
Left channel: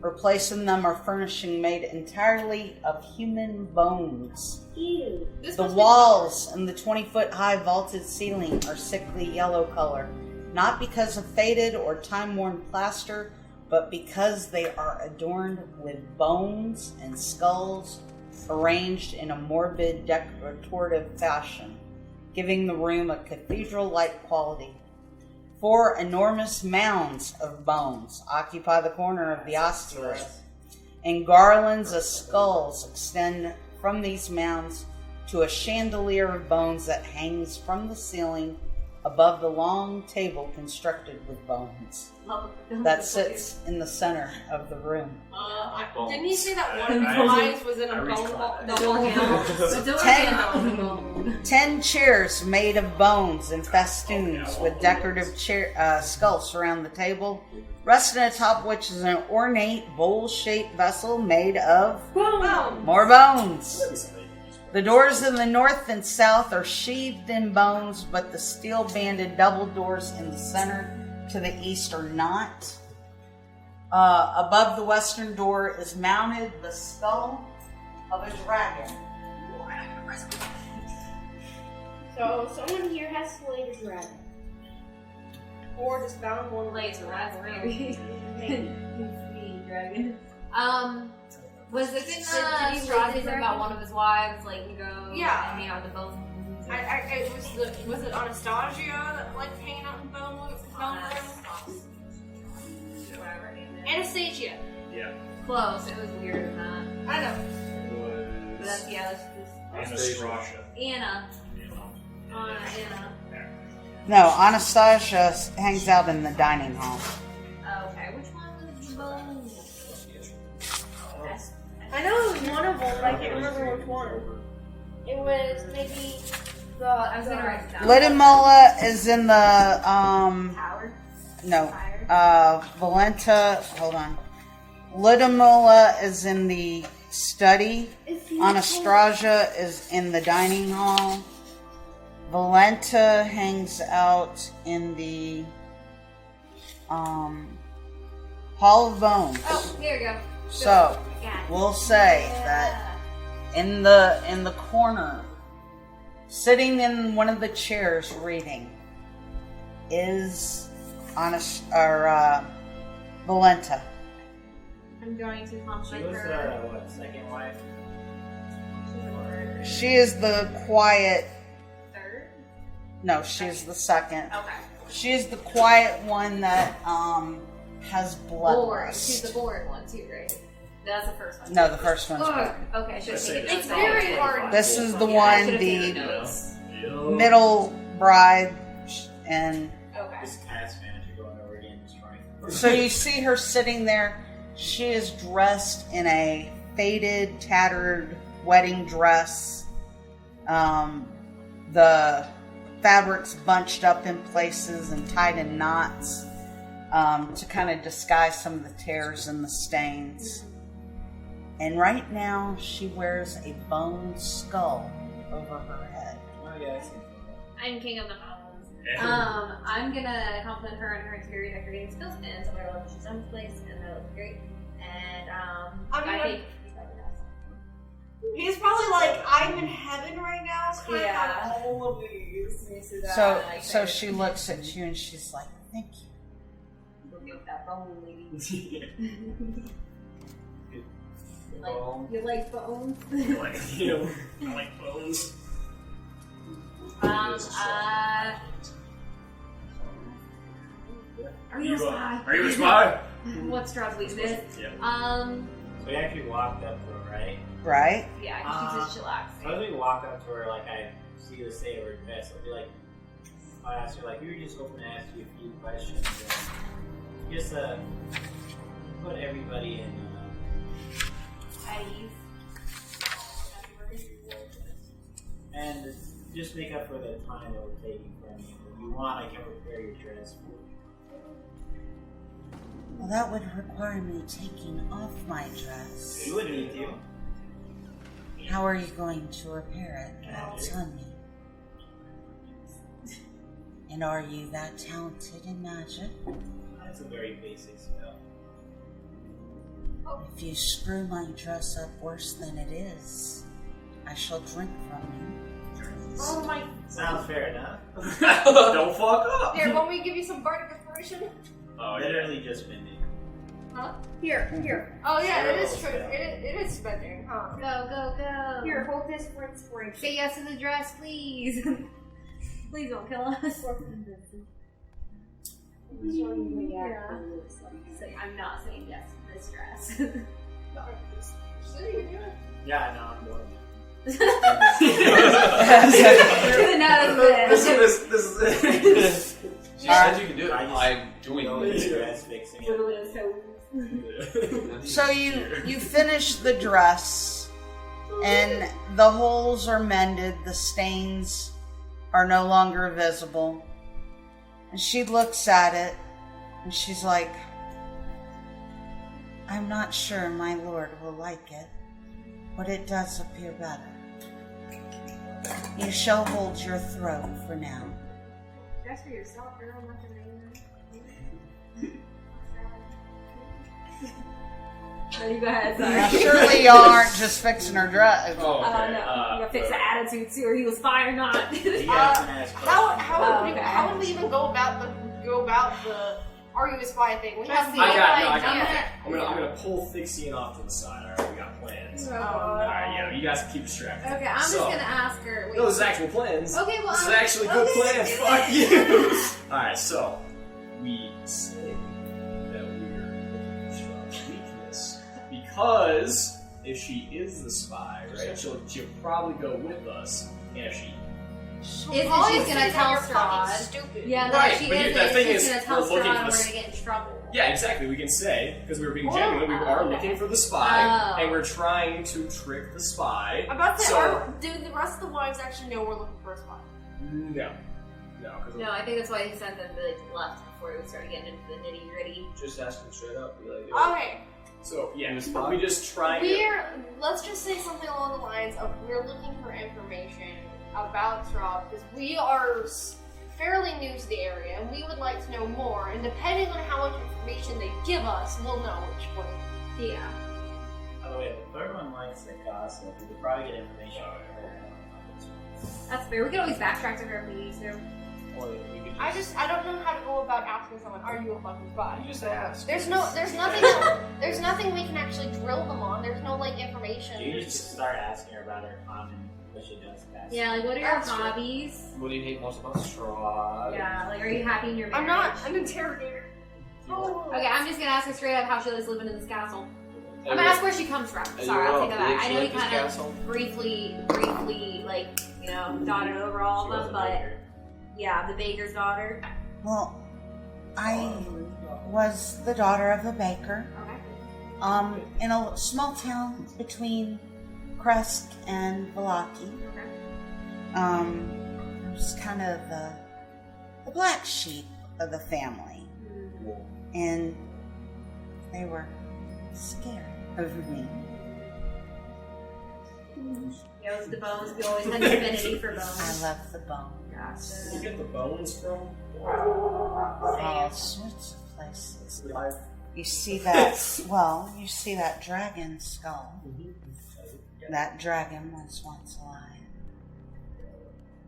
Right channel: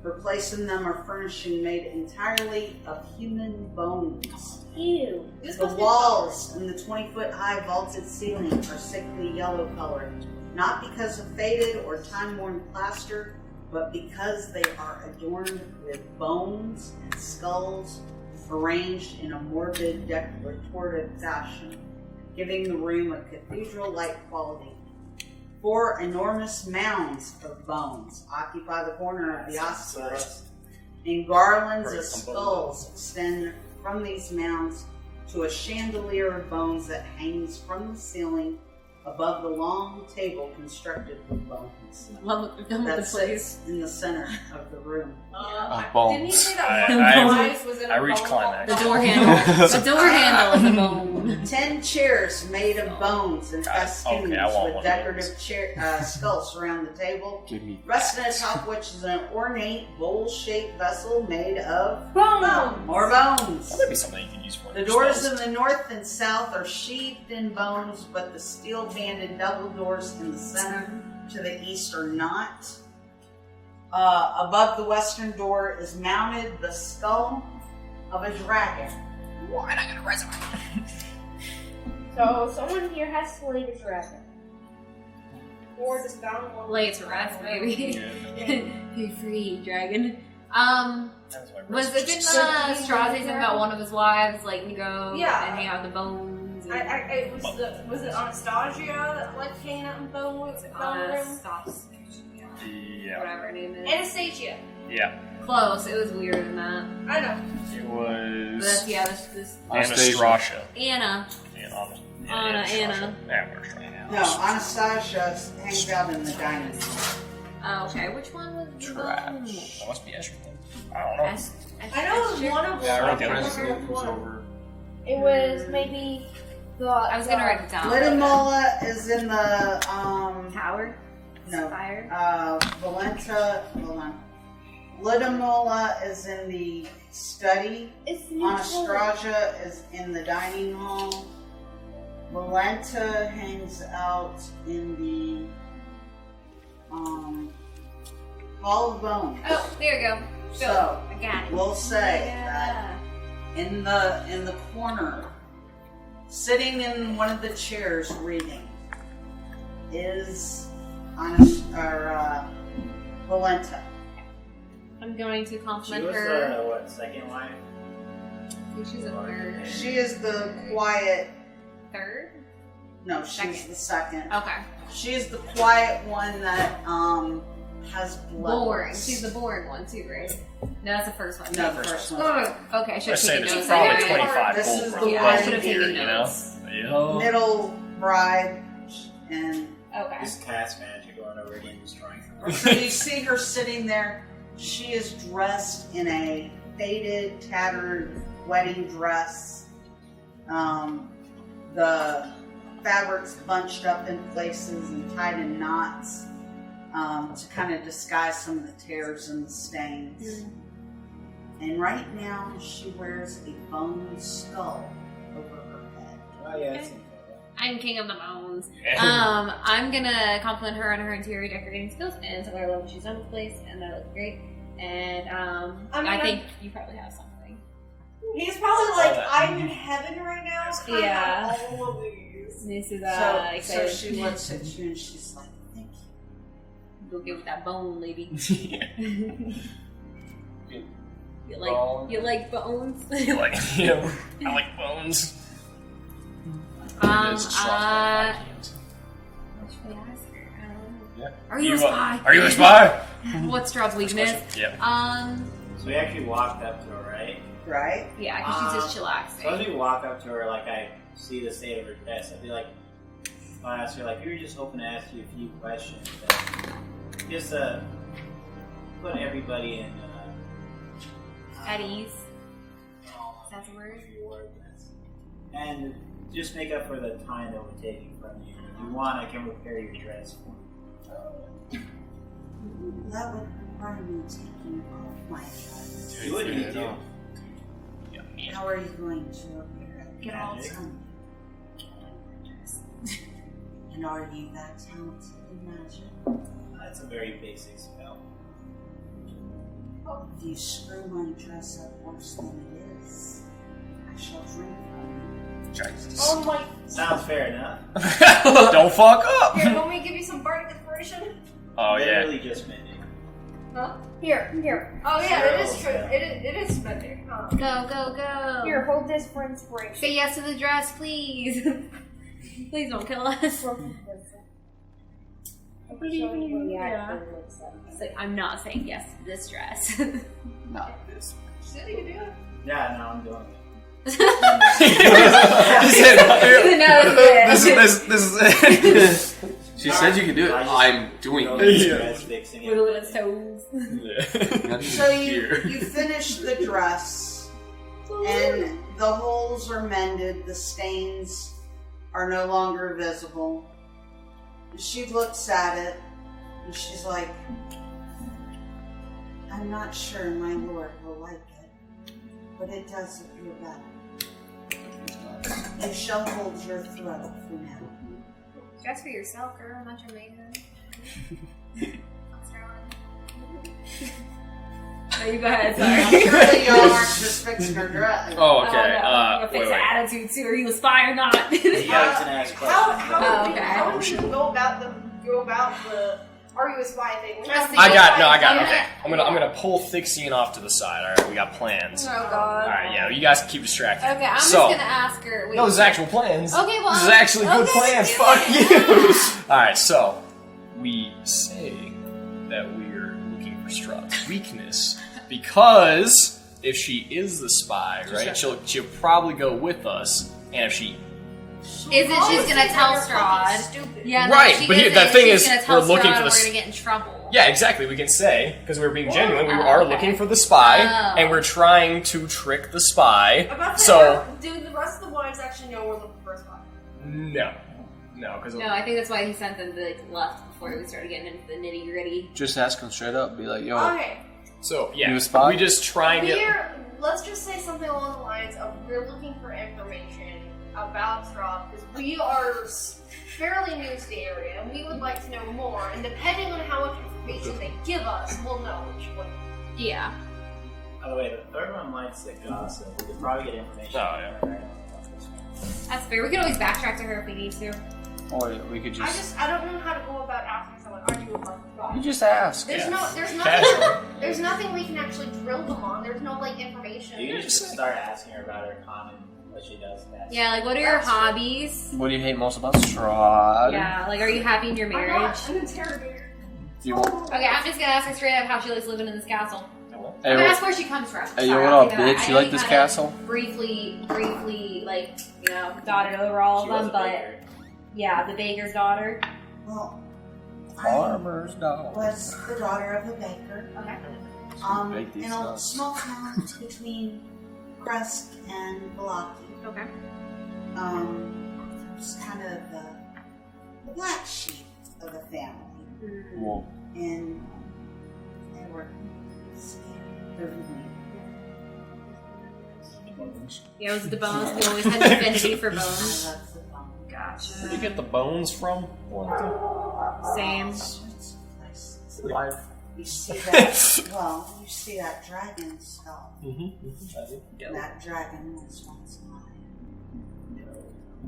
Replacing them are furnishing made entirely of human bones. Ew. The walls and the 20-foot high vaulted ceiling are sickly yellow colored, not because of faded or time-worn plaster, but because they are adorned with bones and skulls arranged in a morbid decorative fashion, giving the room a cathedral-like quality. 4 enormous mounds of bones occupy the corner of the osculus, and garlands of skulls extend from these mounds to a chandelier of bones that hangs from the ceiling above the long table constructed with bones that sits in the center of the room. Didn't he say that one I device was in a reached bone? climax. The door handle. The door handle is a bone. 10 chairs made of bones and festoons okay, I want with one of decorative skulls surround the table, resting atop which is an ornate bowl-shaped vessel made of more bones. That'd be something you can use for The doors in the north and south are sheathed in bones, but the steel-banded double doors in the center to the east are not. Above the western door is mounted the skull of a dragon. Why not gonna resurrect? So someone here has slayed a dragon. Or just found one. Lay it to rest, baby. Be free, dragon. Was it didn't Strahd say something about one of his wives, like, you go and hang out in the bones? Was it Anastasia, like hanging out in bones? Whatever her name is. Anastasia. Yeah. Close. It was weirder than that. I know. It But was that's Anastasia. Anna. Anna. Yeah, No, Anastasia hangs out in the dining hall. Oh, okay. Which one was it? That must be Ezra. I don't know. I know it was one of them. Yeah, I right can't there. remember which one. It was maybe the. I was gonna write it down. Lidimola is in the tower. No. Fire. Valenta. Hold on. Lidimola is in the study. Anastasia is in the dining hall. Valenta hangs out in the Hall of Bones. Oh, there you go. So I got it. we'll say that in the corner, sitting in one of the chairs reading, is Valenta. I'm going to She compliment was her. the, what, second wife? She's a third. She is the quiet. Third? No, she's the second. Okay. She's the quiet one that has blood. Boring. She's the boring one too, right? No, that's the first one. No, the first one's Oh, okay, I should Let's say keep there's it. probably 25 This full is the from one, here, the you know? middle bride, and Okay. This task manager going over again destroying. so you see her sitting there. She is dressed in a faded, tattered wedding dress. The fabric's bunched up in places and tied in knots to kind of disguise some of the tears and the stains. And right now, she wears a bone skull over her head. Oh, yeah, that's I'm king of the bones. I'm gonna compliment her on her interior decorating skills and tell her I love what she's done with the place, and that looks great. And I think you probably have something. He's probably like, I'm in heaven right now. So Yeah. I have all of these. This is So she looks at you and she's like, "Thank you." Go get with that bone, lady. You like bones? I like bones. Are you a spy? Are you a spy? What's Strahd's weakness? Yeah. So we actually walked up to her, right? Right? Yeah, because she's just chillaxing. So as we walk up to her, like I see the state of her chest, I'll be like, I'll ask her, like, we were just hoping to ask you a few questions. Just put everybody in. At ease. That's a word. And just make up for the time that we're taking from you. If you want, I can repair your dress for you. Well, that would require me taking off my dress. Do what you do. How are you going to repair it? Get all Tell me. And are you that talented in magic? That's a very basic spell. If you screw my dress up worse than it is, I shall drink from you. Oh my. Sounds fair enough. Don't fuck up. Here, let me give you some bardic inspiration. Oh yeah. Literally just mending. Huh? Here. Oh yeah, that is true. It is spending. Huh? Go. Here, hold this for inspiration. Say yes to the dress, please. Please don't kill us. It's like, I'm not saying yes to this dress. Not this. Said you could do it. Yeah, no, I'm doing it. This is it. She said you could do it. I'm doing it. Dress fixing Wiggle it. its toes. So you finish the dress, and the holes are mended, the stains are no longer visible. And she looks at it, and she's like, I'm not sure my lord will like it, but it does appear better. You shall hold your throne for now. Dress for yourself, girl. I'm not your maid. Oh, you go ahead, sorry. Surely y'all aren't just fixing her dress. Oh, okay. No. I'm gonna fix the attitude too. Are you a spy or not? Yeah, it's an ass question. How would you go about the are you a spy thing? I got it. Okay. I'm gonna pull Thixian off to the side. Alright, we got plans. Oh god. Alright, yeah, you guys can keep distracted. Okay, I'm so, just gonna ask her. Wait. No, this is actual plans. Okay, well, this is actually good plans. Fuck you. Alright, so we say that we're looking for Strahd's weakness because if she is the spy, right, she'll probably go with us, and if she She's gonna tell Strahd. Stupid. Yeah, right, but the thing is, we're looking for the. We're gonna get in trouble. Yeah, exactly. We can say because we're being genuine. We are looking for the spy, and we're trying to trick the spy. I'm about to so do the rest know we're looking for a spot. No, because No, I think that's why he sent them to left before we started getting into the nitty gritty. Just ask him straight up. Be like, yo. Okay. So yeah, You a spot? we just trying to. Let's just say something along the lines of we're looking for information about Strahd because we are fairly new to the area and we would like to know more. And depending on how much information they give us, we'll know which way. Yeah. Oh wait, the third one likes the gossip. We could probably get information. Oh yeah. That's fair. We could always backtrack to her if we need to. Or we could just. I don't know how to go about asking someone, are you a fucking spy? You just ask. There's nothing we can actually drill them on. There's no like information. You just start asking her about her common, what she does best. Yeah, like what are your hobbies? What do you hate most about Strahd? Yeah, like are you happy in your marriage? I'm not an interrogator. Okay, I'm just gonna ask her straight up how she likes living in this castle. Hey, I'm gonna ask where she comes from. Hey, Sorry, what I'll up, think of that. bitch? I You know like this kinda castle? Briefly, like, you know, dotted over all of them, but yeah, the baker's daughter. Well, I Farmer's daughter. was the daughter of a baker. Okay. In a small town between Krusk and Velaki. Okay. I was kind of the black sheep of the family. Cool. And they were scared of me. Yeah, it was the bones. We always had an affinity for bones. I love the bone. Gotcha. Where do you get the bones from? Same. All sorts of places. Life. You see that? Well, you see that dragon skull. Mm-hmm. That dragon was once alive.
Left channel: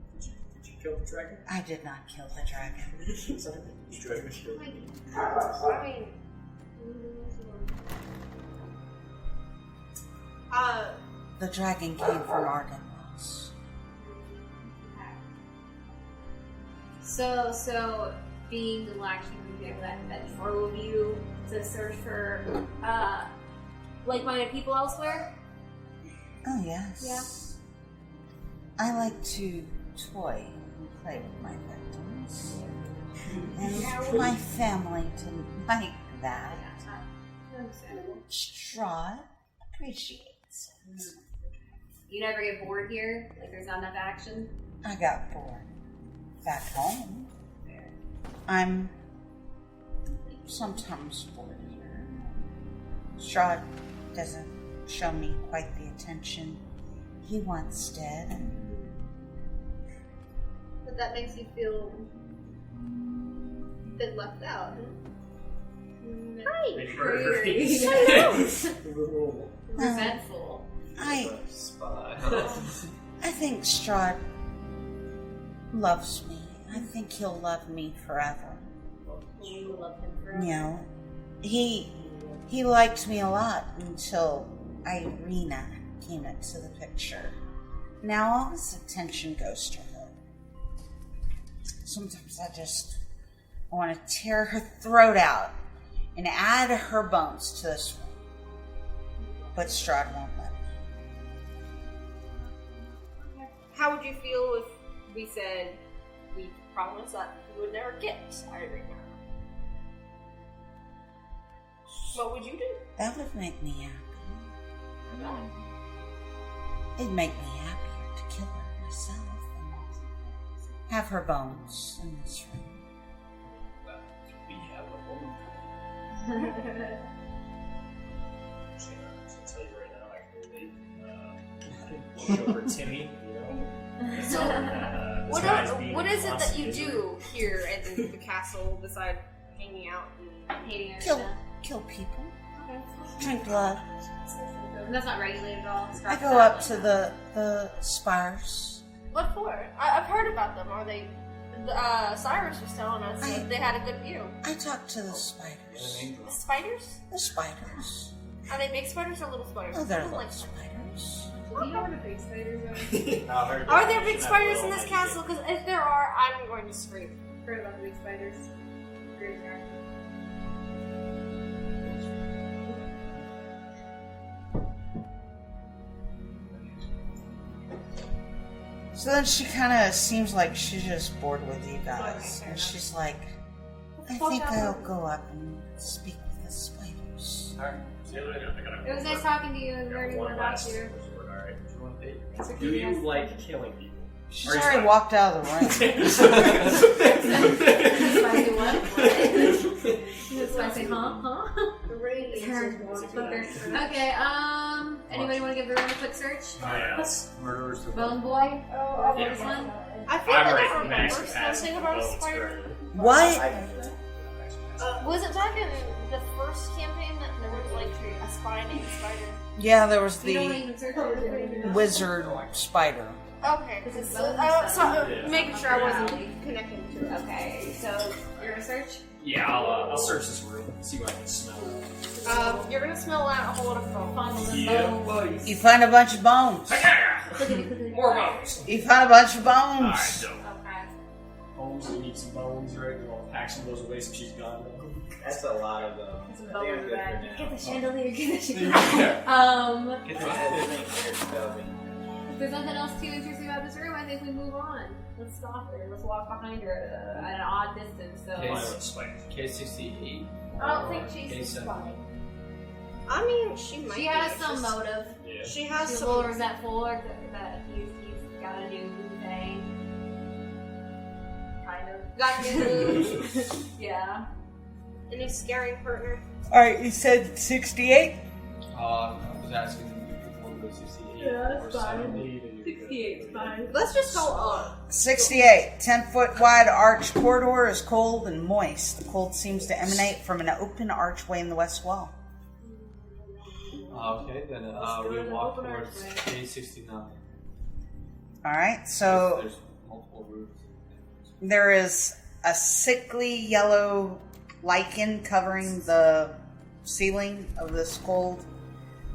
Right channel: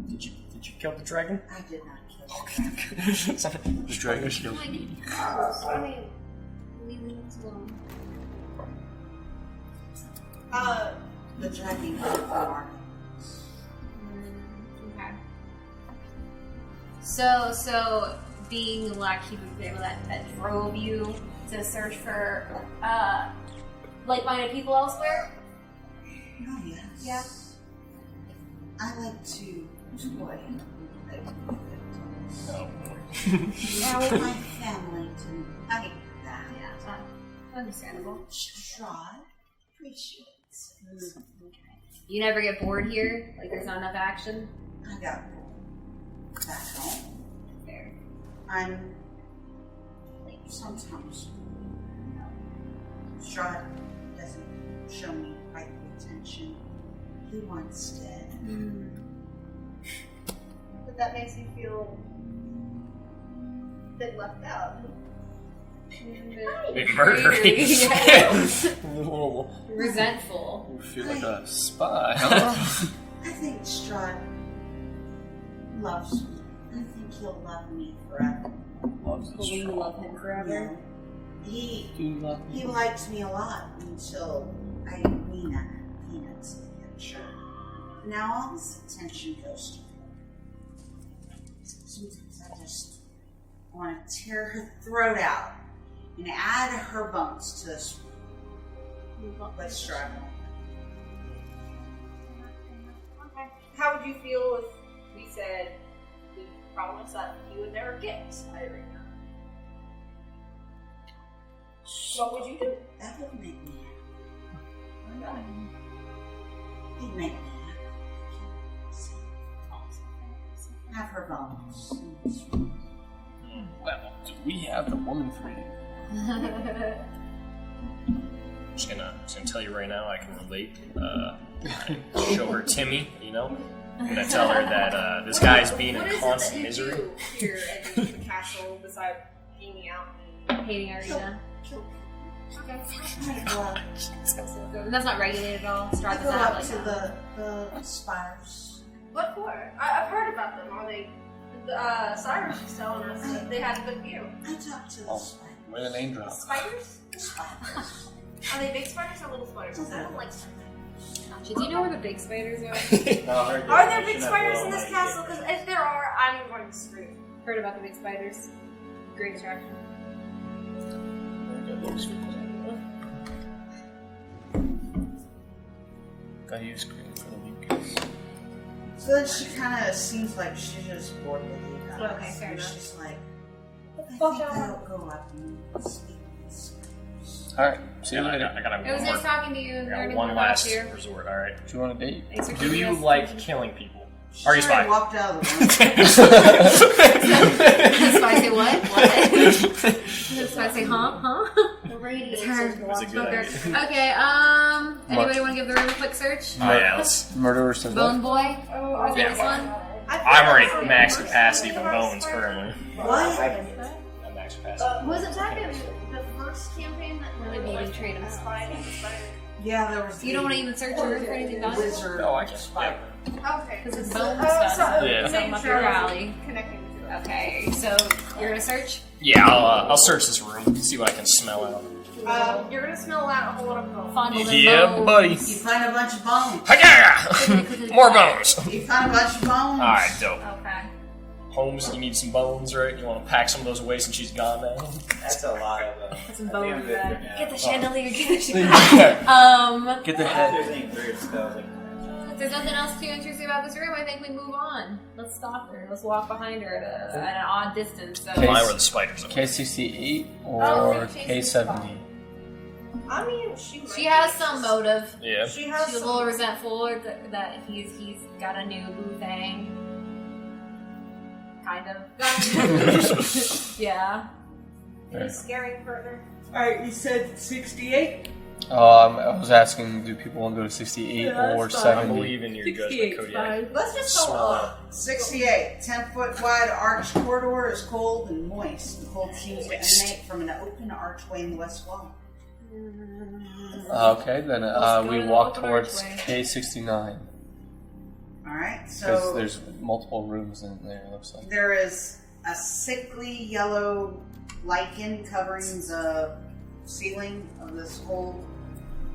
Did you kill the dragon? I did not kill the dragon. The dragon killed me. I mean, leaving us alone. The dragon came from Arkansas. Okay. So being the black sheep of the family that drove you to search for like-minded people elsewhere? Oh, yes. Yeah. I like to toy and play with my victims. Now my family didn't like that. Yeah, understandable. Strahd appreciates it. You never get bored here? Like there's not enough action? I got bored back home. Fair. I'm sometimes bored here. Strahd doesn't show me quite the attention he once did. But that makes you feel a bit left out. Big murdery. Resentful. You feel like a spy. I think Strahd loves me. I think he'll love me forever. Will you love him forever? You know, he liked me a lot until Irina came into the picture. Now all his attention goes to her. Sometimes I just want to tear her throat out and add her bones to this one. But Strahd won't let me. Okay. How would you feel if we said we promised that you would never get Irina? What would you do? That would make me happy. It'd make me happy to kill her myself. Have her bones in this room. Well, do we have the woman for you? I'm just gonna tell you right now, I can relate. Show her Timmy, you know? I'm gonna tell her that this guy's being a constant misery. What is it that you do here at the castle besides hanging out and hating our Kill people. Okay. Drink blood. That's not regulated at all. I Strahd go said, up like, to the spires. What for? I've heard about them. Are they? Cyrus was telling us that they had a good view. I talked to the spiders. Where the name drop? Spiders? The spiders. Are they big spiders or little spiders? Oh, they're I don't little like spiders. Do you know where the big spiders are? Are there big spiders in this castle? Because if there are, I'm going to scream. Heard about the big spiders. Great attraction. Gotta use So then she kind of seems like she's just bored with you guys. Okay, fair and enough. she's like, I fuck think out. I'll go up and speak with the spiders. Alright, see you later. I gotta It was nice talking to you and I got learning one more about last you. resort, alright? Do you want a date? Thanks for Do keeping you us- like killing people? She already walked out of the room. Spicy what? What? Spicy huh? The radiance It's her. is walking. Okay, anybody want to give the room a quick search? Oh yeah. Murderers to Bone Boy? Oh, Yeah. This one? I'm already max capacity for bones currently. What? Max capacity. Was it back in the first campaign that they like traded spider? Yeah, there was You don't want to the even search for anything else? wizard spider. Okay, because it's Bone Yeah. making sure I wasn't connecting to it. Okay, so you're gonna search? Yeah, I'll search this room, see what I can smell out. You're gonna smell out a whole lot of foam. Fondle Yeah, bones. buddy. You find a bunch of bones. Hi-ya! More bones. You find a bunch of bones. Alright, dope. Okay. Holmes, you need some bones, right? You want to pack some of those away since she's gone now? That's a lot of Put some I think I'm bones good back. for now. Get the chandelier, get the chandelier. Get the I head. do think weird stuff. If there's nothing else too interesting about this room, I think we move on. Let's stop her. Let's walk behind her at an odd distance. So. Mine were the spiders. K68 Oh, or K70? I mean, she might. She has some motive. Yeah. She has She's a some. little resentful that he's got a new boo thing. Kind of. Got a new yeah. The new scary partner. Alright, you said 68? I was asking, do people want to go to 68 or I 70? believe in your judgment, Kodiak. Let's just go up. 68. 10-foot wide arched corridor is cold and moist. The cold seems to emanate from an open archway in the west wall. Okay, then we walk towards K69. Alright, 'Cause so there's multiple rooms in there, it looks like. there is a sickly yellow lichen covering the ceiling of this cold,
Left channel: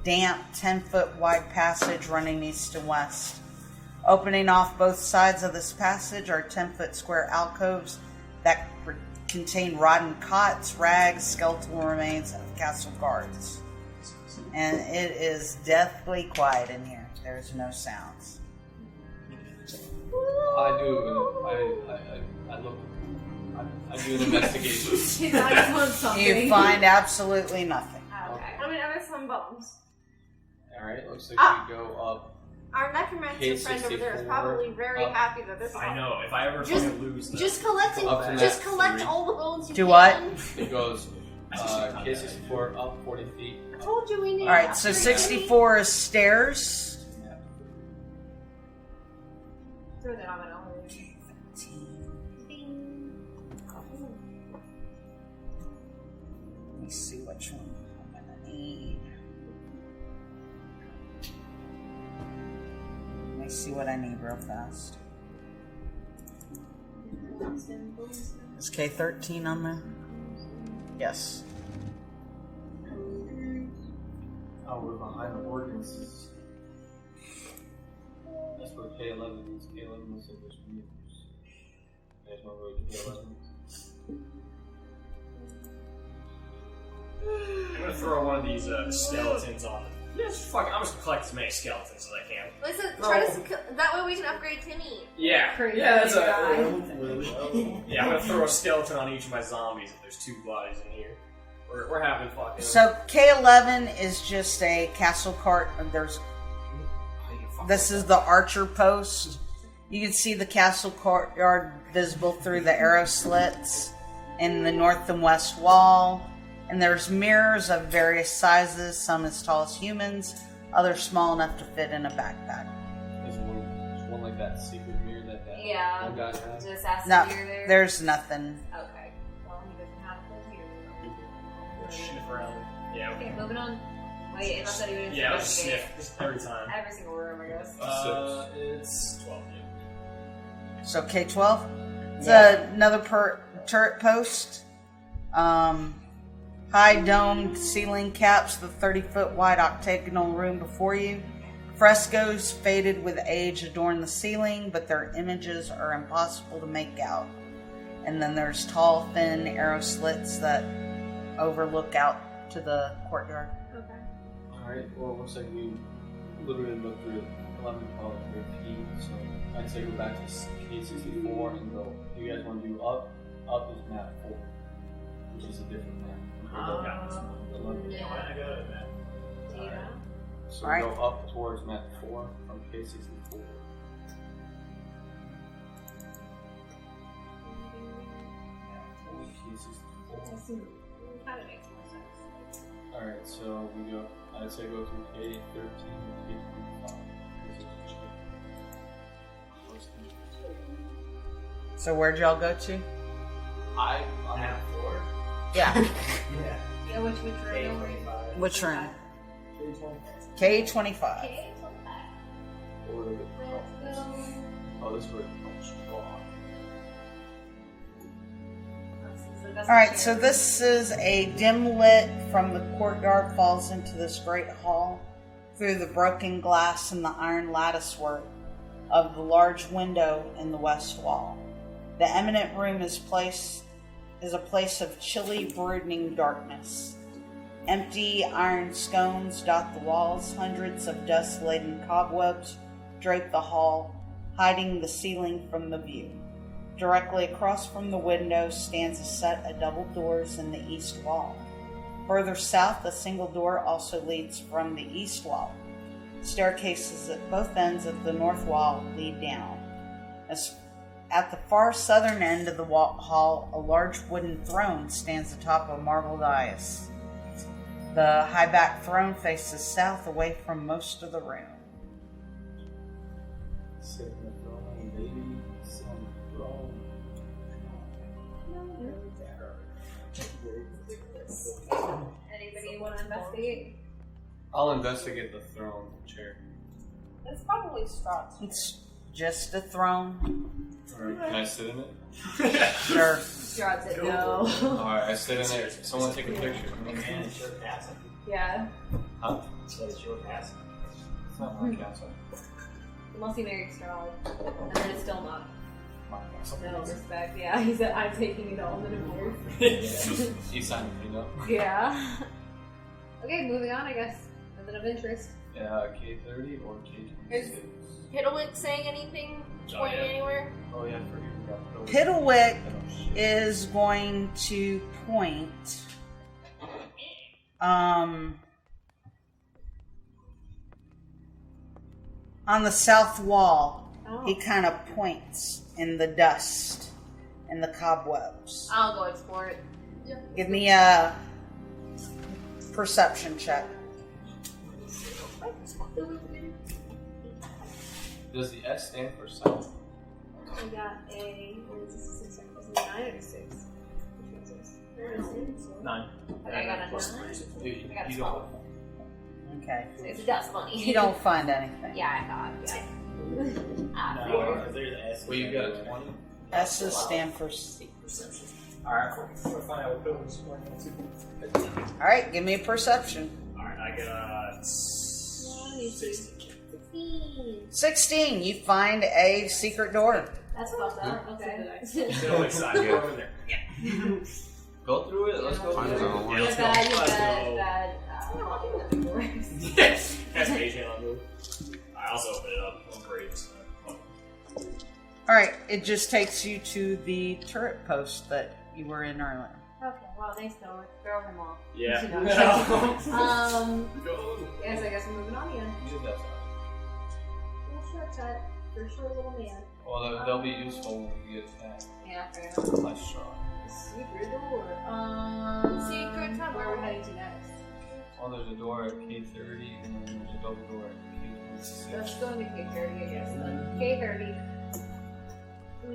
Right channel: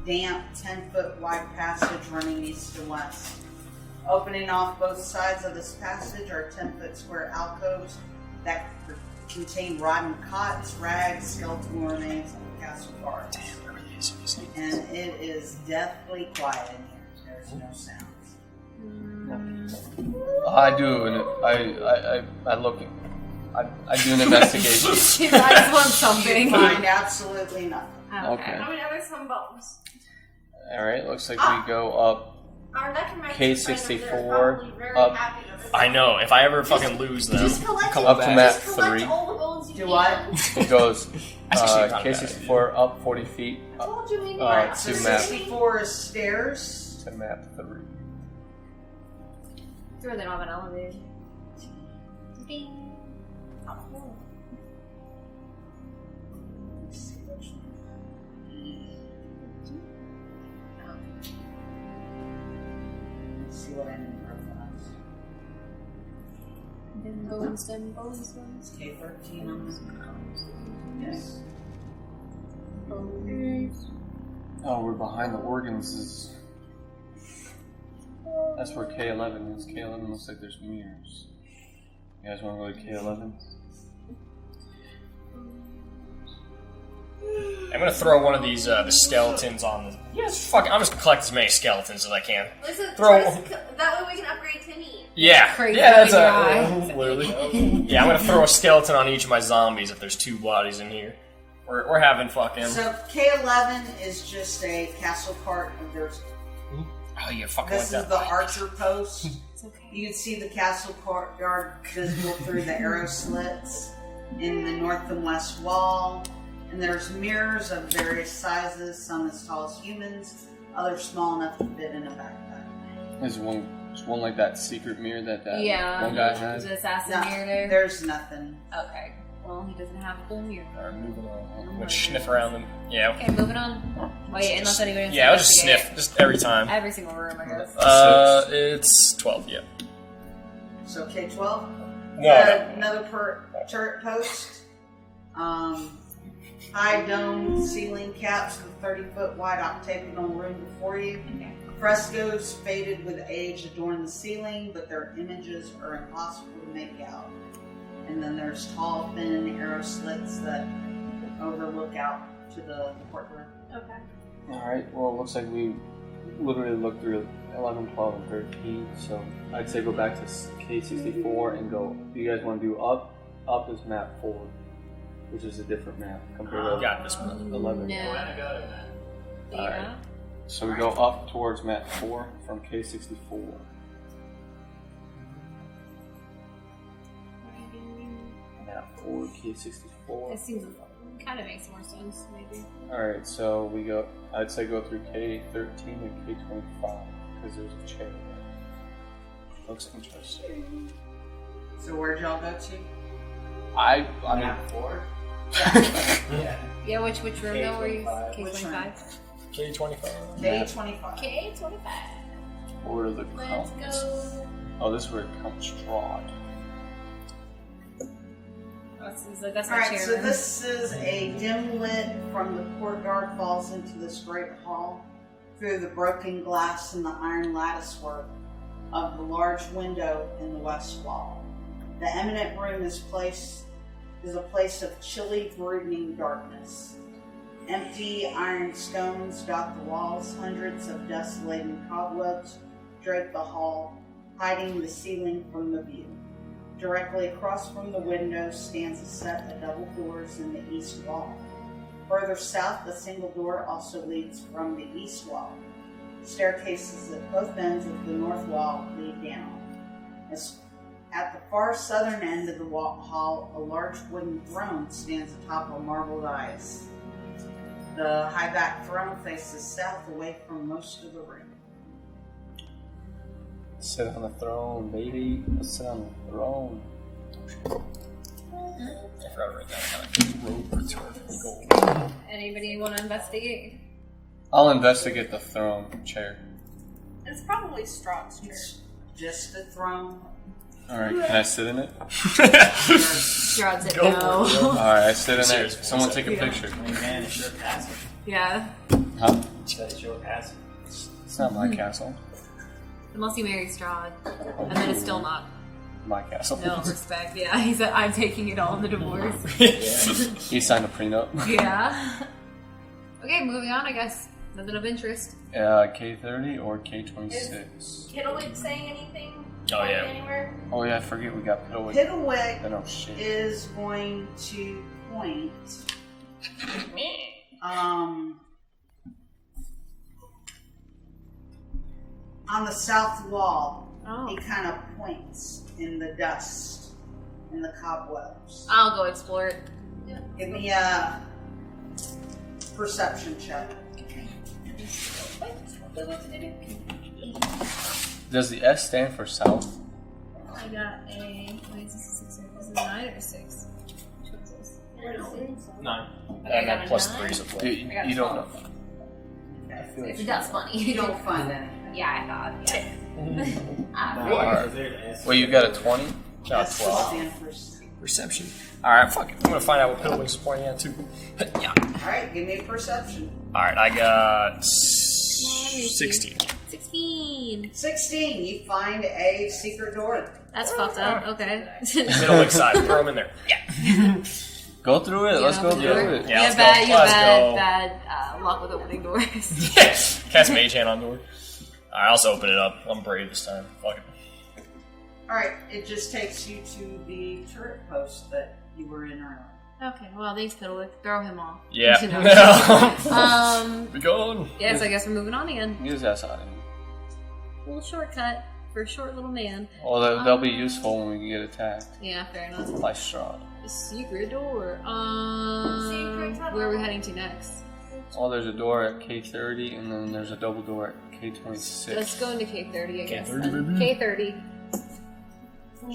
damp, 10-foot wide passage running east and west. Opening off both sides of this passage are 10-foot square alcoves that contain rotten cots, rags, skeletal remains, and castle guards. And it is deathly quiet in here. There's no sounds. I do, and I look. I do an investigation. I just want something. You find absolutely nothing. Okay. I mean, there's some bones. All right. Looks like we go up. Our necromancer K64 friend over there is probably very up. happy that this. I know. If I ever fucking lose them, Just collect come it. up to map Just collect 3. all the bones you Do can. what? It goes That's actually not a bad K64 up 40 feet. I told you we need. Alright, so to map. 64 is stairs. To map 3. Sure, they don't have an elevator. Ding. Let me see which one I need. Let me see what I need real fast. Is K13 on there? Yes. Oh, we're behind the organs. That's where K11 is. K11 looks like there's mirrors. You guys want to go to K11? I'm gonna throw one of these the skeletons on the. Yes, fuck it. I'm just gonna collect as many skeletons as I can. Listen, Throw- try to, that way we can upgrade Timmy. Yeah, Crazy yeah, that's guy. literally. Yeah, I'm gonna throw a skeleton on each of my zombies if there's 2 bodies in here. We're having fucking. So K11 is just a castle cart. There's Oh, you fucking. this like is that. the archer post. You can see the castle courtyard visible through the arrow slits in the north and west wall. And there's mirrors of various sizes, some as tall as humans, others small enough to fit in a backpack. There's one like that secret mirror that Yeah. one guy had. The assassin No, mirror there. there's nothing. Okay. Well, he doesn't have a mirror. Alright, moving on. I'm gonna sniff around them. Yeah. Okay, moving on. Wait, unless anybody wants to Yeah, I'll just investigate. sniff just every time. Every single room, I guess. It's 12. Yeah. So K12. It's Yeah. another turret post. High domed ceiling caps the 30-foot wide octagonal room before you. Frescoes faded with age adorn the ceiling, but their images are impossible to make out. And then there's tall, thin arrow slits that overlook out to the courtyard. Okay. Alright, well, it looks like we literally looked through 11, 12, and 13, so I'd say go back to K64 and go. Do you guys want to do up? Up is map 4, which is a different map compared to Got this one. 11. No. Alright. So we Alright. go up towards map 4 from K64. K64. It seems kind of makes more sense, maybe. Alright, so we go, I'd say go through K13 and K25, because there's a chair. Looks interesting. So where'd y'all go to? I mean, Yeah. Yeah, which room though were you? Which room? K25. K25. K25. order the Let's count. go. Oh, this is where it counts Strahd. Alright, so this is a dim lit from the courtyard falls into this great hall through the broken glass and the iron lattice work of the large window in the west wall. The eminent room is a place of chilly, brooding darkness. Empty iron scones dot the walls, hundreds of dust-laden cobwebs drape the hall, hiding the ceiling from the view. Directly across from the window stands a set of double doors in the east wall. Further south, a single door also leads from the east wall. Staircases at both ends of the north wall lead down. At the far southern end of the hall, a large wooden throne stands atop a marble dais. The high-backed throne faces south away from most of the room. Sit on the throne, baby. Let's sit on the throne. Anybody want to investigate? I'll investigate the throne chair. It's probably Strahd's chair. It's just a throne. Alright, can I sit in it? Strahd said no. Alright, I sit in there. Someone take a picture. Hey man, it's your castle. Yeah. Huh? You said it's your castle. It's not my castle. Unless he marries Strahd. And then it's still not. My castle. No respect. Yeah, he said, I'm taking it all in the divorce. He signed a prenup. Yeah. Okay, moving on, I guess. Nothing of interest. K30 or K26? Kittlewick saying anything? Oh, yeah. Anywhere? Oh yeah, I forget we got Piddlewick. Piddlewick Oh shit. is going to point on the south wall. Oh. He kind of points in the dust and the cobwebs. I'll go explore it. Give me a perception check. Does the S stand for south? I got a. Wait, is this a 6 or is it a 9 or a 6? Which one's this? 9. Okay, I got a plus 9. 3 is a 4. You, I got a you don't 12. know. Okay. It's dust bunny. You don't find anything. Yeah, I thought. Yeah. Well, you got a 20? S will stand for Perception. Alright, fuck it. I'm gonna find out what Piddlewick's pointing at too. Yeah. Alright, give me a perception. Alright, I got 16. 16. You find a secret door. That's fucked up. Okay. Middlewick side. Throw him in there. Yeah. Go through it. Let's go through it. Yeah, let's bad, go. you Let's bad, go. bad luck with opening doors. Yes. Cast Mage Hand on door. Alright, I'll also open it up. I'm brave this time. Fuck it. Alright, it just takes you to the turret post that you were in earlier. Okay, well, thanks, Piddlewick. Throw him off. Yeah. Be gone. Yes, I guess we're moving on again. Use that side. Little shortcut for a short little man. Well, they'll be useful when we get attacked. Yeah, fair enough. By Strahd. A secret door. Where are we heading to next? Oh, there's a door at K30, and then there's a double door at K26. Let's go into K30, I guess. K30, baby. K30.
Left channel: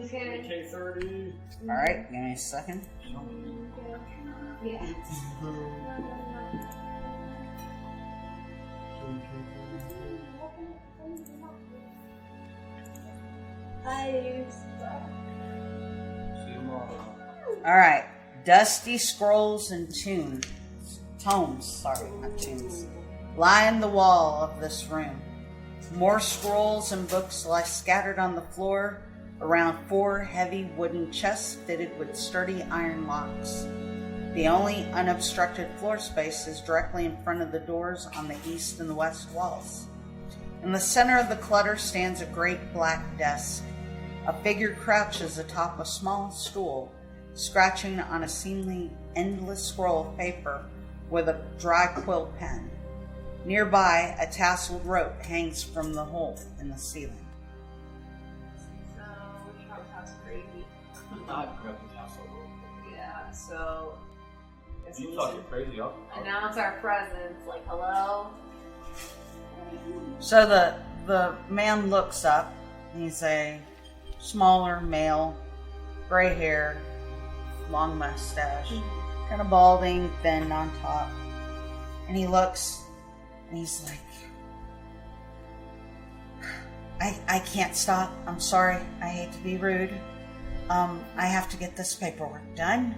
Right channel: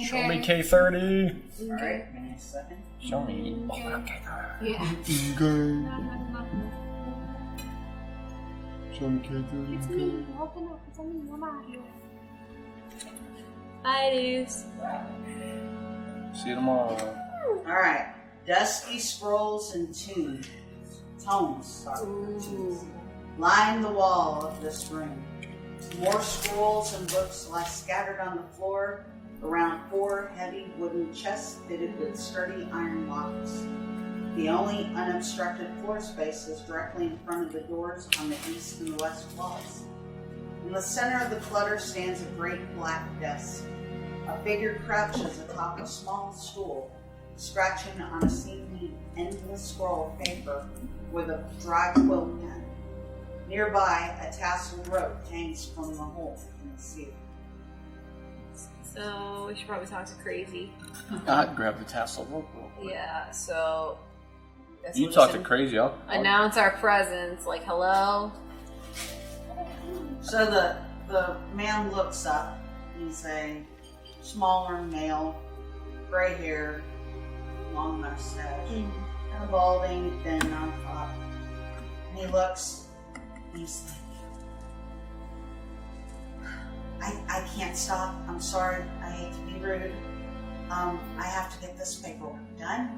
Show me K30. Alright, give me a second. Show me. Yeah. Show me K30. Bye, dudes. See you tomorrow. Alright, dusty scrolls and tomes line the wall of this room. More scrolls and books lie scattered on the floor around 4 heavy wooden chests fitted with sturdy iron locks. The only unobstructed floor space is directly in front of the doors on the east and west walls. In the center of the clutter stands a great black desk. A figure crouches atop a small stool, scratching on a seemingly endless scroll of paper with a dry quill pen. Nearby, a tasseled rope hangs from the hole in the ceiling. So We should probably talk to Crazy. I'd grab the tassel rope. Yeah, so... You talk to Crazy, I'll announce our presence, like, hello? So the man looks up. He's a smaller male, gray hair, long mustache, kind of balding, thin on top. And he looks, and he's like, I can't stop. I'm sorry. I hate to be rude. I have to get this paperwork done.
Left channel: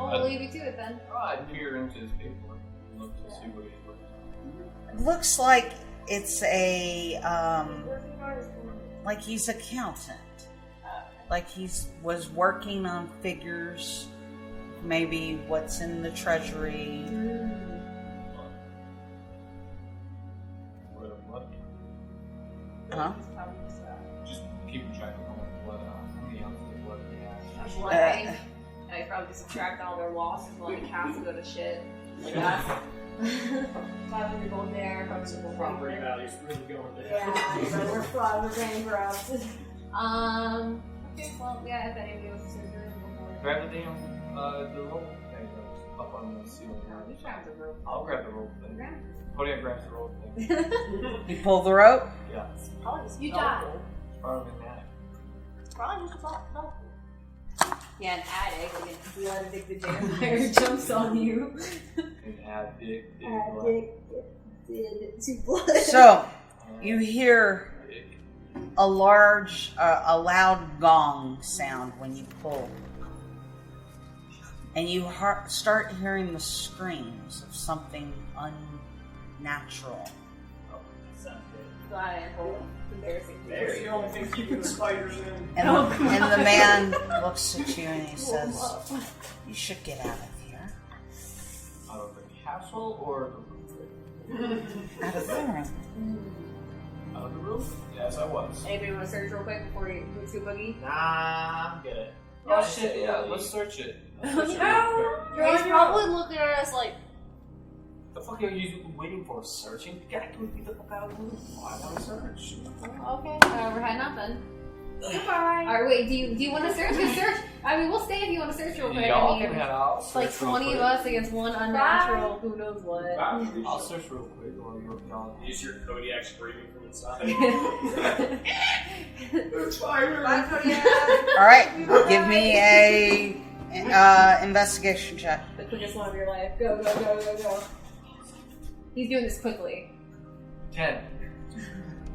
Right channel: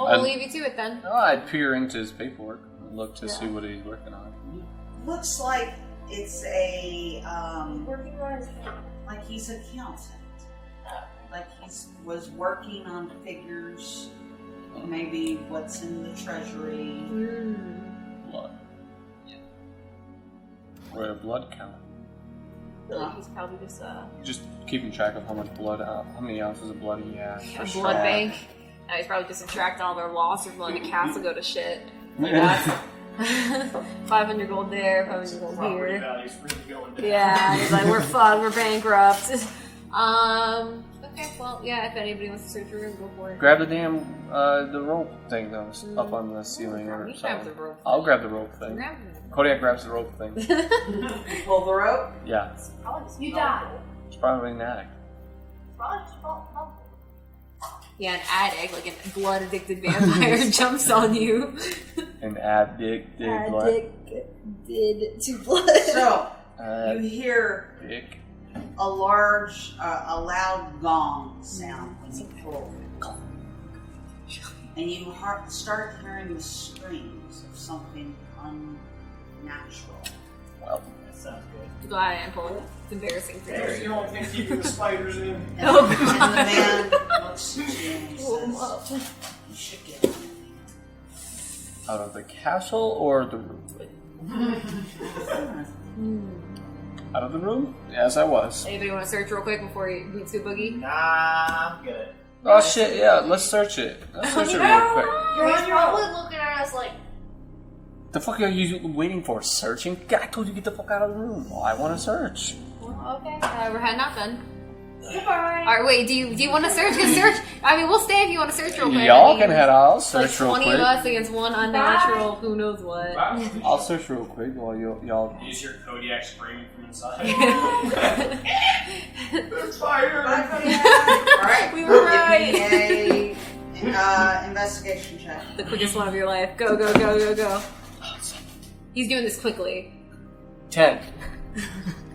We'll leave you to it then. Oh, I'd peer into his paperwork and look to see what he's working on. It looks like it's a, like he's accountant. Like was working on figures, maybe what's in the treasury. Blood. Royal blood count. Huh? He's probably Just keeping track of how much blood, how many ounces of blood he has. a blood bank. He's probably just subtracting all their loss or blood. The castle go to shit. Like 500 gold there, 500 gold Property here. value's really going down. Yeah, he's like, we're fucked, we're bankrupt. Okay, well, yeah, if anybody wants to search for it, go for it. Grab the damn the rope thing that was up on the ceiling or something. Grab the rope. I'll grab the rope thing. Kodiak grabs the rope thing. You pull the rope? Yeah. You die. It's probably an attic. Yeah, an addict, like a blood addicted vampire jumps on you. An addict did what? Addicted to blood. So, you hear Dick. a loud gong sound when you pull. And you start hearing the screams of something unnatural. Well, That sounds good. Go ahead and pull it. It's embarrassing for There's the only thing keeping the spiders in. And the man looks at you and he says, you should get out of here. Out of the castle or the room? Out of the room. Out of the room? Yes, I was. Anybody want to search real quick before you meet Sue Boogie? Nah, I'm good. Oh shit, yeah, let's search it. Let's search it real quick. He's probably looking at us like, The fuck are you waiting for? Searching? I told you to get the fuck out of the room. Well, I want to search. Okay, we're heading out then. goodbye. Alright, wait, do you want to search? I mean, we'll stay if you want to search real quick. Y'all I mean, can head out. I'll it's like search real 20 quick. of us against one unnatural, who knows what. I'll search real quick while y'all. You just hear Kodiak screaming from inside. There's fire! Alright, give me a investigation check. The quickest one of your life. Go, go, go, go, go. He's doing this quickly. 10.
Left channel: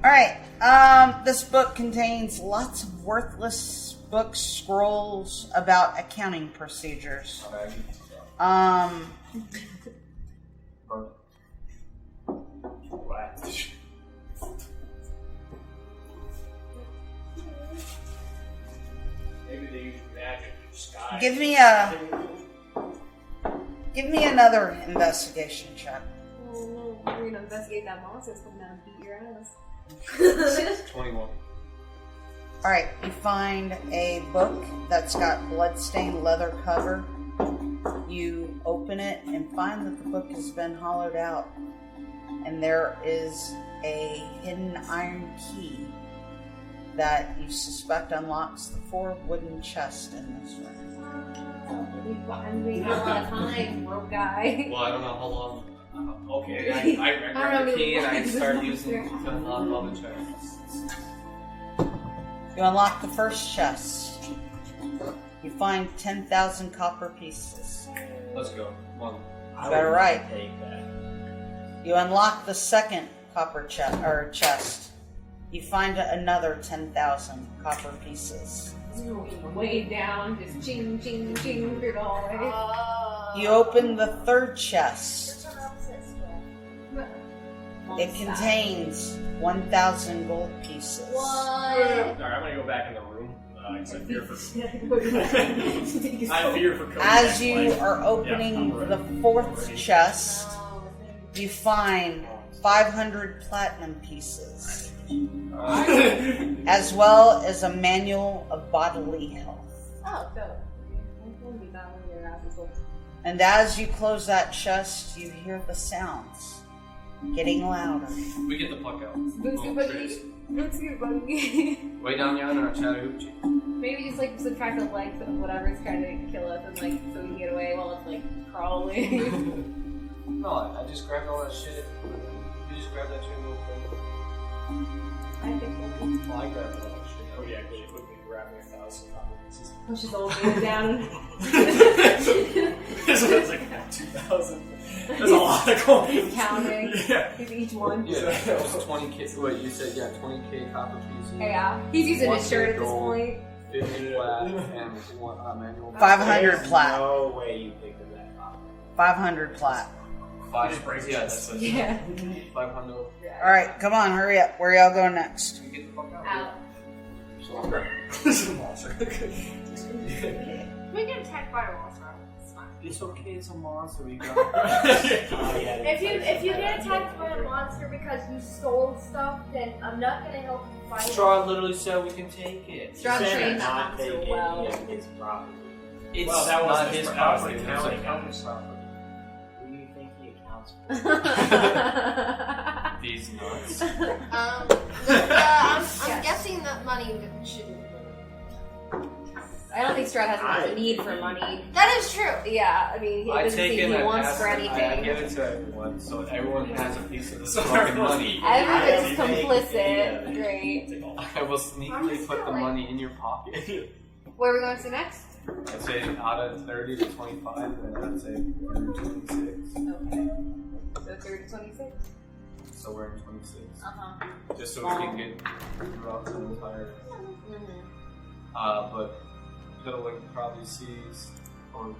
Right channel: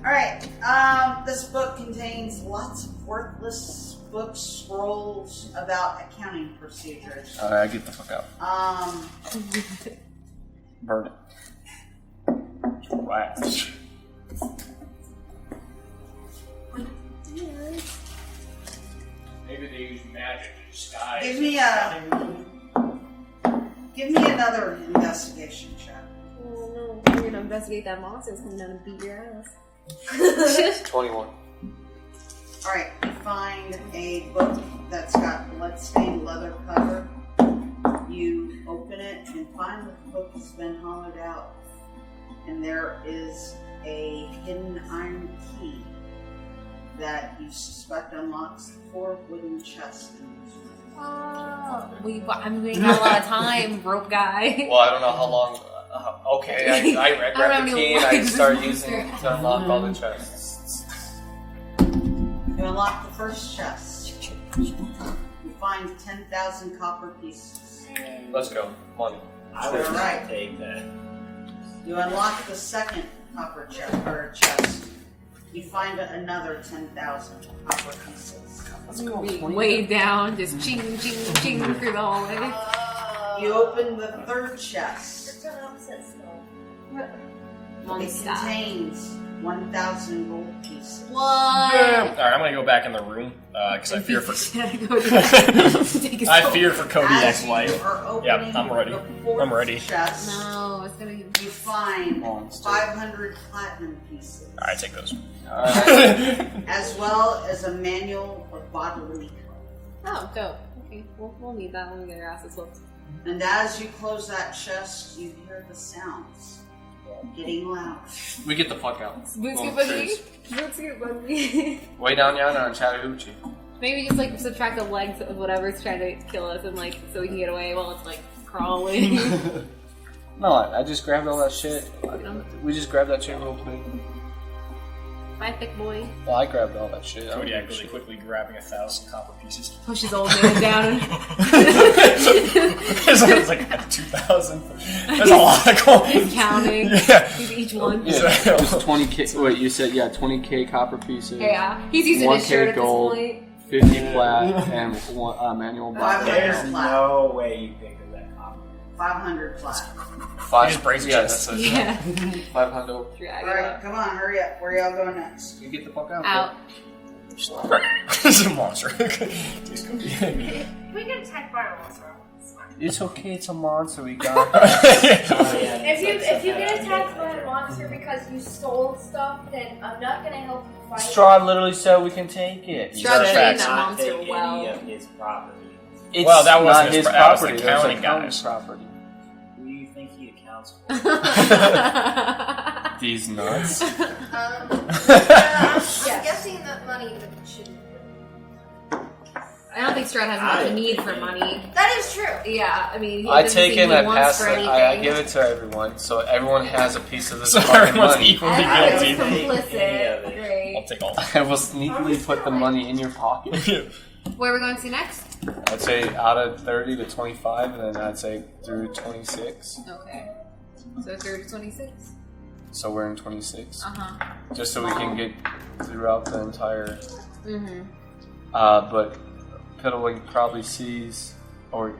Alright, this book contains lots of worthless books, scrolls about accounting procedures. Alright, get the fuck out. Burn it. Right. Maybe they use magic in disguise. Give me another investigation check. Oh no, you're gonna investigate that monster that's coming down and beat your ass. 21. Alright, you find a book that's got bloodstained leather cover. You open it and find that the book has been hollowed out. And there is a hidden iron key that you suspect unlocks the 4 wooden chests in this room. I'm waiting a lot of time, rope guy. Well, I don't know how long. Okay, I grab the key and I start using it to unlock all the chests. You unlock the first chest. You find 10,000 copper pieces. Let's go. Money. Alright. Take that. You unlock the second copper chest. You find another 10,000 copper pieces. Let's go. Way down, just ching, ching, ching through the hallway. You open the third chest. It Stop. contains 1,000 gold pieces. What? Alright, I'm gonna go back in the room because I fear for. I fear for As Kodiak's you life. are opening I'm ready. the fourth I'm ready. chest, No, it's gonna you find 500 platinum pieces. Alright, take those. As well as a manual of bodily health. Oh, dope. Okay, we'll need that when we get our asses looked. And as you close that chest, you hear the sounds Getting louder. We get the fuck out. Bootsy boogie. Bootsy boogie. Way down yonder on Chattahoochee. Maybe just like subtract the legs of whatever's trying to kill us and like so we can get away while it's like crawling. No, I just grabbed all that shit. We just grabbed that shit real quick. My thick boy. Well, I grabbed all that shit. Kodiak really quickly grabbing 1,000 copper pieces. Pushes old man down. It's like 2,000. That's a lot of coins. He's counting. Yeah. Each one. Yeah, there's 20k. Wait, you said 20k copper pieces. Yeah, he's using his shirt at this gold, point. 50 plat, and one manual. 500 plat. No way you picked up that copper. 500 plat. Just breaks that's it. Yeah. 500. Alright, come on, hurry up. Where y'all going next? You get the fuck out. Out. This is a monster. We get attacked by a monster. It's fine. It's okay, it's a monster, we got If you get attacked by a monster because you stole stuff, then I'm not gonna help you fight. Strahd literally said we can take it. Strahd trained that Not monster take well. any of his property. It's Well, that not wasn't his his that was property. the That's counting accountant's guys. property. Who do you think he accounts for? These nuts. I'm guessing that money shouldn't. I don't think Strahd has much of a need for money. That is true. Yeah, I mean, he I doesn't take seem it and he I wants pass for it. I anything. give it to everyone, so everyone has a piece of this So fucking everyone's money. equally I was guilty. complicit. Great. I'll take all that. I will sneakily put the money in your pocket. Where are we going to next? I'd say out of 30 to 25, and then I'd say through 26. Okay. So 30 to 26? So we're in 26. Uh-huh. Just so we can get throughout the entire... Mm-hmm. But Piddling probably sees, or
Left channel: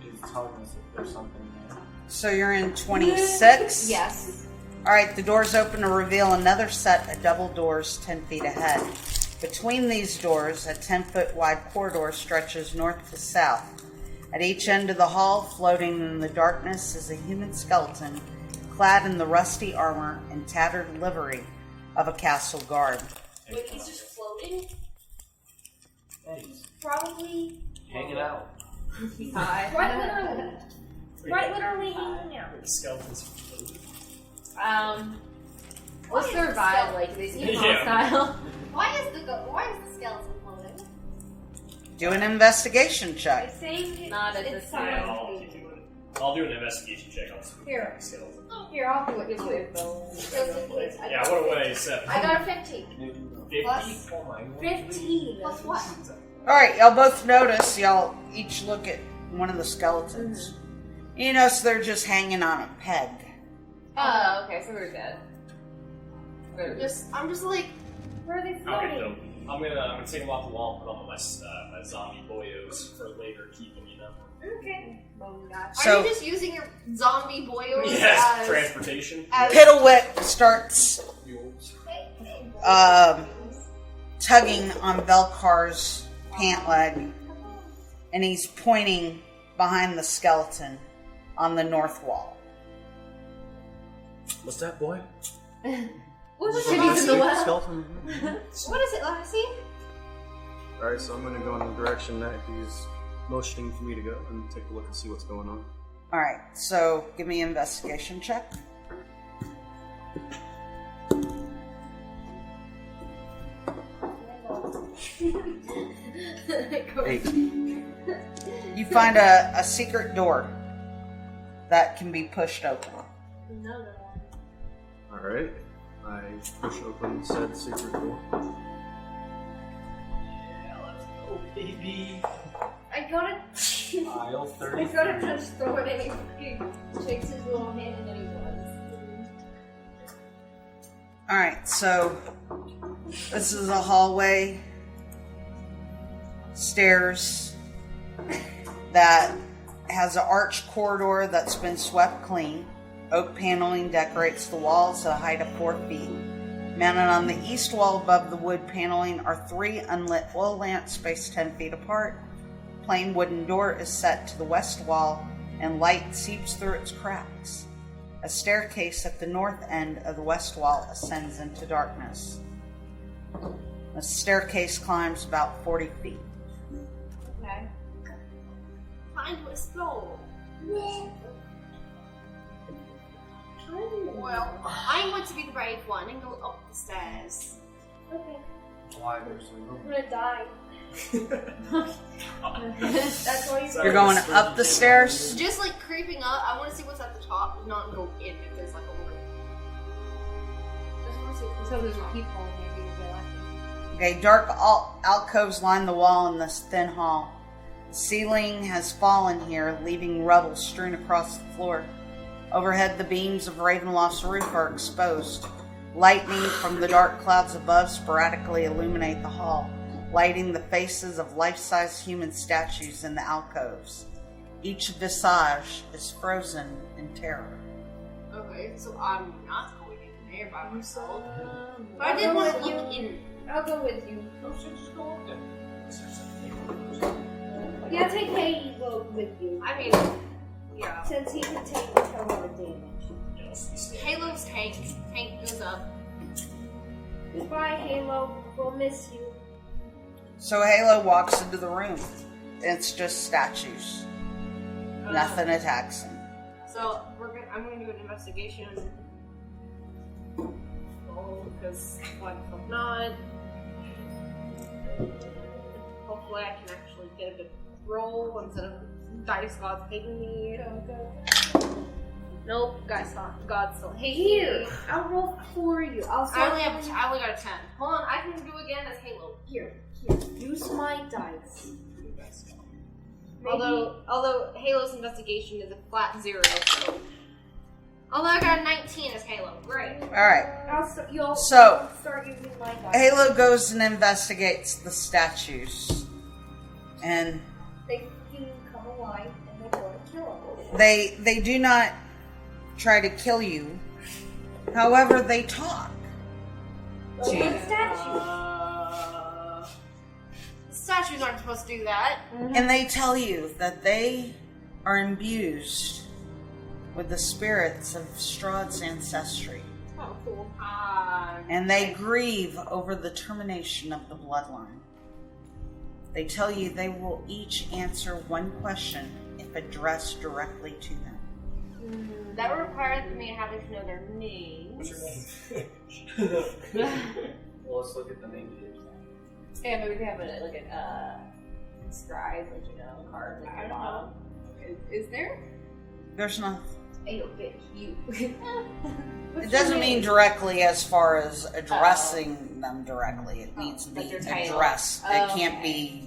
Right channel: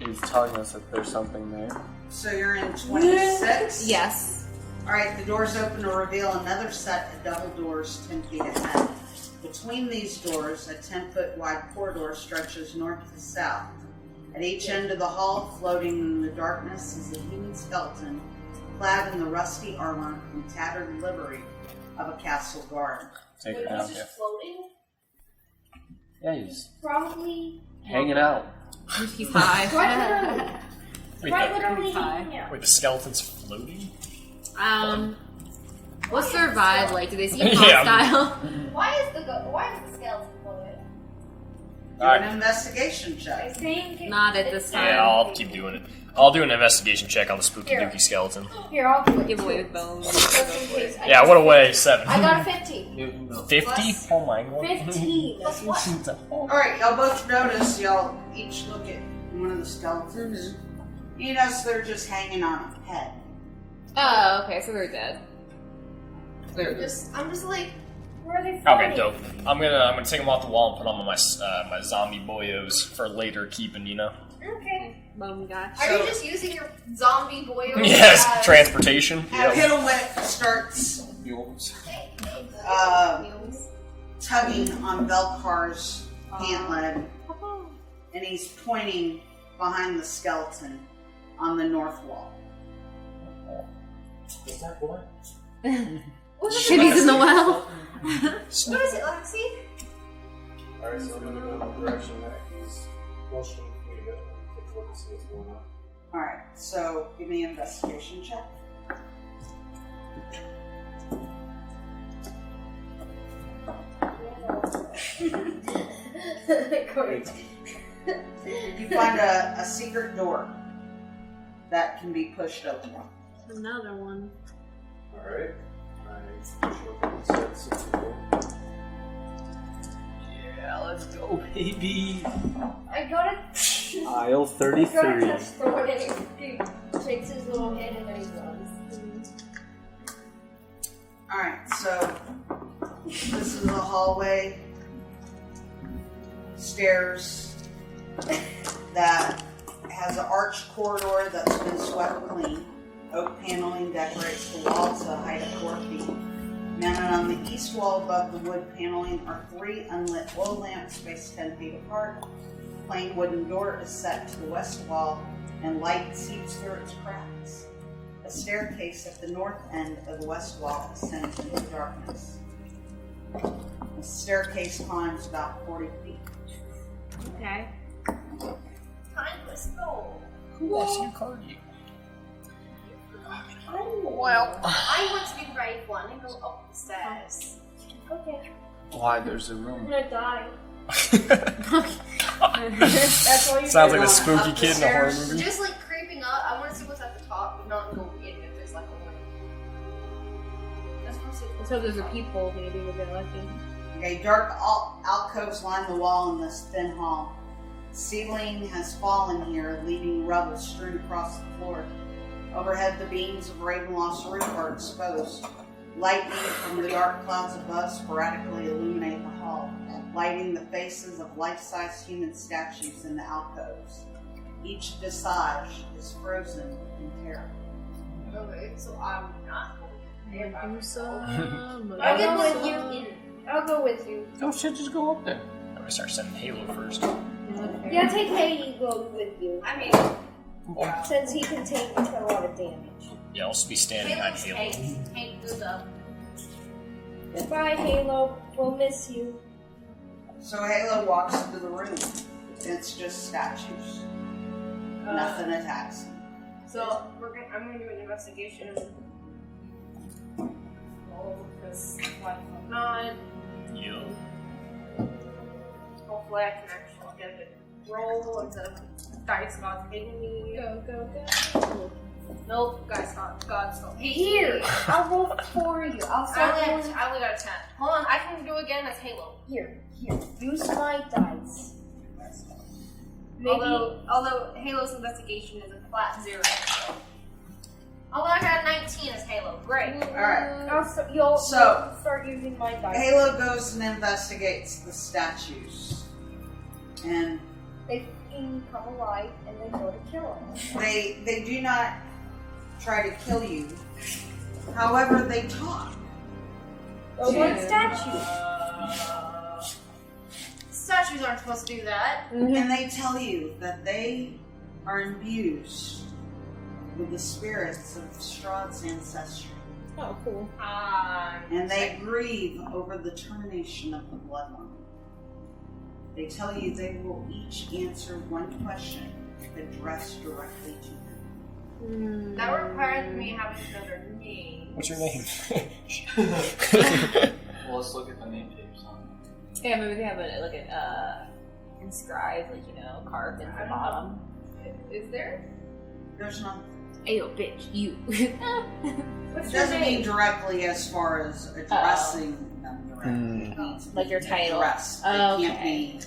is telling us that there's something there. So you're in 26? Yes. Alright, the doors open to reveal another set of double doors 10 feet ahead. Between these doors, a 10-foot wide corridor stretches north to south. At each end of the hall, floating in the darkness, is a human skeleton, clad in the rusty armor and tattered livery of a castle guard. Wait, he's just floating? Yeah, he's Probably. hanging out. He's high. Quite literally hanging out. Wait, the skeleton's floating? What's their vibe like? Do they seem Yeah. hostile? Why is the skeleton floating? Do an investigation check. Not at this time. Yeah, I'll keep doing it. I'll do an investigation check on the spooky Here. dookie skeleton. Here, I'll do it. Give away with bones. Just in case. Yeah, what a way, 7. I got a 15. 50? Plus- Oh my god. 15. Plus what? Alright, y'all both notice, y'all each look at one of the skeletons. You notice they're just hanging on a peg. Oh, okay, so they're dead. I'm just like, where are they floating? Okay, dope. I'm gonna take them off the wall and put them on my my zombie boyos for later keeping, you know. Okay. So- Are you just using your zombie boyos? Yes, as- transportation. Yep. Piddlewick starts tugging on Velcar's pant leg, and he's pointing behind the skeleton on the north wall. What's that, boy? What is Shitty's in the well. What is it, Lassie? Alright, so I'm gonna go in the direction that he's motioning for me to go and take a look and see what's going on. Alright, so give me an investigation check. You find a secret door that can be pushed open. Another one. Alright, I push open said secret door. Yeah, let's go, baby. I gotta. Aisle I 33. gotta touch Thorn and he shakes his little hand and then he runs. Alright, so this is a hallway, stairs that has an arched corridor that's been swept clean. Oak paneling decorates the walls to a height of 4 feet. Mounted on the east wall above the wood paneling are 3 unlit oil lamps spaced 10 feet apart. A plain wooden door is set to the west wall and light seeps through its cracks. A staircase at the north end of the west wall ascends into darkness. The staircase climbs about 40 feet. Okay. Time to explore. Who else you call you? Well, I'm going to be the brave one and go up the stairs. Okay. Why? There's a I'm room. gonna die. That's why Sounds like a spooky kid in a horror movie. Just like creeping up, I want to see what's at the top, but not go in if there's like a room. Let's hope there's a peephole. Maybe we'll get lucky. Okay, dark alcoves line the wall in this thin hall. The ceiling has fallen here, leaving rubble strewn across the floor. Overhead, the beams of Ravenloft's roof are exposed. Lightning from the dark clouds above sporadically illuminate the hall, lighting the faces of life-size human statues in the alcoves. Each visage is frozen in terror. Okay, so I'm not going in there by myself. I'll I didn't go want with to look you. in. I'll go with you. Oh shit, just go up there. I'm gonna start sending Halo first. Yeah, take Halo with you. I mean, yeah. Since he can take a lot of damage. Yeah, I'll just be standing behind Halo's Halo. Hank. Hank goes up. Goodbye, Halo. We'll miss you. So Halo walks into the room. It's just statues. Nothing attacks him. So I'm gonna do an investigation. Because why the fuck not? Hopefully I can actually get a good roll instead of dice gods hating me. Go. Nope, God still hates Here, me. I'll roll for you. I only got a 10. Hold on, I can go again as Halo. Here. Use my dice. Although Halo's investigation is a flat 0, so. Although I got a 19 as Halo. Great. Alright. You'll So, start using my dice. Halo goes and investigates the statues. And They fucking come alive and then go to kill them. they do not try to kill you. However, they talk. But what statue? Statues aren't supposed to do that. And they tell you that they are imbued with the spirits of Strahd's ancestry. Oh, cool. And they grieve over the termination of the bloodline. They tell you they will each answer one question if addressed directly to them. That requires me having to know their names. What's your name? Well, let's look at the name tags on it. Yeah, maybe they have inscribed, carved at the bottom. Is there? There's nothing. Ayo, bitch, you. It doesn't mean directly as far as addressing them directly. It needs to be Like your title. addressed. It Oh, can't okay. be.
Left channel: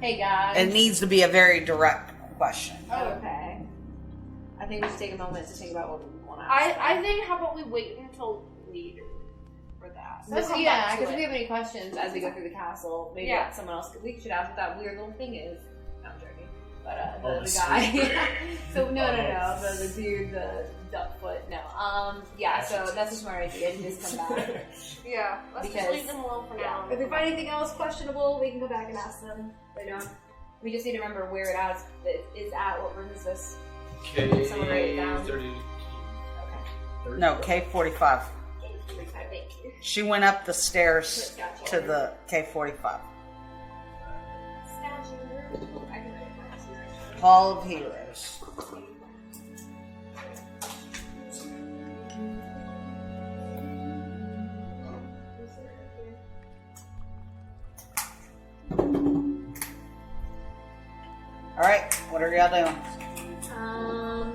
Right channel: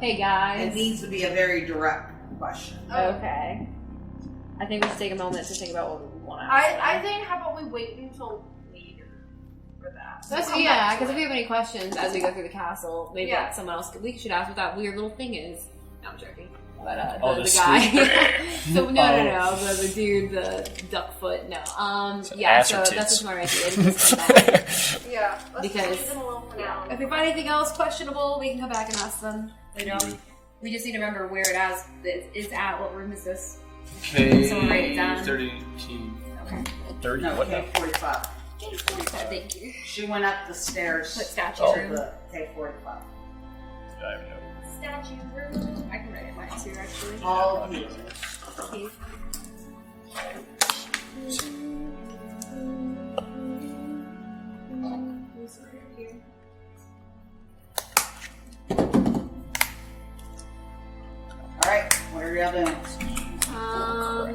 Hey guys. It needs to be a very direct question. Okay. I think we should take a moment to think about what we want to ask. I think how about we wait until later for that. So So, yeah, because if we have any questions as we go through the castle, maybe someone else we should ask what that weird little thing is. No, I'm joking. But the guy. So no, the dude, the duck foot. No. Yeah. So that's just my idea. Yeah. Let's Because just leave them alone for now. if we find anything else questionable, we can come back and ask them later on. We just need to remember where it is at. What room is this? K Someone write it down. 32. Okay. 30? No, K45. Thank you. She went up the stairs What statue? to the K45. Statue. I can write it mine too, actually. Hall of Heroes. Alright, what are y'all doing?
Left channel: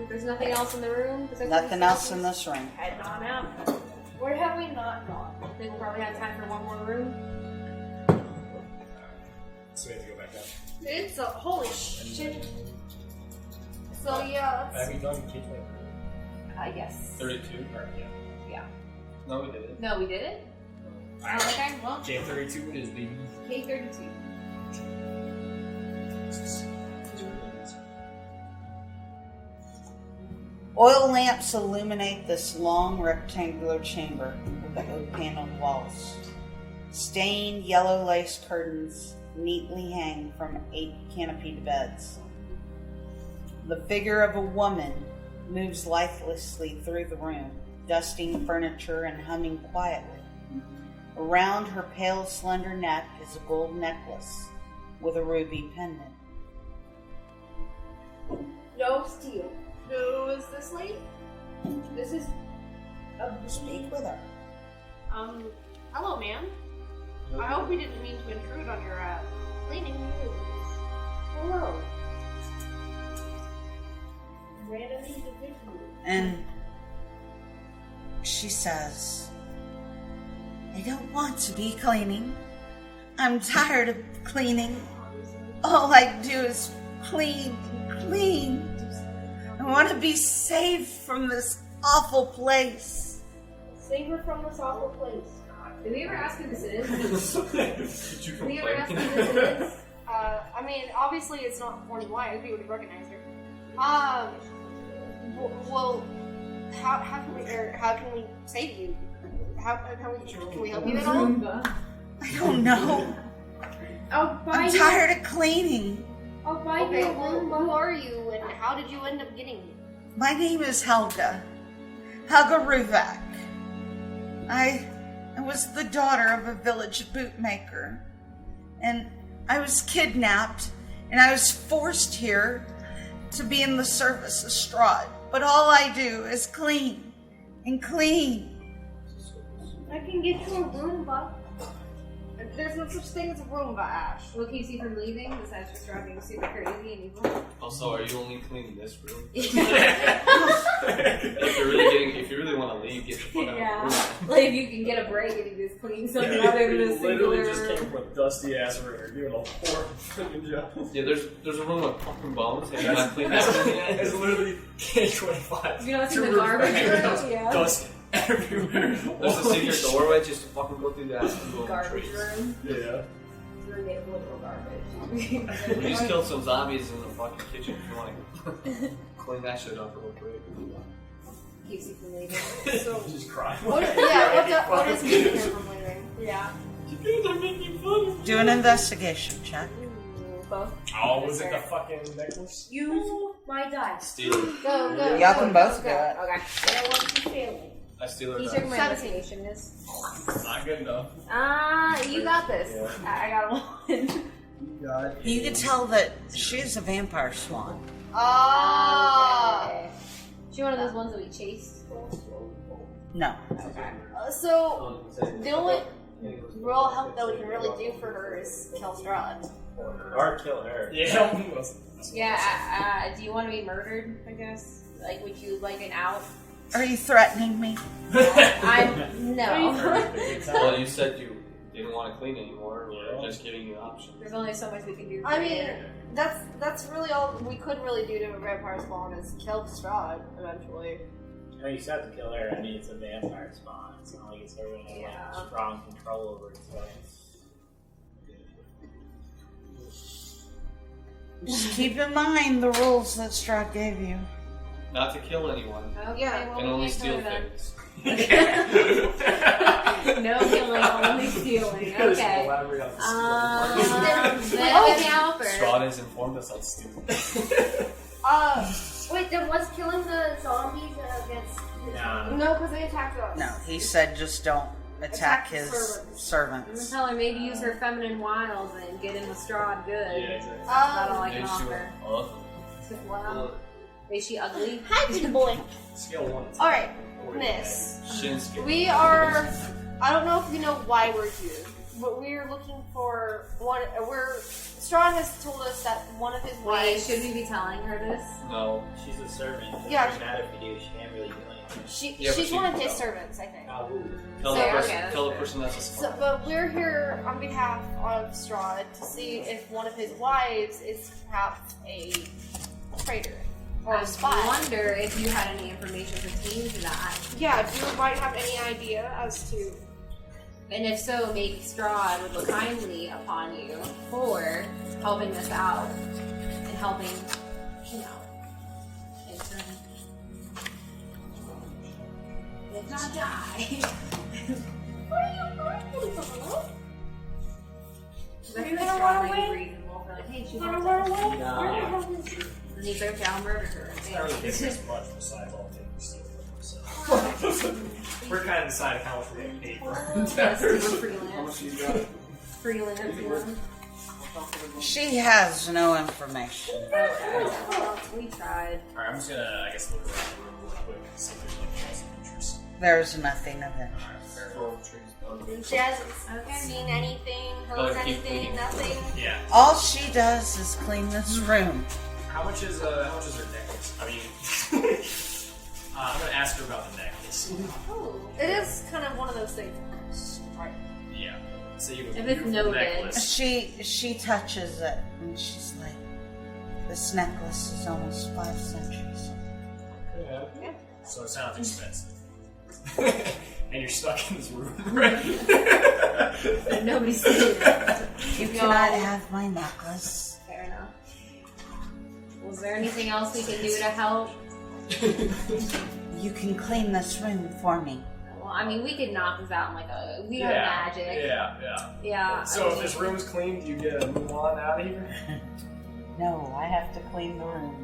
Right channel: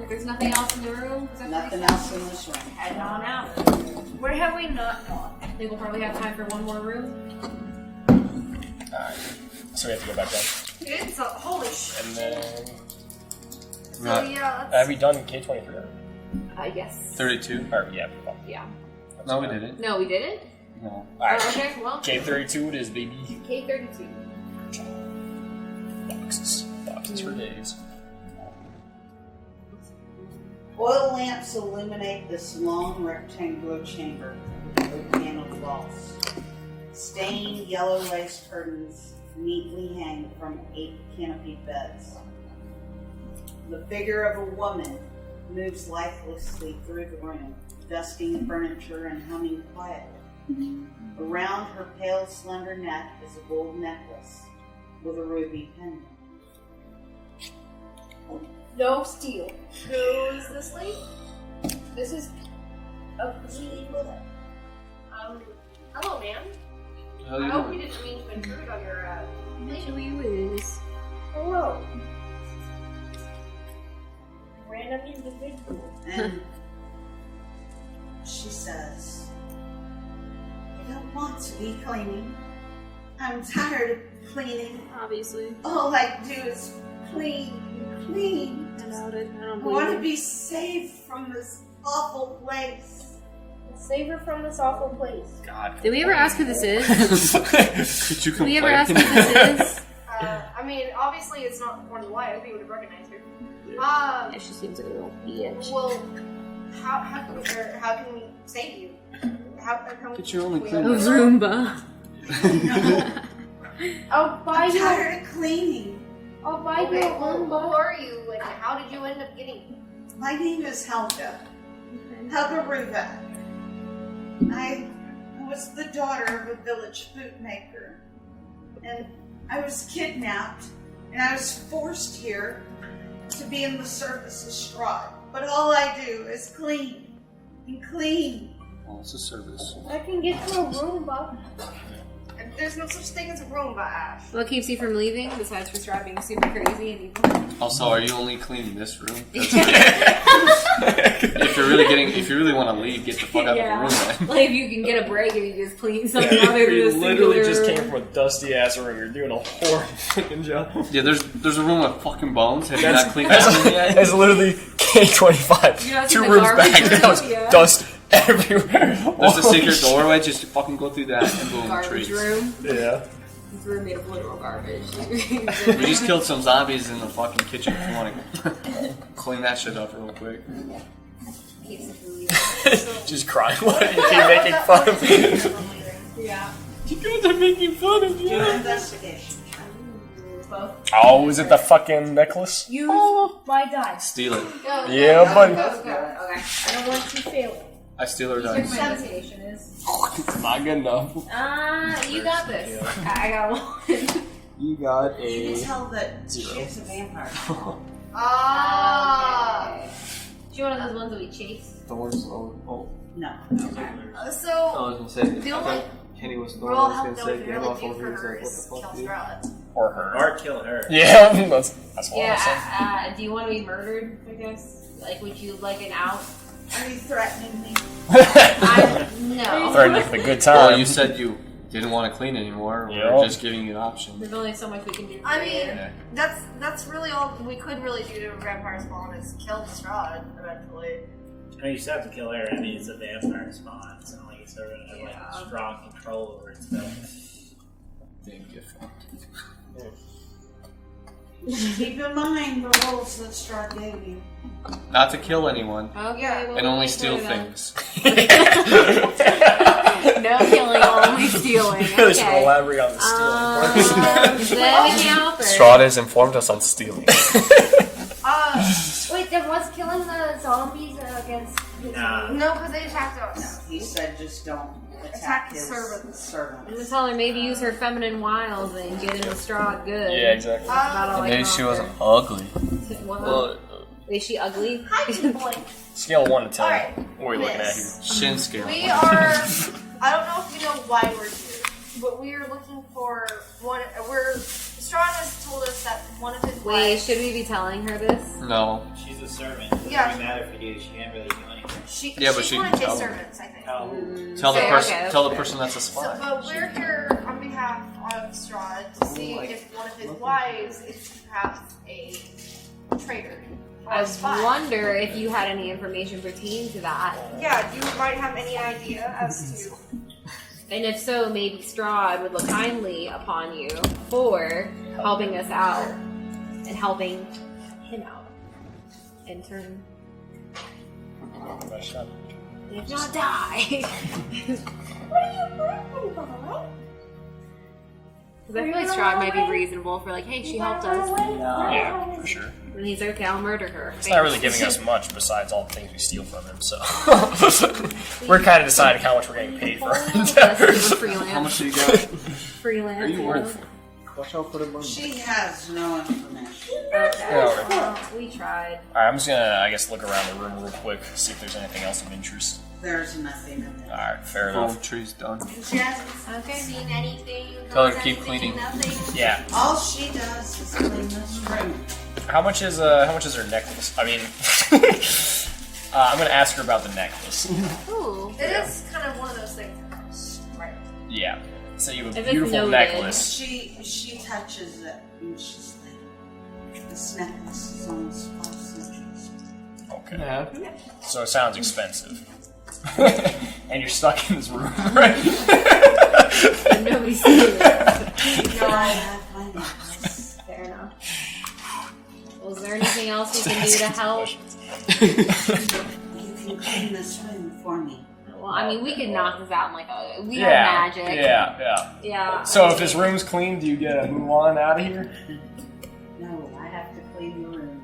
There's nothing else in the room. Nothing else in this room. Heading on out. Where have we not gone? I think we'll probably have time for one more room. Alright. So we have to go back down. It's a holy shit. And then. So yeah, Have we done K23? Yes. 32. Or, yeah. Yeah. No, we didn't. No, we didn't? No. Alright. Oh, okay, well. K32 it is, baby. K32. Boxes for days. Oil lamps illuminate this long rectangular chamber with oak paneled walls. Stained yellow lace curtains neatly hang from 8 canopied beds. The figure of a woman moves lifelessly through the room, dusting furniture and humming quietly. Around her pale, slender neck is a gold necklace with a ruby pendant. No steal. Who is this lady? This is of the sweet brother. Hello, man. I hope we didn't mean to intrude on your Maybe we is. Hello. Ran up into the big room. And she says, I don't want to be cleaning. I'm tired of cleaning. Obviously. All I do is clean. I want to be saved from this awful place. Save her from this awful place. God. Did we ever ask who this is? Could you Did complain? we ever ask who this is? I mean, obviously it's not one of the wives. We would have recognized her. Yeah, she seems a little bitch. Well, how can we save you? How But you're only we cleaning. help you? Roomba. No, I'll buy I'm you. tired of cleaning. I'll buy you Okay, a well, who Roomba. are you and how did you end up getting My name is Helga. Helga Ruvak. I was the daughter of a village bootmaker. And I was kidnapped and I was forced here to be in the service of Strahd. But all I do is clean and clean. Well, it's a service. I can get you a Roomba. There's no such thing as a Roomba, Ash. What keeps you from leaving besides for Strahd being super crazy and evil? Also, are you only cleaning this room? If you really want to leave, get the fuck out of the room, man. Like if you can get a break and you just clean something other than You this literally just singular came from a dusty ass room. You're doing a horrible fucking job. Yeah, there's a room with fucking bones. Have you That's- not cleaned that room yet? It's literally K25. You not 2 seen the rooms garbage back. room? That was Yeah. dust everywhere. There's a secret doorway. Just fucking go through that and boom, garbage trees. room. Yeah. This room made of literal garbage. We just killed some zombies in the fucking kitchen. If you want to clean that shit up real quick. Keeps you from leaving. Just crying. What? You keep making fun of me. Yeah. You guys are making fun of me. Do an investigation check. Oh, is it the fucking necklace? Use my dice. Steal it. Go. Yeah, buddy. Go. Okay. I don't want you failing. I steal her You took dice. my investigation is. It's not good enough. You got this. I got one. You got a. You can tell that she's a vampire spawn. Ah. She one of those ones that we chased. Thorns. Oh. No. I So was gonna say. the only Kenny was the real one help that we say, can "Get really off do over for here," her it's is like, kill what the Strahd. Or her. Or kill her. Yeah, that's what I was saying. Yeah. Do you want to be murdered? I guess. Like, would you like an out? Are you threatening me? No. Or the good time. Well, you said you didn't want to clean anymore. Yep. We're just giving you an option. There's only so much we can do. I mean, Yeah. that's really all we could really do to a vampire spawn is kill Strahd eventually. I know you still have to kill her. I mean, it's a vampire spawn. It's not like it's ever gonna have like strong control over its stuff. Just keep in mind the rules that Strahd gave you. Not to kill anyone. Okay, well, And only we'll steal make one things. No killing, only stealing. Really should Okay. elaborate on the stealing. Is that anything else? Strahd has informed us on stealing. Wait, then was killing the zombies against his No, because they attacked us. No, he said just don't attack his I'm gonna servants. tell her maybe use her feminine wiles and get in with Strahd good. Yeah, exactly. That's about all I Maybe can she was offer. ugly. What? Is she ugly? Hi, boy. Scale of 1 to 10. Alright, What are we looking at here? Miss. Shin scale. We are. I don't know if you know why we're here, but we are looking for one. Strahd has told us that one of his Wait, wives. should we be telling her this? No. She's a servant. It Yeah. doesn't matter if you do. She can't really do anything. Yeah, but she's she one can of his tell. servants, I think. Tell who? Tell the Okay, person. okay, Tell the that's person that's a spy. So, but we're here on behalf of Strahd to see if one of his wives is perhaps a traitor or I a spy. wonder if you had any information pertaining to that. Yeah, do you might have any idea as to? And if so, maybe Strahd would look kindly upon you for helping us out and helping him out. In turn, if not die. What are you laughing about? Because I feel like Strahd might be reasonable for like, hey, she helped us. Yeah, for sure. And he's like, okay, I'll murder her. It's not really giving us much besides all the things we steal from him, so. We're kind of deciding how much we're getting paid for our endeavors. How much do you got? Freelance. Are you worth? Watch out for the money. She has no information. Okay. We tried. Alright, I'm just gonna, I guess, look around the room real quick, see if there's anything else of interest. there's nothing of it. Alright, fair Full enough. tree's done. She hasn't seen anything. Tell her to noticed keep anything, cleaning. Nothing. Yeah. All she does is clean this room. How much is her necklace? I mean, I'm gonna ask her about the necklace. Ooh, it is kind of one of those things. Right. Yeah. So you have If a it's beautiful noted. necklace. She touches it and she's like, this necklace is almost 5 centuries. Okay. Yeah. So it sounds expensive. And you're stuck in this room, right? And nobody's seeing it. Can I have my necklace? Fair enough. Was there anything else you can do to help? You can clean this room for me. Well, I mean, we could knock this out in like a. We Yeah. have magic. Yeah. So if this room's clean, do you get a move on out of here? No, I have to clean the room.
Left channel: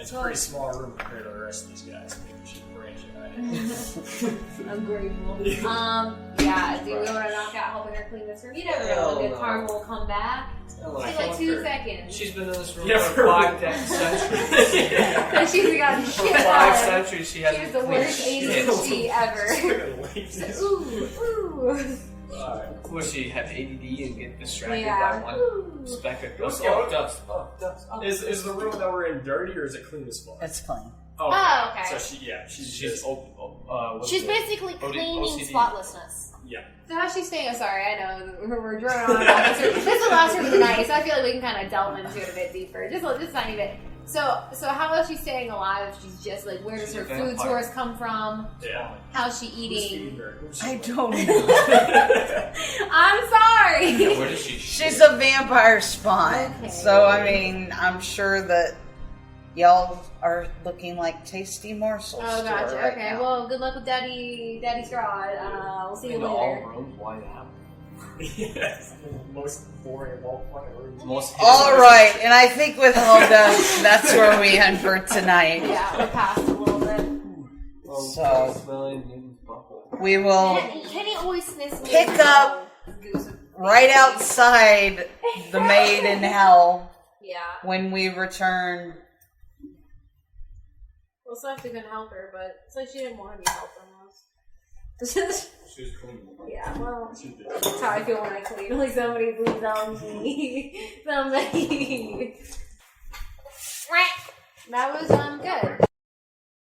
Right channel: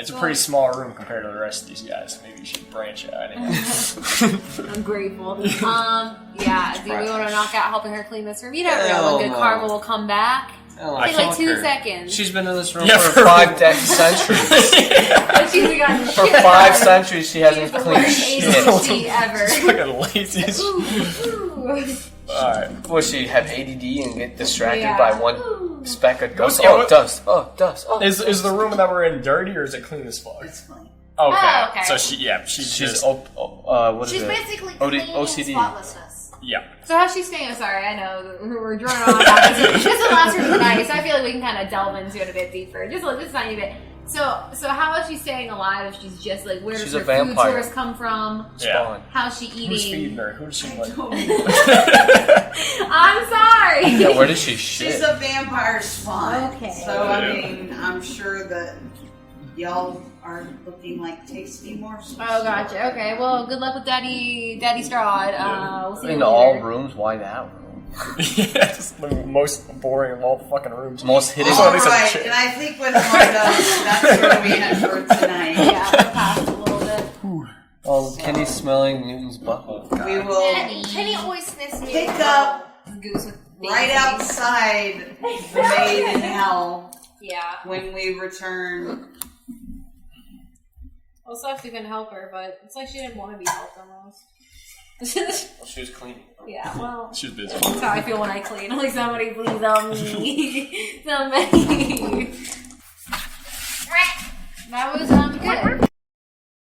It's a pretty small room compared to the rest of these guys. Maybe you should branch out. I'm grateful. Yeah. Do we want to knock out helping her clean this room? You never know. Hell A good no. cargo will come back. I Take like fuck 2 her. seconds. She's been in this room Yeah, for 5 centuries. And she's got For 5 centuries, she hasn't She's the cleaned worst shit. ADHD ever. Fucking lazy. Ooh. Alright. Will she have ADD and get distracted Yeah. by one speck of dust? Yeah, Oh, what- dust. Oh, dust. Oh, Is the room that we're in dirty or is it clean as fuck? It's clean. Okay. Oh, okay. So she's she's just what is She's it? basically OD clean and OCD. spotlessness. yeah. So how's she staying? Oh, sorry, I know we're drawing on about this. This is the last room of the night, so I feel like we can kind of delve into it a bit deeper. Just a tiny bit. So how is she staying alive if she's just like, where She's does her a food vampire. source come from? Yeah. How's she Who's feeding eating? her? Who's she I like? don't know. I'm sorry. Yeah, where does she shit? She's a vampire spawn. Okay. So, I mean, I'm sure that y'all are looking like tasty morsels. Oh, gotcha. right Okay, now. well, good luck with Daddy Strahd. We'll see you In later. all rooms, why that room? Yeah, it's the most boring of all fucking rooms. Most hideous. All Somebody right, says- and I think with all those, that's where we end for tonight. Yeah, we're past a little bit. Kenny's smelling Newton's butthole. We will Penny always sniffs me. pick up Goose with right outside the Maid in Hell Yeah. when we return. Well, it sucks we couldn't help her, but it's like she didn't want to be helped almost. She was cleaning. Yeah, well, She's busy. that's how I feel when I clean. Like, somebody please help me. Somebody. That was